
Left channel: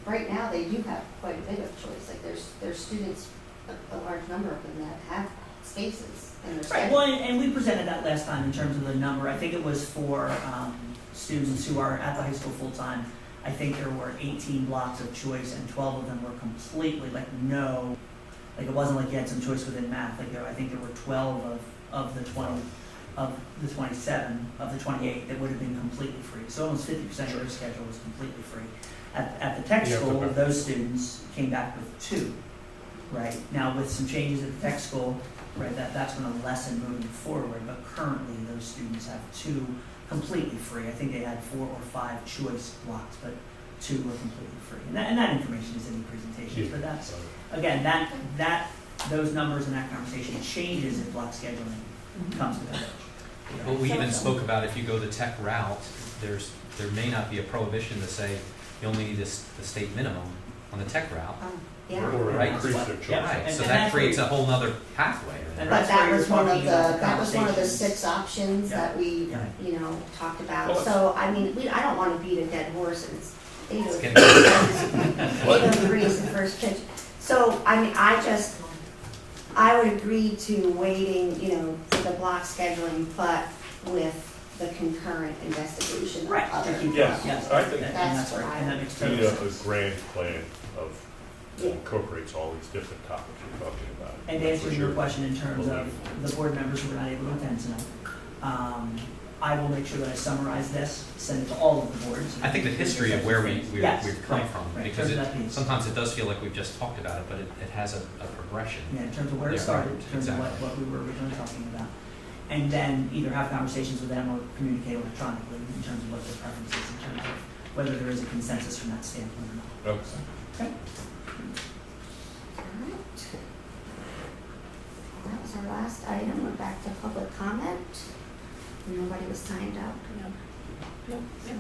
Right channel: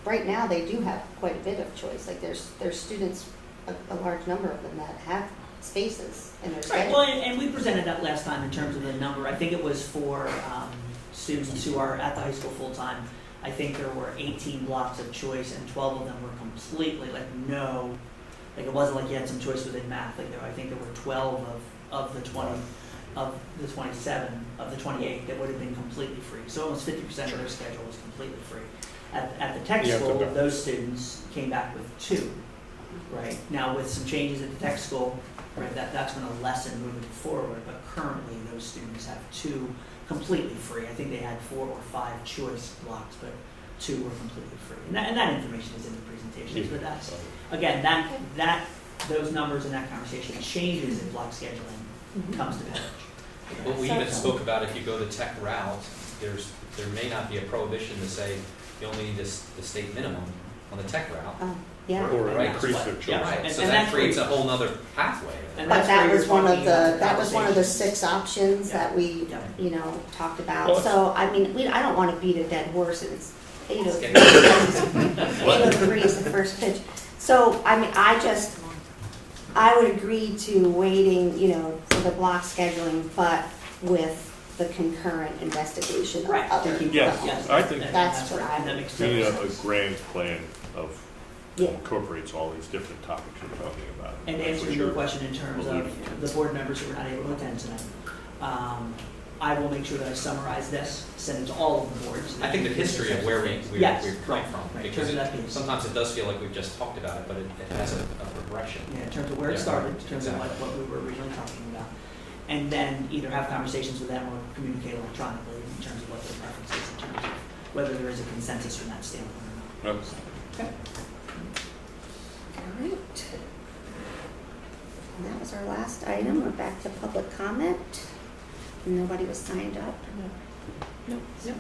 right now, they do have quite a bit of choice, like there's students, a large number of them that have spaces in their Right, schedule. well, and we presented that last time in terms of the number. I think it was for students who are at the high school full-time. I think there were 18 blocks of choice, and 12 of them were completely, it wasn't like you had some choice within math. I think there were 12 of the 20, of the 27, of the 28 that would have been completely free. So almost 50% of their schedule was completely free. At the tech Yeah, school, but- those students came back with 2, right? Now, with some changes at the tech school, right, that's going to lessen moving forward, but currently those students have 2 completely free. I think they had 4 or 5 choice blocks, but 2 were completely free. And that information is in the presentations, but that's, again, those numbers and that conversation changes if block scheduling comes to that. Well, we even spoke about if you go the tech route, there may not be a prohibition to say you only need the state minimum on the tech route. Yeah. Or Right. increase their choice. Yeah, Right, and- so and that that's creates a where- whole nother pathway. And But that's that where was you're one of talking about the that was one of the conversations. 6 options that we, Yeah. talked about. Well, So, I mean, I don't want to beat a dead horse, it's It's 8:03 is the first pitch. So, I mean, I would agree to waiting, for the block scheduling, but with the concurrent investigation of Right. other. Yes, Yes, I think- That's what I that would- makes We need total a sense. grand plan of Yeah. incorporates all these different topics we're talking about. And For answering your sure. question in terms of the board members who were not able to attend tonight, I will make sure that I summarize this, send it to all of the boards. I think the history of where we've Yes, come right, from, right, in because terms of that piece. sometimes it does feel like we've just talked about it, but it has a progression. Yeah, in terms of where it Yeah, started, right, in terms of exactly. what we were originally talking about. And then either have conversations with them or communicate electronically in terms of what their preference is, in terms of whether there is a consensus from that standpoint or not. Yep. Okay. All right. And that was our last item. We're back to public comment. Nobody was signed up. Nope. So,